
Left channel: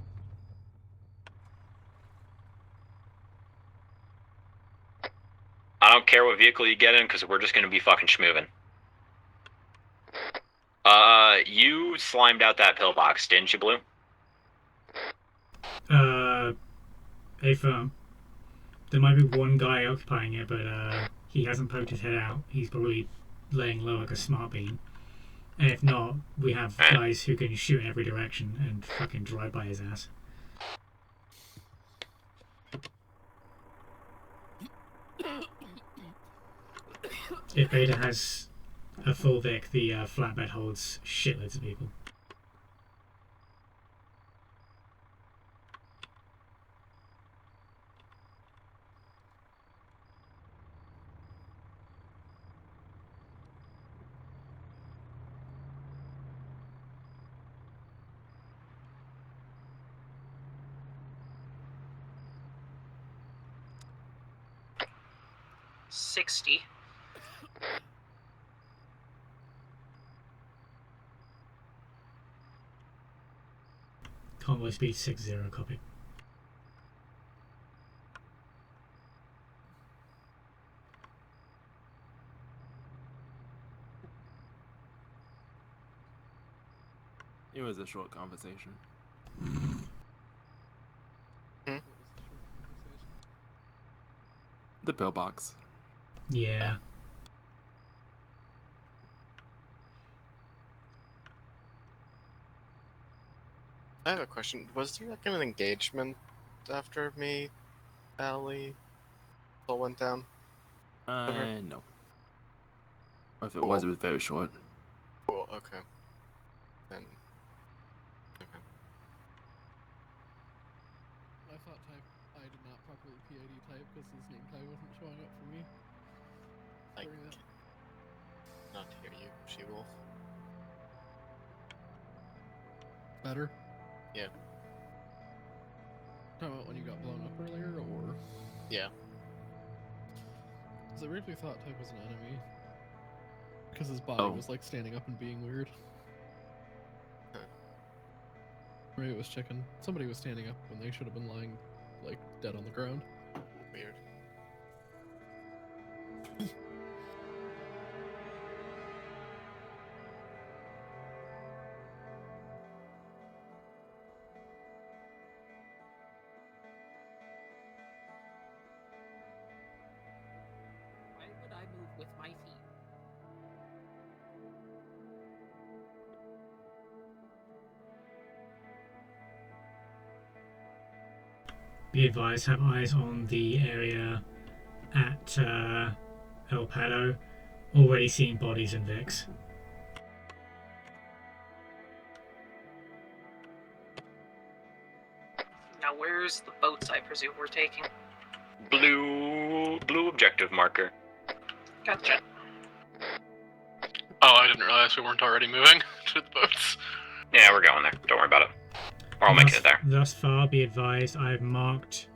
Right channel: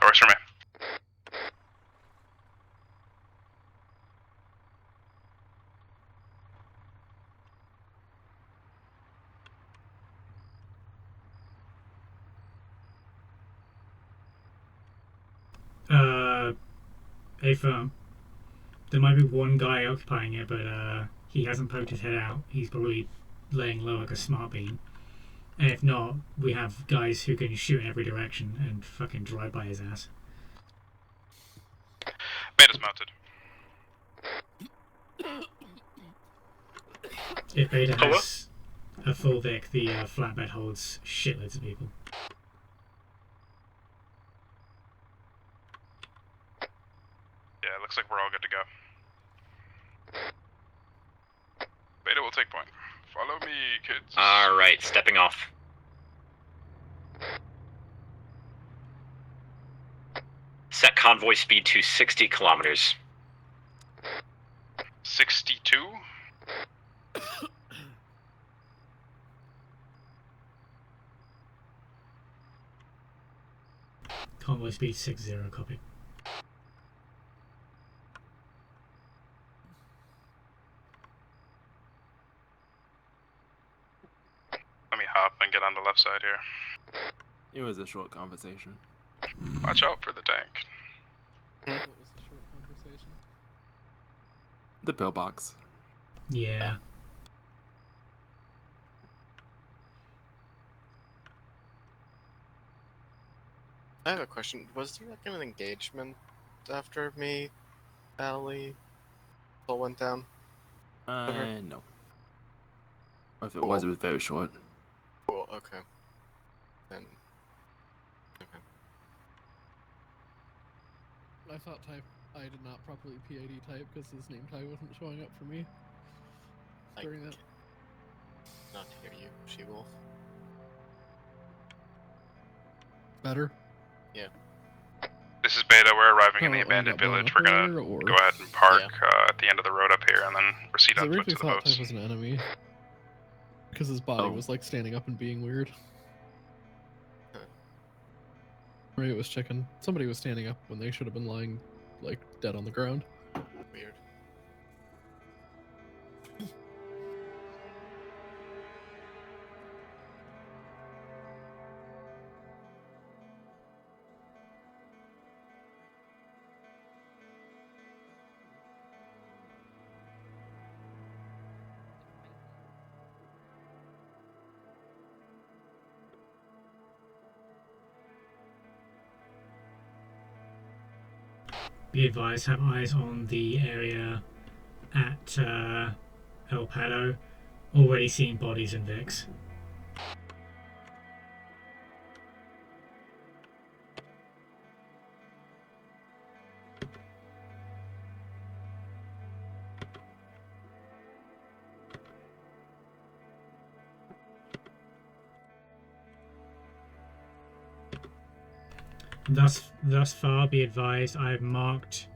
Works for me. don't care what vehicle you get in, because we're just going to be fucking schmoving. You slimed out that pillbox, didn't you, Blue? A firm. There might be one guy occupying it, but he hasn't poked his head out. He's probably laying low like a smart bean. And if not, we have guys who can shoot in every direction and fucking drive by his ass. Beta's mounted. If Beta has a full Vic, the flatbed holds shitloads of people. Yeah, it looks like we're all good to go. Beta will take point. Follow me, kids. Alright, stepping off. Set convoy speed to 60 kilometers. 62? 60. Convoy speed 60, copy. Let me hop and get on the left side here. It was a short conversation. Watch out for the tank. The pillbox. Yeah. I have a question. Was there like an engagement after me, Allie, all went down? No. If it was very short. Cool, okay. Then... Okay. I thought I did not properly PID type because his name tag wasn't showing up for me. During that. Not to hear you, She-Wolf. Better? Yeah. This is Beta. We're arriving in the abandoned village. We're gonna go ahead and park at the end of the road up here and then proceed on I foot really to the thought boats. type was an enemy. Because his body was like standing up and being weird. Right, it was chicken. Somebody was standing up when they should have been lying, like, dead on the ground. Weird. Be advised, have eyes on the area at El Pato. Already seen bodies and Vics. Now, where's the boats I presume we're taking? Blue objective marker. Gotcha. Oh, I didn't realize we weren't already moving to the boats. Yeah, we're going there. Don't worry about it. Or I'll make it there. Thus far, be advised, I've marked...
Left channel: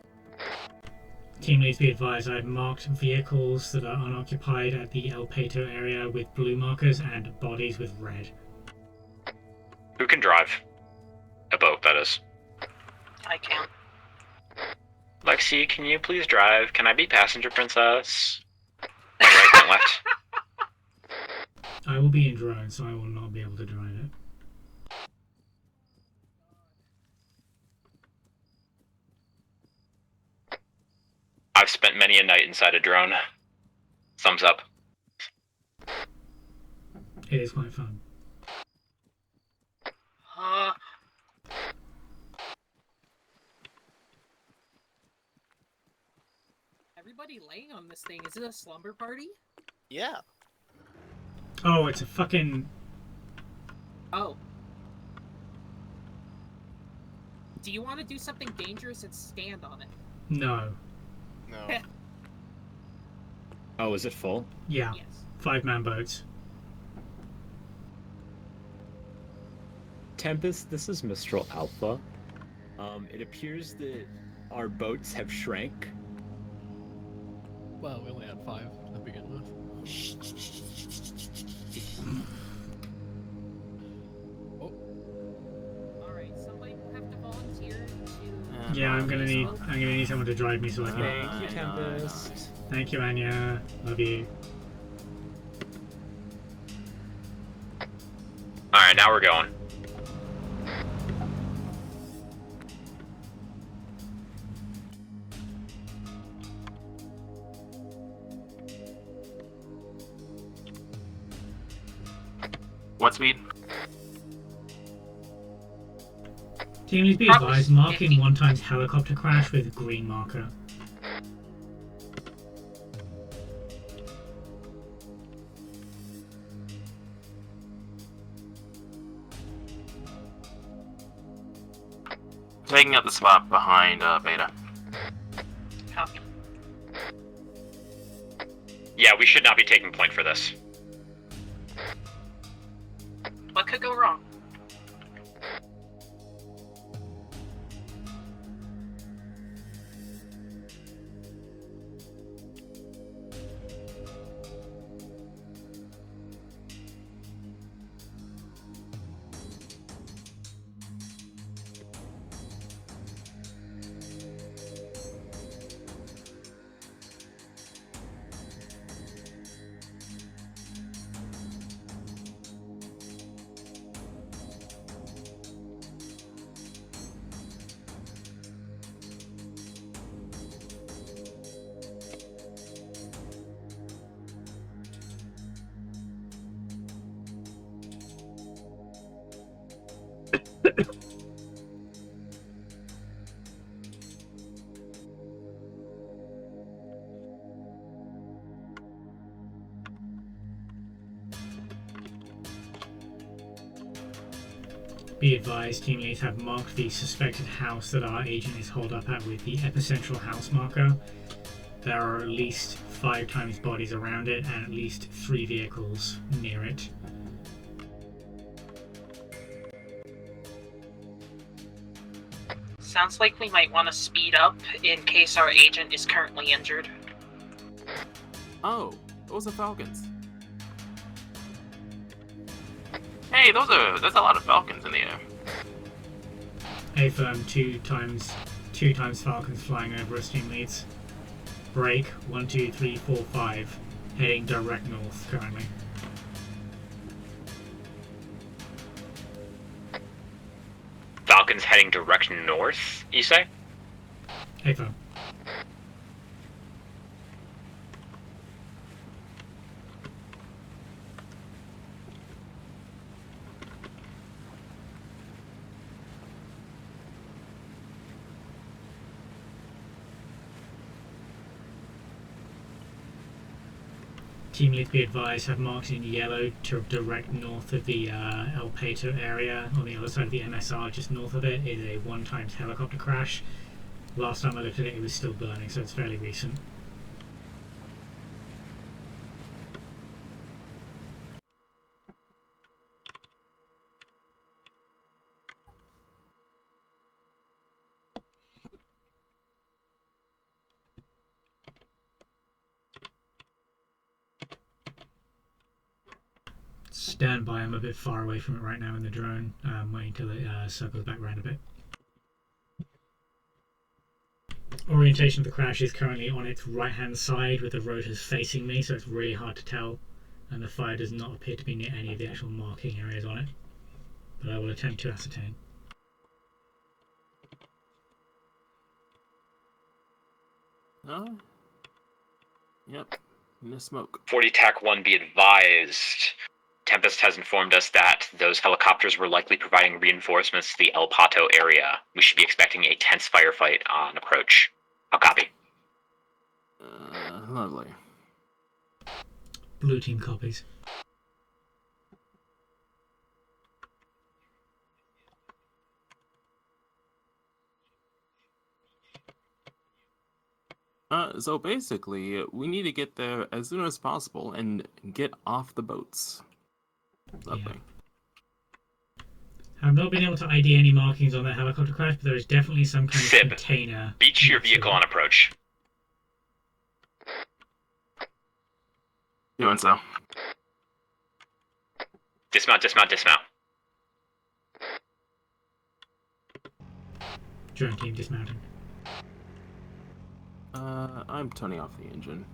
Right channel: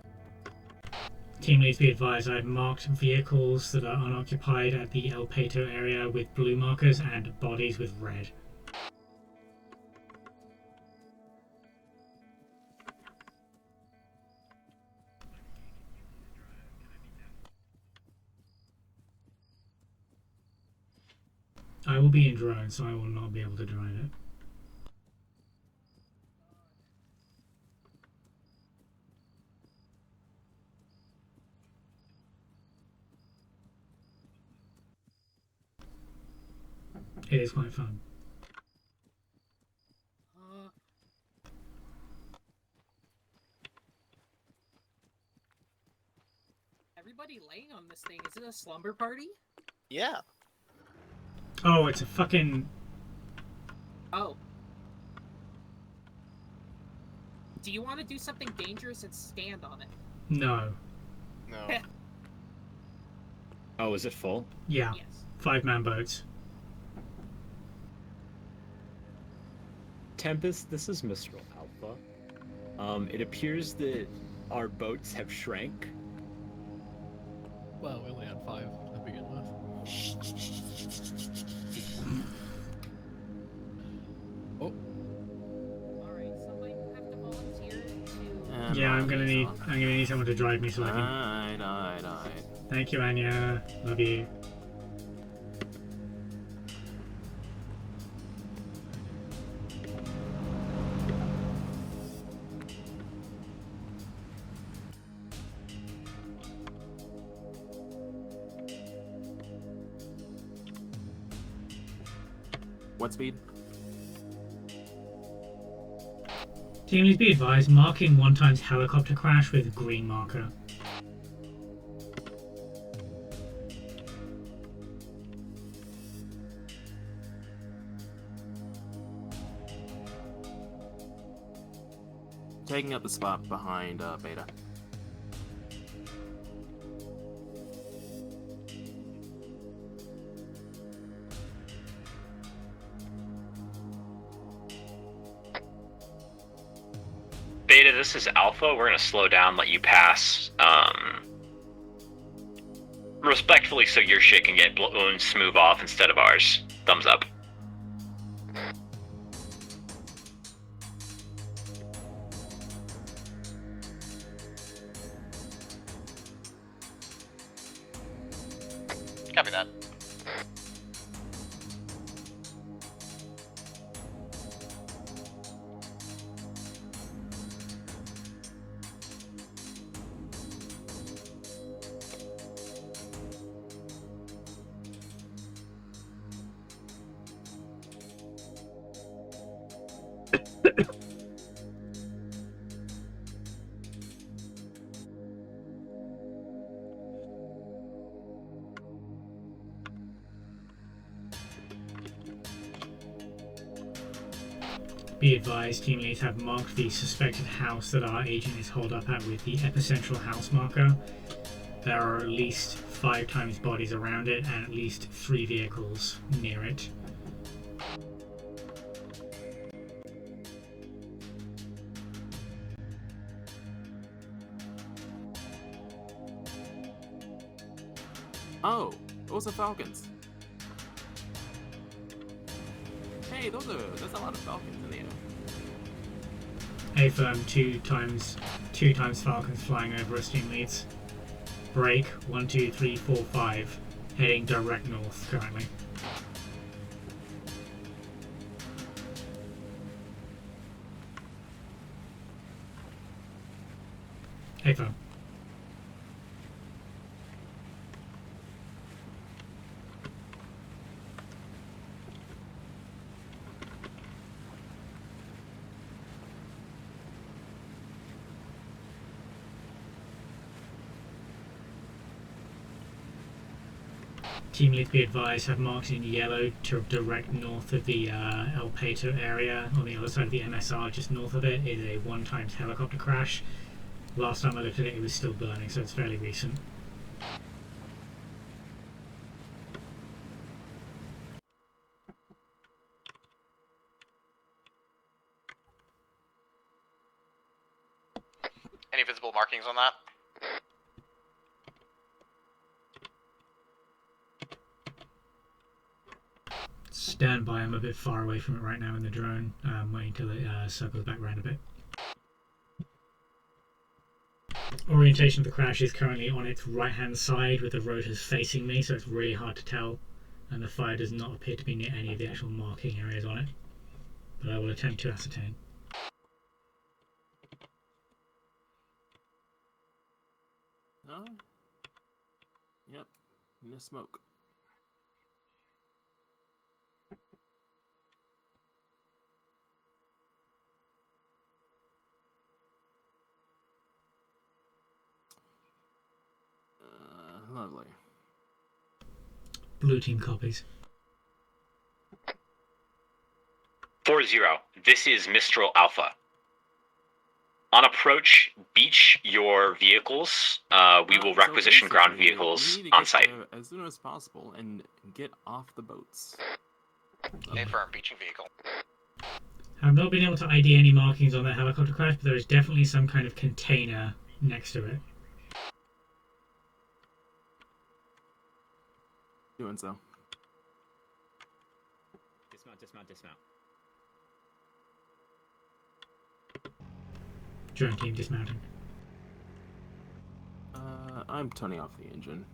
Team leads, be advised, I've marked vehicles that are unoccupied at the El Pato area with blue markers and bodies with red. Who can drive? A boat, that is. I can. Lexi, can you please drive? Can I be passenger princess? Point right, point left. I will be in drone, so I will not be able to drive it. I've spent many a night inside a drone. Thumbs up. It is quite fun. Everybody laying on this thing. Is it a slumber party? Yeah. Oh, it's a fucking... Oh. Do you want to do something dangerous and stand on it? No. No. Oh, is it full? Yeah. Yes. 5-man boats. Tempest, this is Mistral Alpha. It appears that our boats have shrank. Well, we only had 5 to begin with. Oh. Alright, somebody will have to volunteer to... Yeah, I'm gonna need someone to drive me so I can... Thank you, Anya. Love you. Alright, now we're going. What speed? Team leads be advised, marking 1 times helicopter crash with green marker. Taking up the spot behind Beta. Copy. Yeah, we should not be taking point for this. What could go wrong? Beta, this is Alpha. We're gonna slow down, let you pass. Respectfully, so your shit can get blown smooth off instead of ours. Thumbs up. Copy that. Be advised, team leads have marked the suspected house that our agent is holed up at with the epicentral house marker. There are at least 5 times bodies around it and at least 3 vehicles near it. Sounds like we might want to speed up in case our agent is currently injured. Oh, those are Falcons. Hey, there's a lot of Falcons in the air. A-firm 2 times Falcons flying over us, team leads. Break 1, 2, 3, 4, 5. Heading direct north currently. Falcon's heading direct north, you say? A-firm. Team lead be advised have marked in yellow to direct north of the El Pato area. On the other side of the MSR, just north of it, is a 1 times helicopter crash. Last time I looked at it, it was still burning, so it's fairly recent. Any visible markings on that? Stand by, I'm a bit far away from it right now in the drone. I'm waiting till it circles back around a bit. Orientation of the crash is currently on its right hand side with the rotors facing me, so it's really hard to tell, and the fire does not appear to be near any of the actual marking areas on it, but I will attempt to ascertain. Oh. Yep. In the smoke. 40 TAC 1 be advised. Tempest has informed us that those helicopters were likely providing reinforcements to the El Pato area. We should be expecting a tense firefight on approach. I'll copy. Lovely. Blue team copies. 4-0. This is Mistral Alpha. On approach, beach your vehicles. We will requisition ground vehicles we need to on get site. there as soon as possible and get off the boats. Confirm, beaching vehicle. I've not been able to ID any markings on that helicopter crash, but there is definitely some kind of Sib, container. beach your next to vehicle it. on approach. Doing so. Dismount, dismount, dismount. Drone team dismounting. I'm turning off the engine.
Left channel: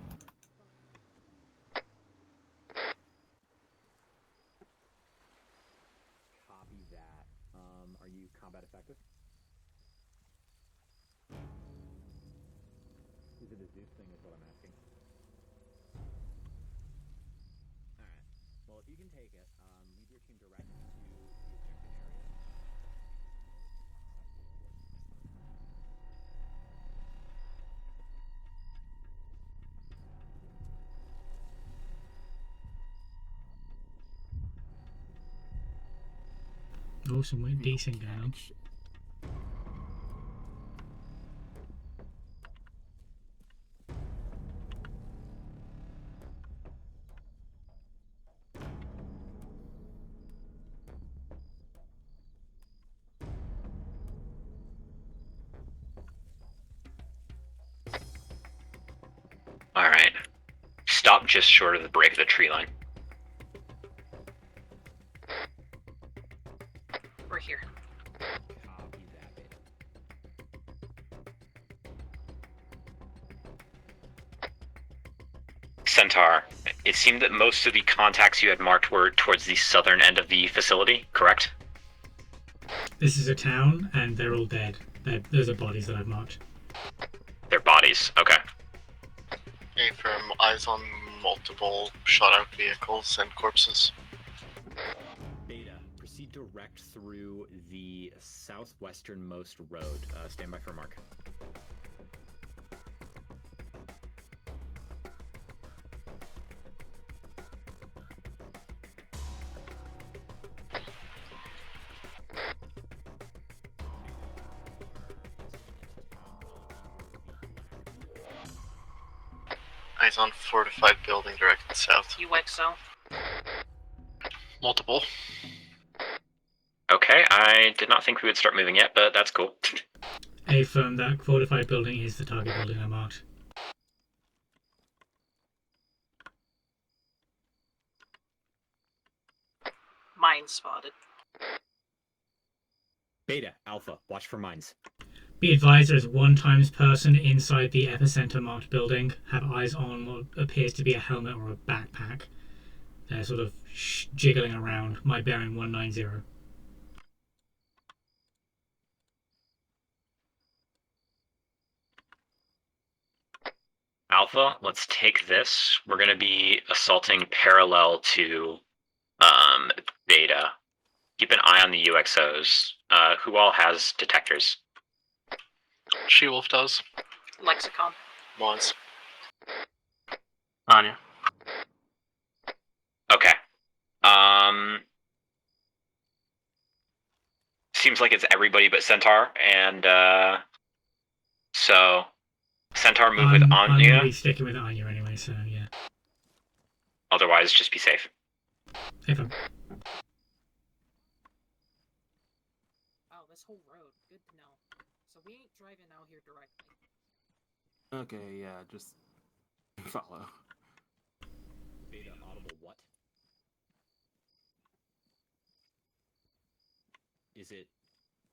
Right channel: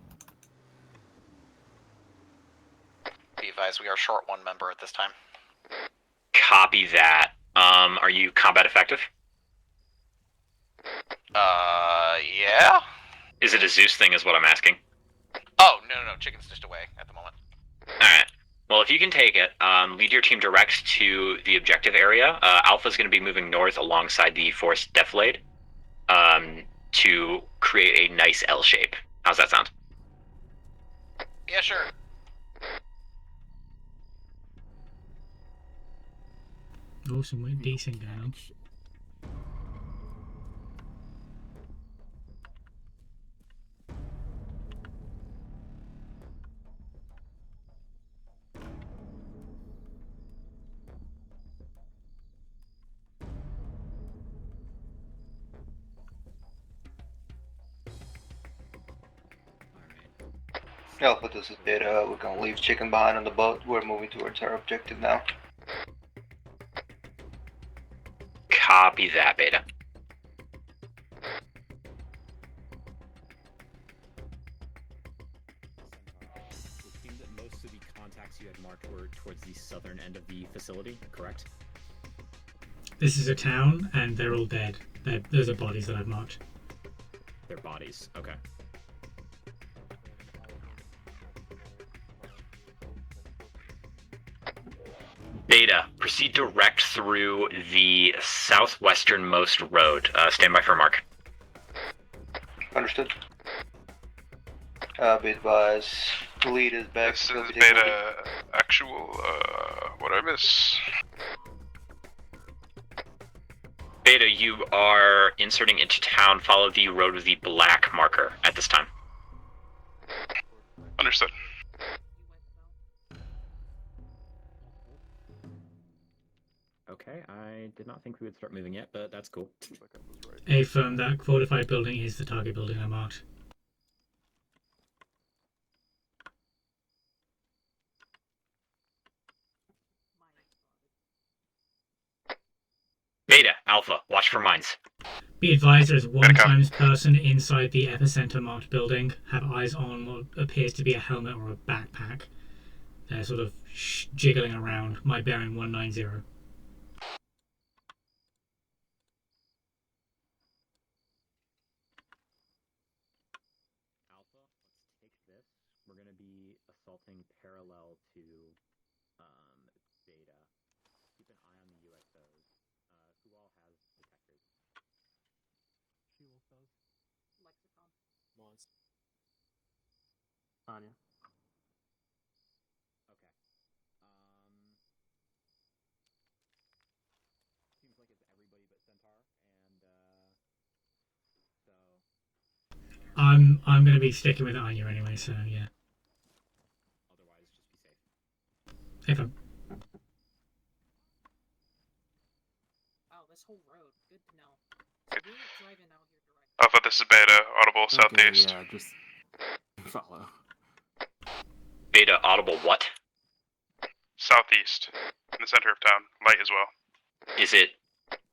Be advised, we are short one member at this time. Copy that. Are you combat effective? Yeah? Is it a Zeus thing is what I'm asking? Oh, no, chicken's just away at the moment. Alright. Well, if you can take it, lead your team direct to the objective area. Alpha's going to be moving north alongside the forest defilade to create a nice L shape. How's that sound? Yeah, sure. Awesome, we're decent going on. Alright. Stop just short of the break of the tree line. Chicken behind on the boat. We're moving towards our objective now. We're here. Copy that, Beta. Centaur, it seemed that most of the contacts you had marked were towards the southern end of the facility, correct? This is a town, and they're all dead. Those are bodies that I've marked. They're bodies, okay. Affirm, eyes on multiple shot-out vehicles and corpses. Beta, proceed direct through the southwesternmost road. Stand by for mark. Understood. Be advised, lead is back. This is Beta actual, what I miss? Beta, you are inserting into town. Follow the road with the black marker at this time. Eyes on fortified building directed south. UXO. Multiple. Okay, I did not think we would start moving yet, but that's cool. Affirm, that fortified building is the target building I marked. Mine spotted. Beta, Alpha, watch for mines. Be advised, there's one times person inside the epicenter marked building. Have eyes on what appears to be a helmet or a backpack. They're sort of jiggling around. My bearing 190. Alpha, let's take this. We're going to be assaulting parallel to Beta. Keep an eye on the UXOs. Who all has detectors? She-Wolf does. Lexicon. Mons. Anya. Okay. Seems like it's everybody but Centaur, and so Centaur move with Anya. I'm going to be sticking with Anya anyway, so yeah. Otherwise, just be safe. Affirm. Wow, this whole road. Good to know. So we're driving out here direct. Alpha, this is Beta, audible southeast. Yeah, just follow. Beta, audible what? Southeast, in the center of town, light as well. Is it?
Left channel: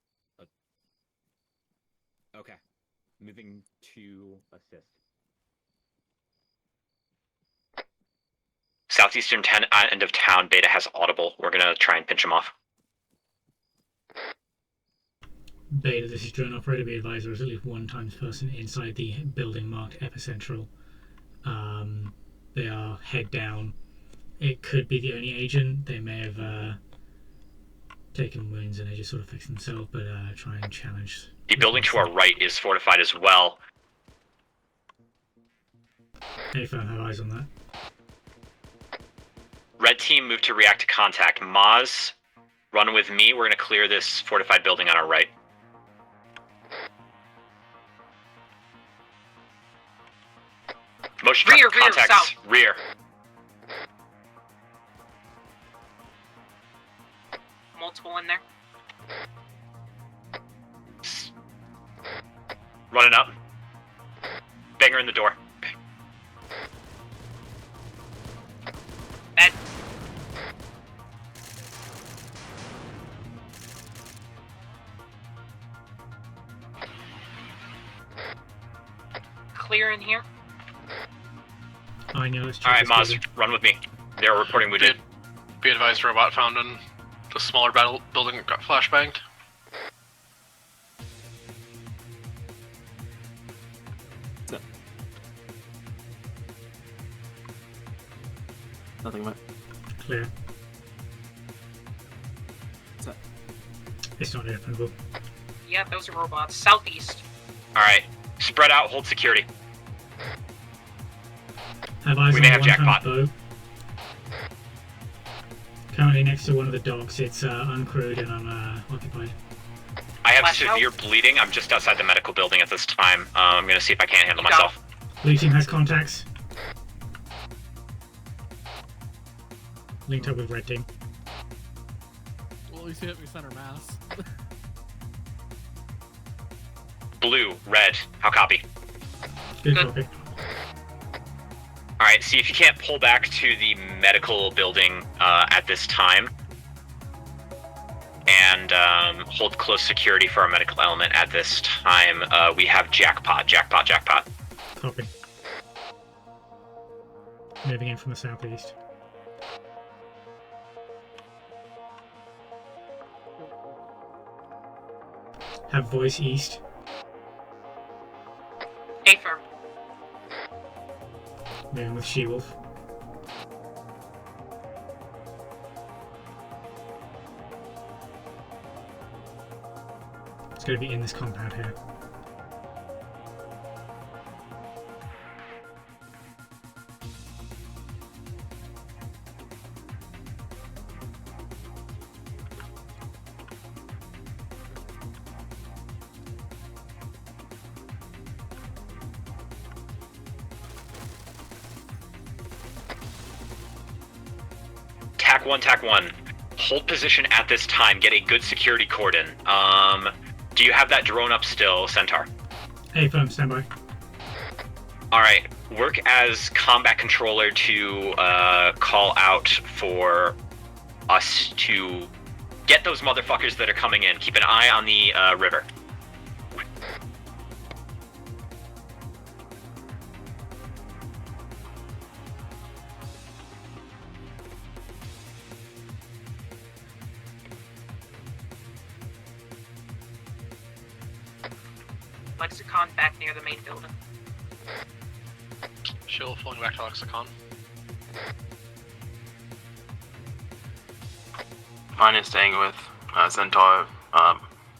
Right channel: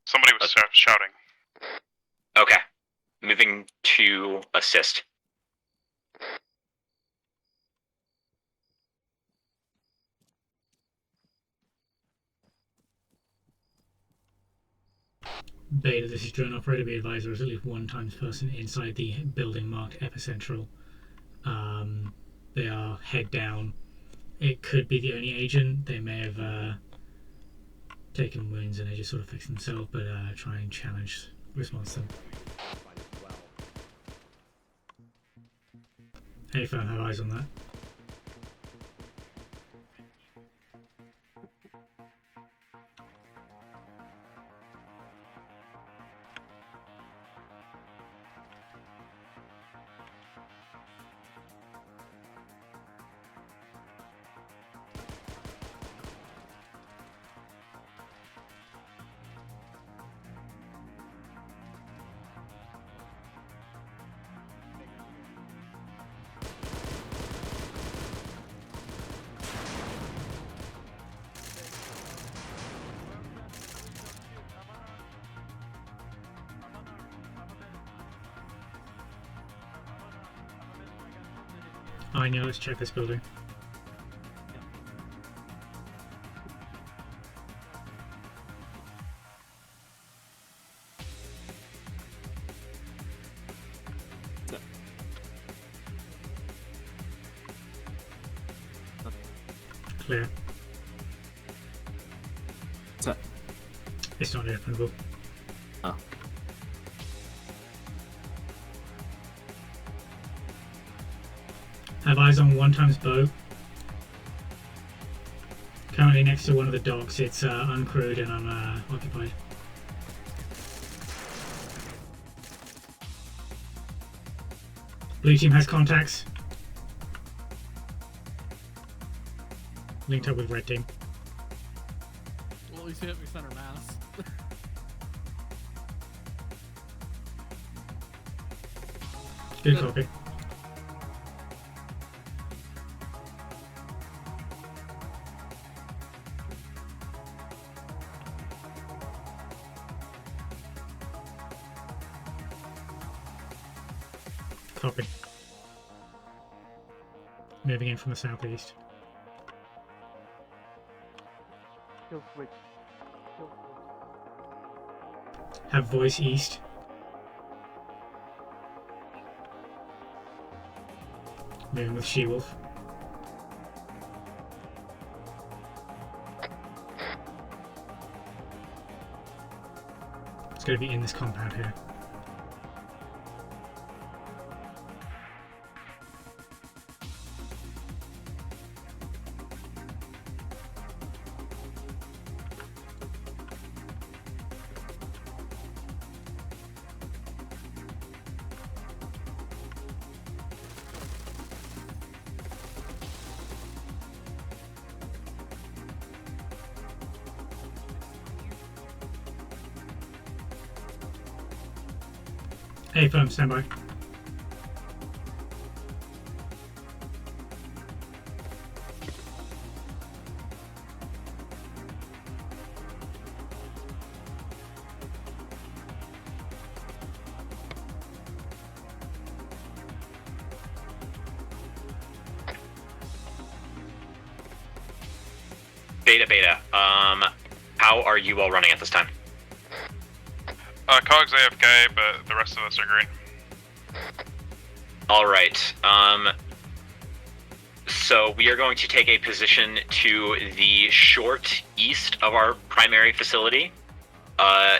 Somebody was shouting. Okay. Moving to assist. Southeastern end of town, Beta has audible. We're gonna try and pinch him off. Beta, this is drone operator. Be advised, there is at least one times person inside the building marked epicentral. They are head down. It could be the only agent. They may have taken wounds and they just sort of fix themselves, but try and challenge. The building to our right is fortified as well. Hey, fam, have eyes on that. Red team move to react to contact. Maz, run with me. We're gonna clear this fortified building on our right. Motion Rear, contacts. south. Rear. Multiple in there. Running up. Banger in the door. Dead. clear in here? Anya, let's check Alright, this Maz, building. run with me. They're reporting wounded. Be advised, robot found in the smaller battle building got flashbanged. Nothing, mate. Clear. Set. It's not openable. Yeah, those are robots. Southeast. Alright, spread out, hold security. Have eyes We on may the have one-times jackpot. bow. Currently next to one of the docks. It's uncrewed and I'm occupied. I have Flash severe out. bleeding. I'm just outside the medical building at this time. I'm gonna see if I can't handle You got myself. Blue team has contacts. Linked up with red team. Well, at least you hit me center mass. Blue, red, how copy? Good copy. Alright, see if you can't pull back to the medical building at this time. And hold close security for our medical element at this time. We have jackpot. Copy. Moving in from the southeast. Kill switch. Kill switch. Have voice east. A-firm. Moving with She-Wolf. It's going to be in this compound here. TAC 1. Hold position at this time. Get a good security cordon. Do you have that drone up still, Centaur? A-firm, standby. Alright, work as combat controller to call out for us to get those motherfuckers that are coming in. Keep an eye on the river. Beta. How are you all running at this time? Cogs AFK, but the rest of us are green. Contact near the main building. Alright, Pulling back to lexicon. so we are going to take a position to the short east Mine is of staying our with, primary facility. Centaur,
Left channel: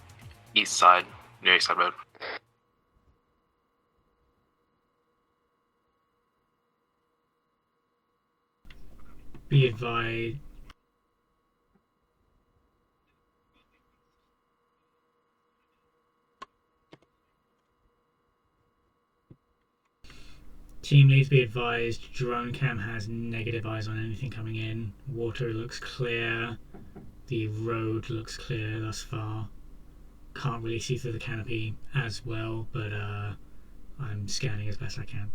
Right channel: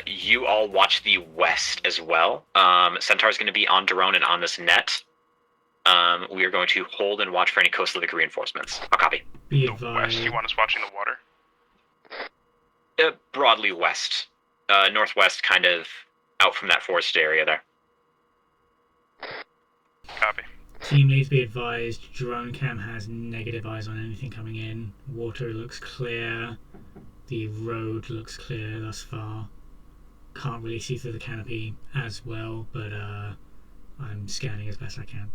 You all east watch side, the west suburb. as well. Centaur's going to be on drone and on this net. We are going to hold and watch for any coastal reinforcements. I'll copy. Be West, advised. you want us watching the water? Broadly west. Northwest, kind of out from that forested area there. Copy. Team needs to be advised. Drone cam has negative eyes on anything coming in. Water looks clear. The road looks clear thus far. Can't really see through the canopy as well, but I'm scanning as best I can.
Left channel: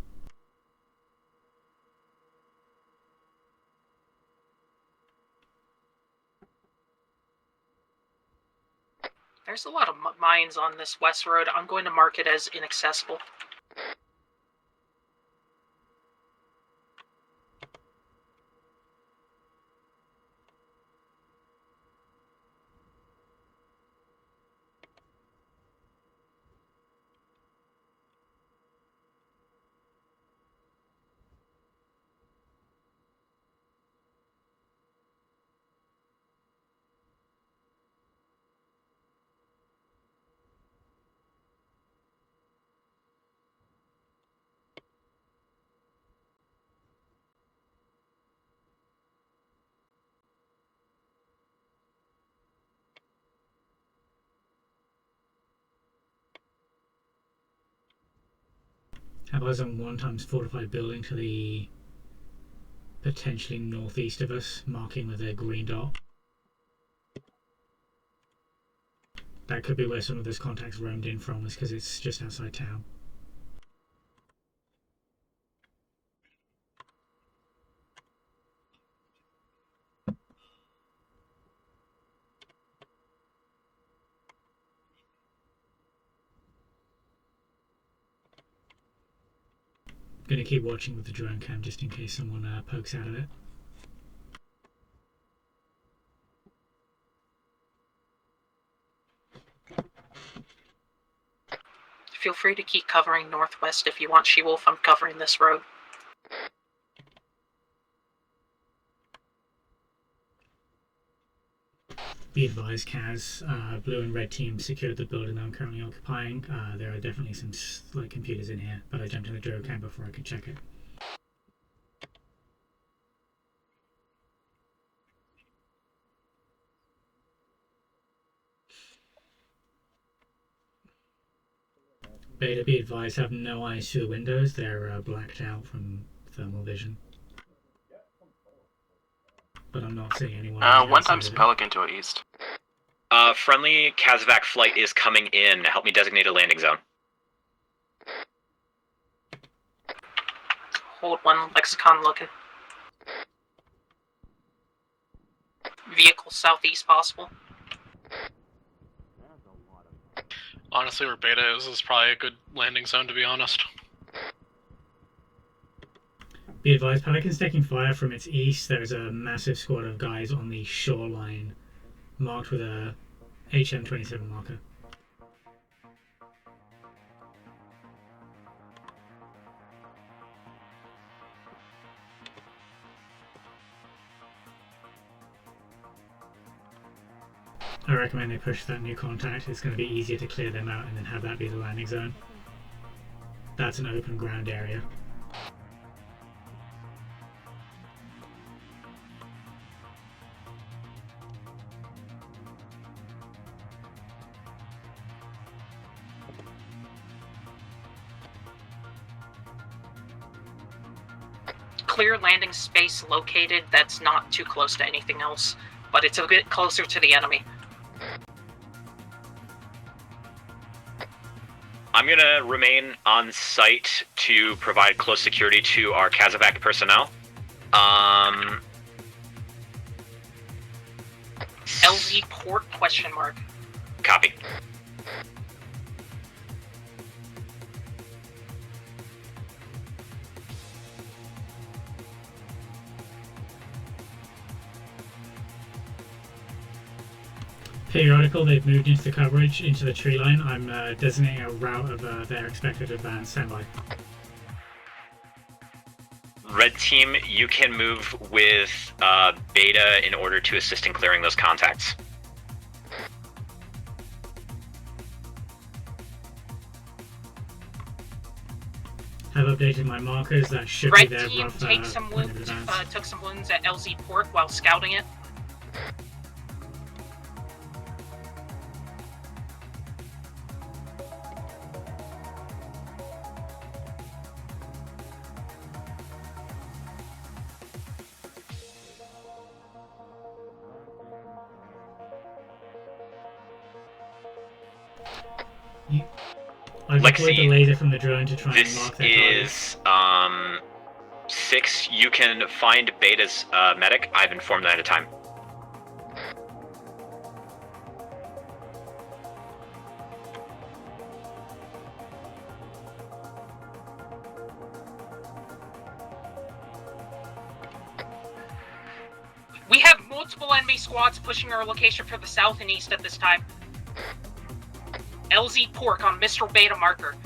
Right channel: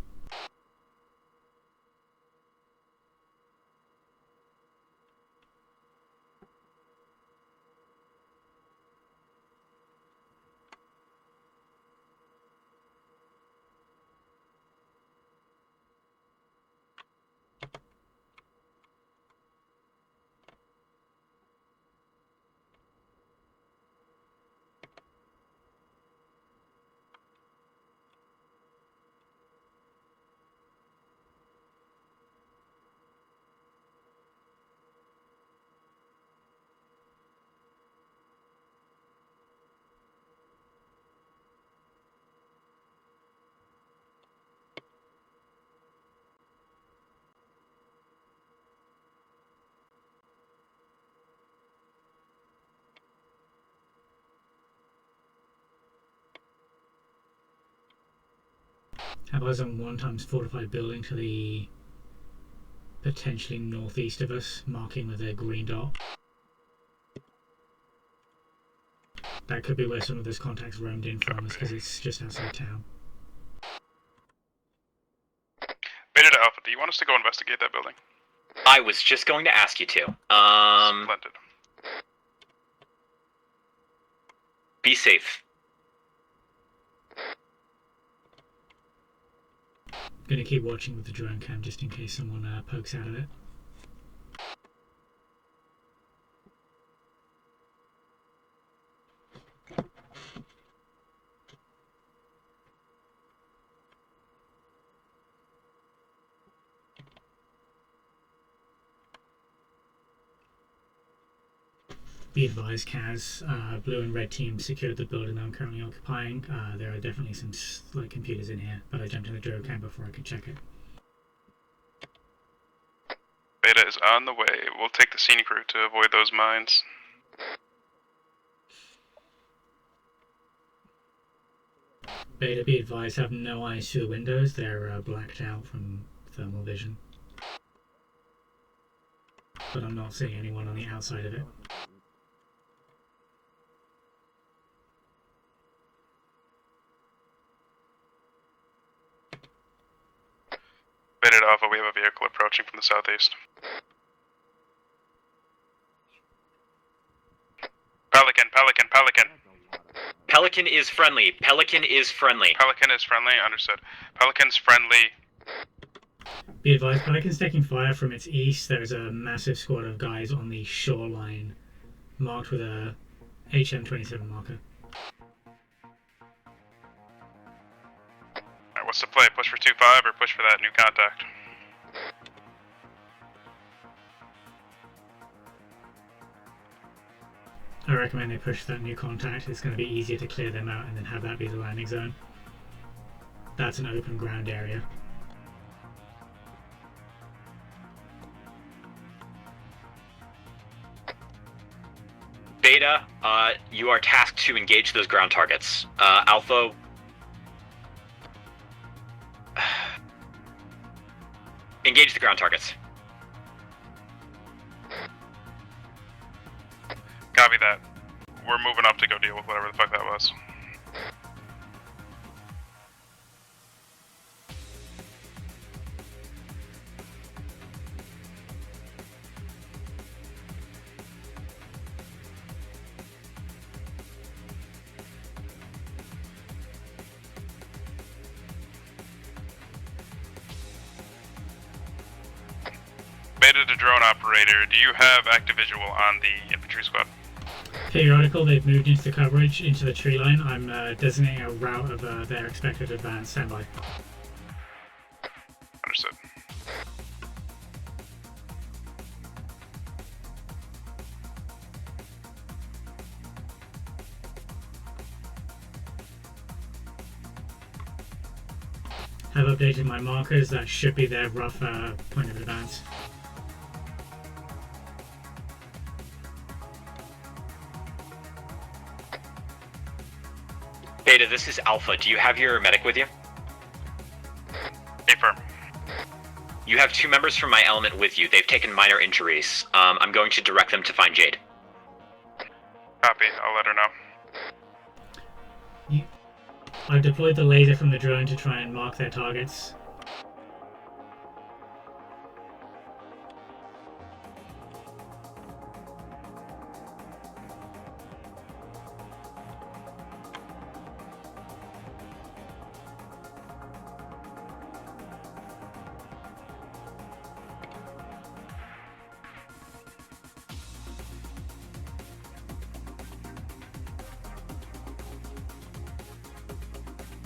There's a lot of mines on this west road. I'm going to mark it as inaccessible. Have eyes on 1x fortified building to the potentially northeast of us, marking with a green dot. That could be where some of those contacts roamed in from, because it's just outside town. Beta to Alpha, do you want us to go investigate that building? I was just going to ask you to. Splendid. Be safe. Gonna keep watching with the drone cam just in case someone pokes out of it. Feel free to keep covering northwest if you want, She-Wolf. I'm covering this road. Be advised, Kaz, blue and red team secured the building that I'm currently occupying. There are definitely some computers in here, but I jumped in the drone cam before I could check it. Beta is on the way. We'll take the scenic route to avoid those mines. Beta, be advised, have no eyes through the windows. They're blacked out from thermal vision. But I'm not seeing anyone on the One outside times of it. Pelican to our east. Friendly Kazvac flight is coming in. Help me designate a landing zone. Hold Beta one, Alpha, we have a Lexicon vehicle looking. approaching from the southeast. Vehicle southeast possible. Pelican. Pelican is Honestly, friendly. Beta, Pelican this is probably is a good friendly. landing Pelican zone, is to be friendly, honest. understood. Pelican's friendly. Be advised, Pelican's taking fire from its east. There's a massive squad of guys on the shoreline, marked with a HM27 marker. Alright, what's the play? Push for 2-5 or push for that new contact? I recommend they push that new contact. It's going to be easier to clear them out and then have that be the landing zone. That's an open ground area. Beta, you are tasked to engage those ground targets. Alpha, engage Clear the ground landing targets. space located that's not too close to anything else, but it's a bit closer to the enemy. Copy that. We're moving up to go deal with whatever the fuck that was. I'm gonna remain on site to provide close security to our Kazavac personnel. LZ port question mark. Copy. Beta to drone operator, do you have active visual on the infantry squad? Periodical, they've moved into the coverage, into the tree line. I'm designating a route of their expected advance. Standby. Understood. Red team, you can move with Beta in order to assist in clearing those contacts. Have updated my markers. That should Red be their team rough take some point of wounds, advance. took some wounds at LZ port while scouting it. Beta, this is Alpha. Do you have your medic with you? Affirm. You have 2 members from my element with you. They've taken minor injuries. I'm going to direct them to find Jade. Copy, I'll let her know. I've deployed Lexi, the laser from the drone to try and This mark their targets. is 6. You can find Beta's medic. I've informed them at a time. We have multiple enemy squads pushing our location for the south and east at this time. LZ Pork on Mistral Beta marker.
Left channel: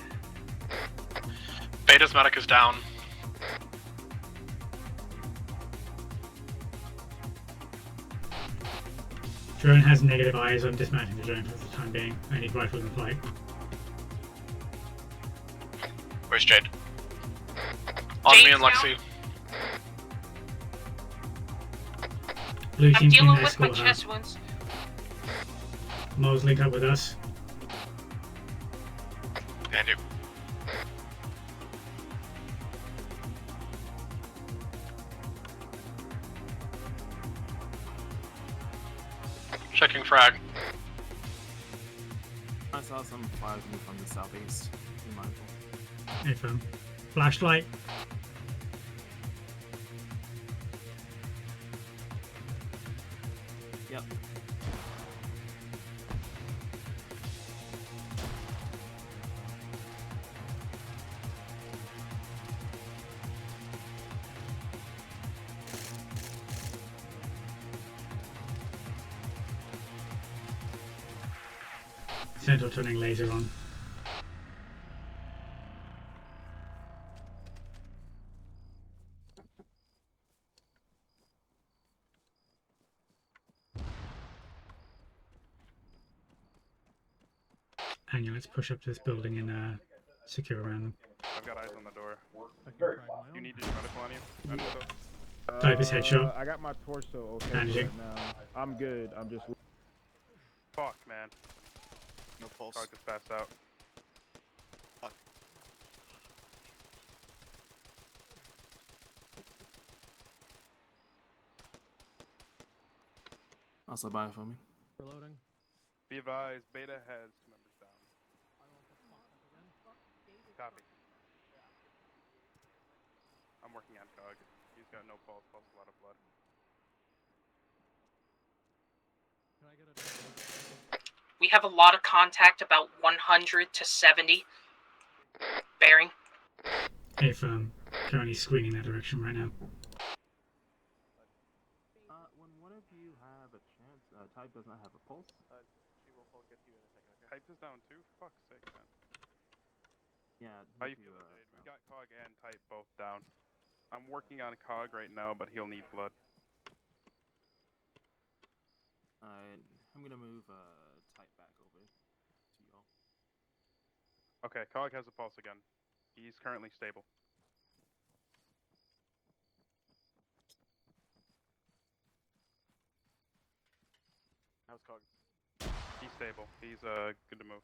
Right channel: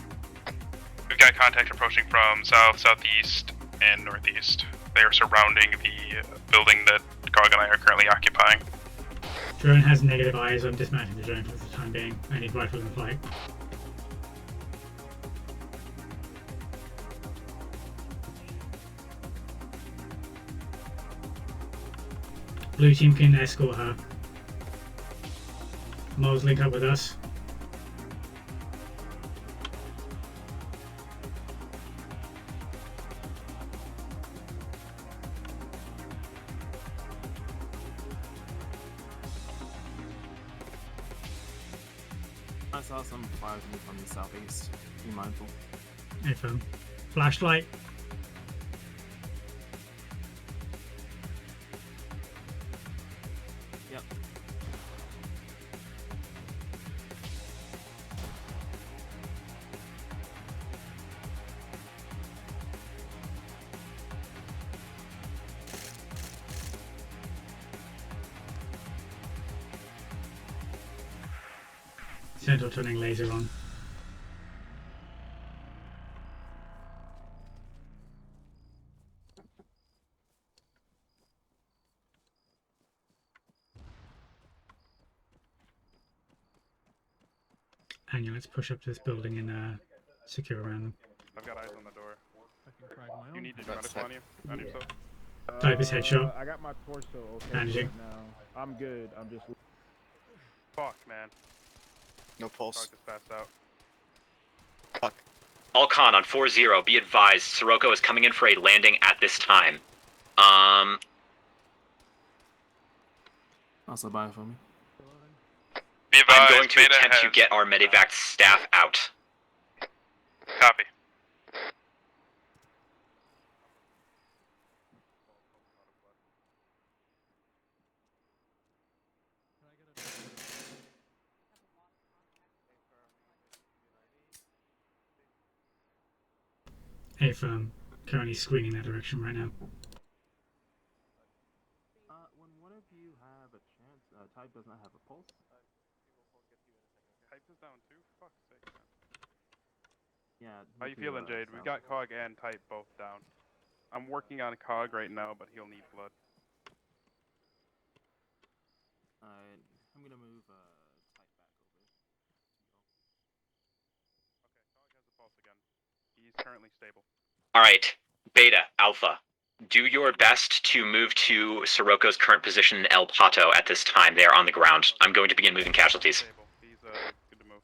We've got contact approaching Beta's from medic is south, down. southeast, and northeast. They are surrounding the building that Gog and I are currently occupying. Drone has negative eyes. I'm dismounting the drone for the time being. I need rifle in flight. Where's Jade? On me and Jade's Lexi. Blue team dealing can with my escort her. chest wounds. Moles, link up with us. And you. Checking frag. I saw some fires move from the southeast. Be mindful. Affirm. Flashlight. Yep. Central turning laser on. And yeah, let's push up to this building and secure around them. I've got eyes on the door. You need to medical on you? Understood. Type is headshot. I got my torso okay Bandaging. right now. I'm good. I'm just. Fuck, man. No pulse. Dog just passed out. Alcon on 4-0, be advised, Sirocco is coming in for a landing at this time. Also buy it for me. Be advised, I'm going to Beta attempt to has- get our medevac staff out. Copy. I'm working on Cog. He's got no pulse, a lot of blood. We have a lot of contact, about 100 to 70. Bearing. If currently screening that direction right now. When one of you have a chance, Type does not have a pulse. Type is down too? Fuck's sake, man. Yeah. How you feeling, Jade? We've got Cog and Type both down. I'm working on Cog right now, but he'll need blood. Alright, I'm gonna move Type back over to y'all. Okay, Cog has a pulse again. He's currently stable. Alright, Beta, Alpha, do your best to move to Sirocco's current position in El Pato at this time. They are on the ground. I'm going to begin moving casualties. He's good to move.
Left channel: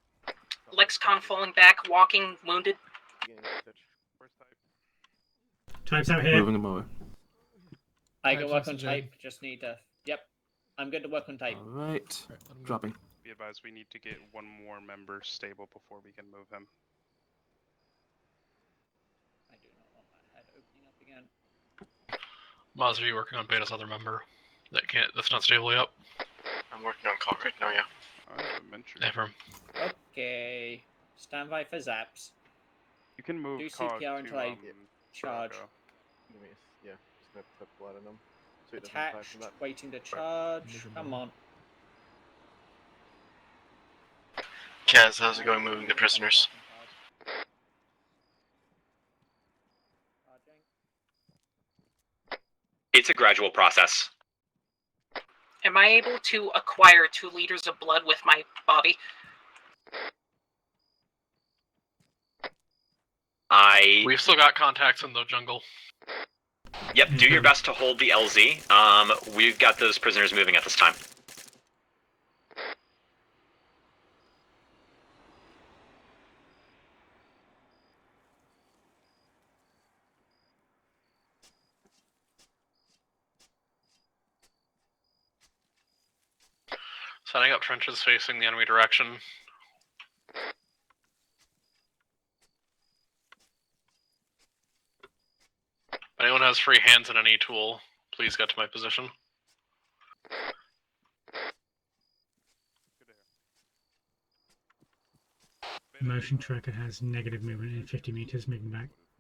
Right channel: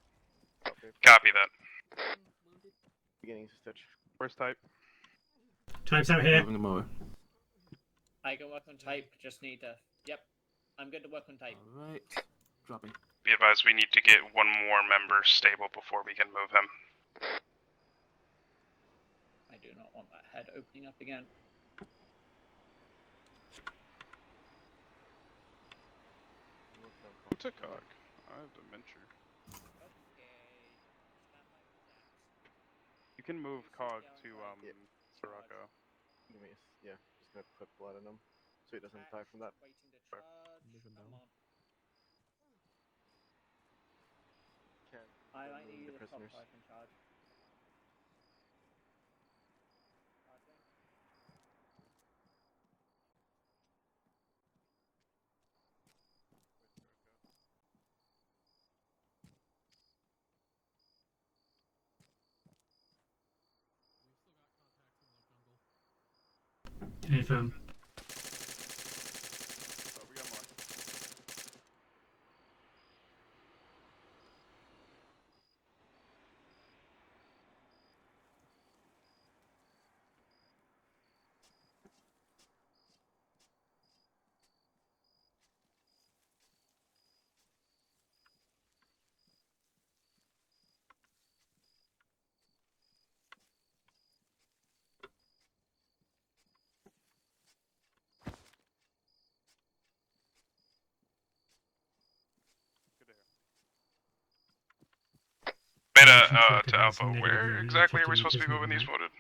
Lexicon falling back, walking, wounded. Where's Type? Type's out here. Moving him over. I can Type's work on oxygen. type, just need to... Yep. I'm good to work on type. Alright. Dropping. Be advised, we need to get one more member stable before we can move him. I do not want that head opening up again. Maz, are you working on Beta's other member? That's not stably up. I'm working on Cog right now, yeah. Never. Okay. Stand by for zaps. You can move Do Cog CPR until I charge. Yeah, just gonna put blood in them. So it doesn't die Attached, from that. waiting to charge. Come on. Kaz, how's it going moving the prisoners? It's a gradual process. Am I able to acquire 2 liters of blood with my body? We've still got contacts in the jungle. Yep, do your best to hold the LZ. We've got those prisoners moving at this time. Setting up trenches facing the enemy direction. If anyone has free hands and any tool, please get to my position. Beta, to Alpha, where exactly are we supposed to be moving these wounded?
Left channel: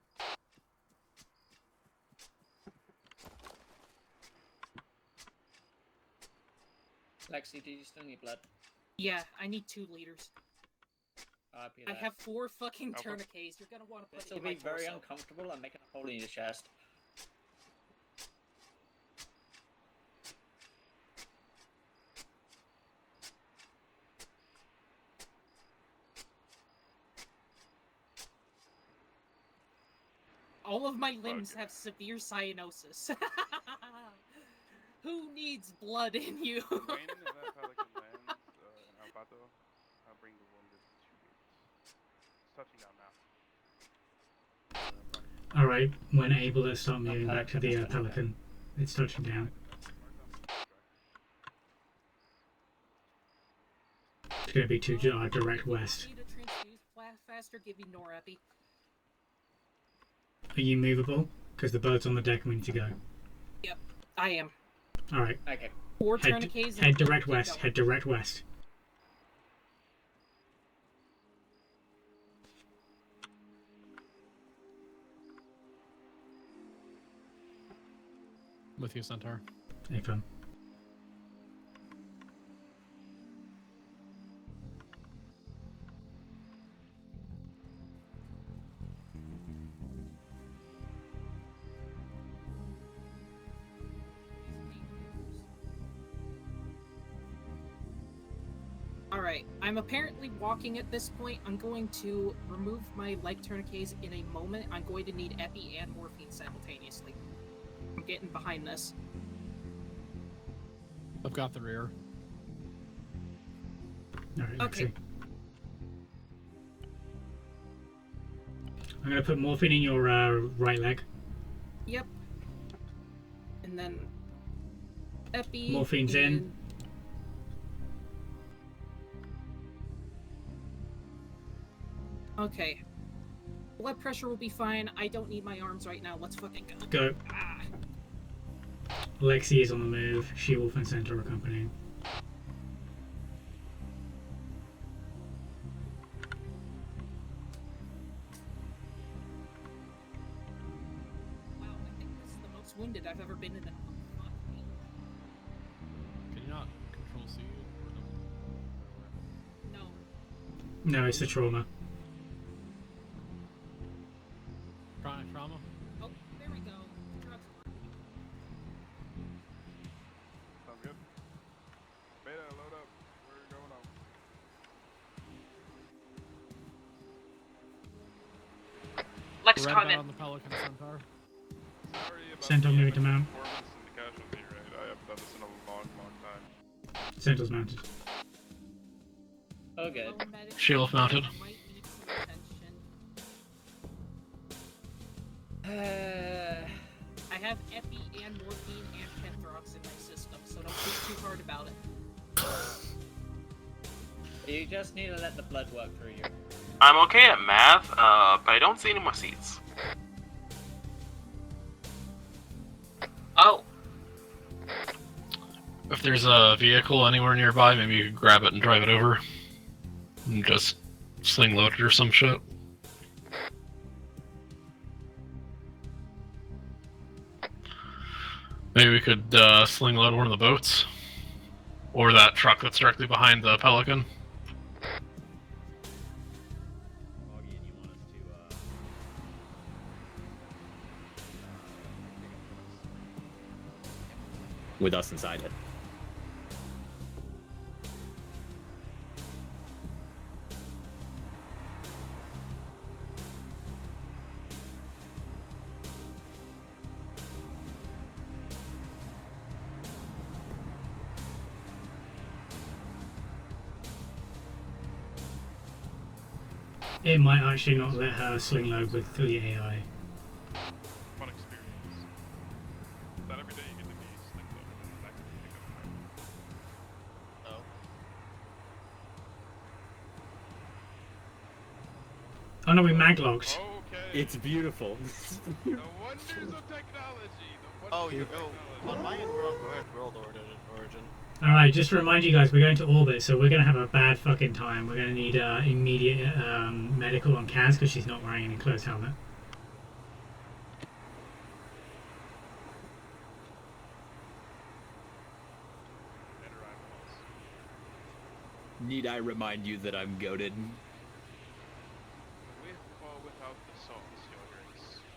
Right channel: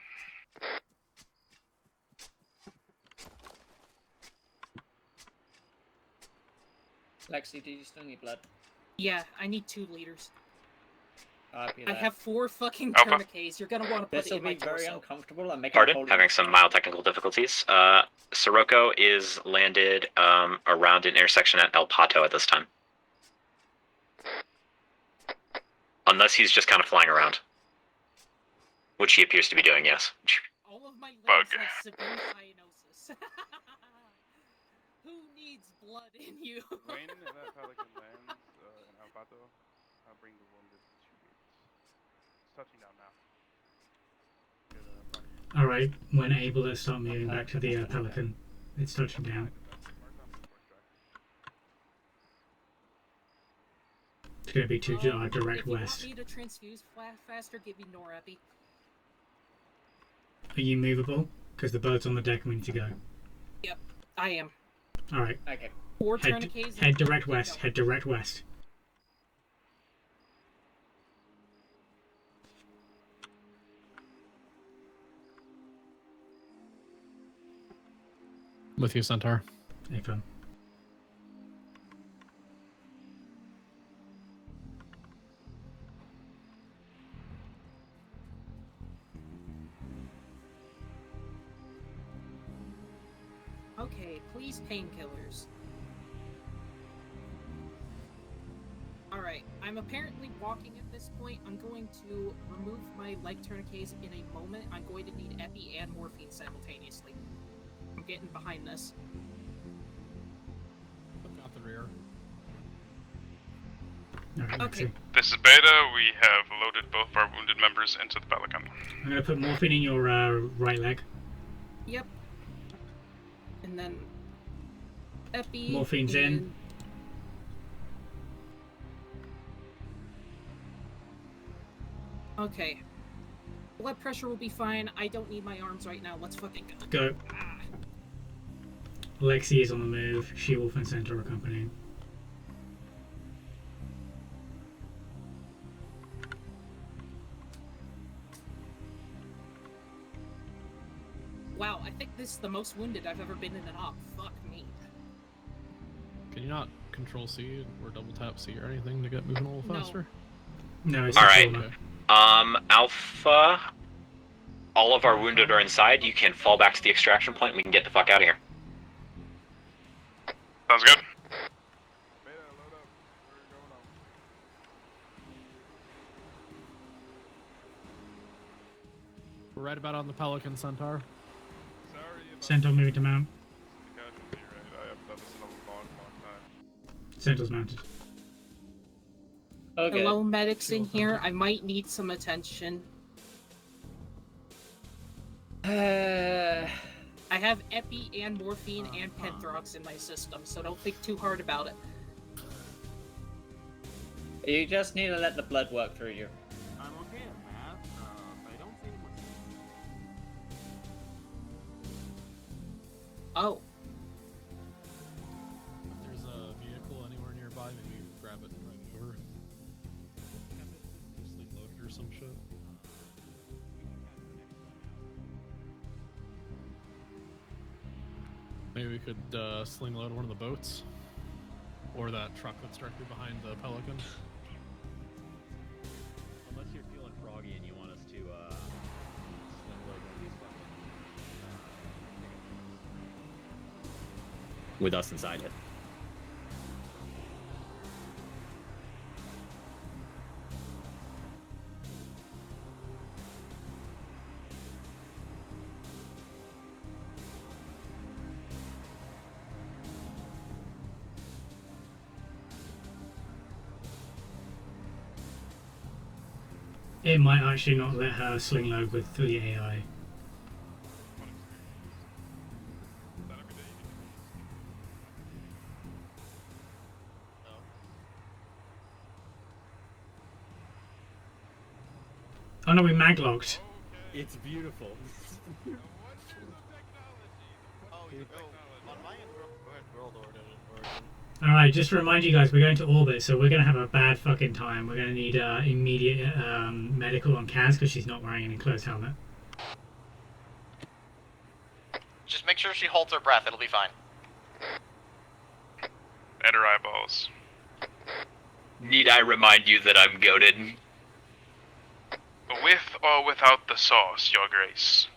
Lexi, do you still need blood? Yeah, I need 2 liters. Copy I that. have 4 fucking Alpha. tourniquets. You're gonna want to put This it will in my be very torso. uncomfortable and make Pardon? Having some mild technical difficulties. Sirocco is landed around an intersection at El Pato at this time. Unless he's just kind of flying around. Which he appears to be doing, yes. All of my limbs have severe cyanosis. Who needs blood in you? When that Pelican lands in El Pato, I'll bring the wounded to you. It's touching down now. Alright, when able to start moving back to the Pelican. It's touching down. It's going to be to direct west. Need to transfuse faster, give me Norepi. Are you movable? Because the boat's on the deck and we need to go. Yep, I am. Alright. Okay. 4 Head tourniquets. head direct west. Head direct west. With you, Centaur. Affirm. painkillers. Alright, I'm apparently walking at this point. I'm going to remove my leg tourniquets in a moment. I'm going to need epi and morphine simultaneously. I'm getting behind this. I've got the rear. Okay. This is Beta. We have loaded both of our wounded members into the Pelican. I'm gonna put morphine in your right leg. Yep. And then epi. Morphine's in. Okay. Blood pressure will be fine. I don't need my arms right now. Let's fucking go. Go. Lexi is on the move. She-Wolf and Centaur accompanying. Wow, I think this is the most wounded I've ever been in an op. Fuck me. Can you not control C or double tap C or anything to get moving a little faster? No, it's All a right. trauma. Alpha. All of our wounded are inside. You can fall back to the extraction point. And we can get the fuck out of here. Sounds good. Beta, load up. We're going on. Lex We're right coming. about on the Pelican Centaur. Centaur moving to mount. You're right. I haven't done this in a long time. Centaur's mounted. Okay. Hello, medics in Shield here. mounted. I might need some attention. I have epi and morphine and penthrox in my system, so don't think too hard about it. You just need to let the blood work through you. I'm okay at math, but I don't see any more seats. Oh. If there's a vehicle anywhere nearby, maybe you could grab it and drive it over. And just sling load it or some shit. Maybe we could sling load one of the boats. Or that truck that's directly behind the Pelican. Unless you're feeling froggy and you want us to, with us inside it. It might actually not let her sling load with through the AI. Fun experience. Not every day you get to be sneaked Oh no, we maglocked. It's beautiful. The wonders of technology. Oh, you go. On my end, we're on world order. Alright, just to remind you guys, we're going to orbit, so we're going to have a bad fucking time. We're going to need immediate medical on Kaz because she's not wearing an enclosed helmet. Just make sure she holds her breath, it'll be fine. And her eyeballs. Need I remind you that I'm goated? With or without the sauce, your grace.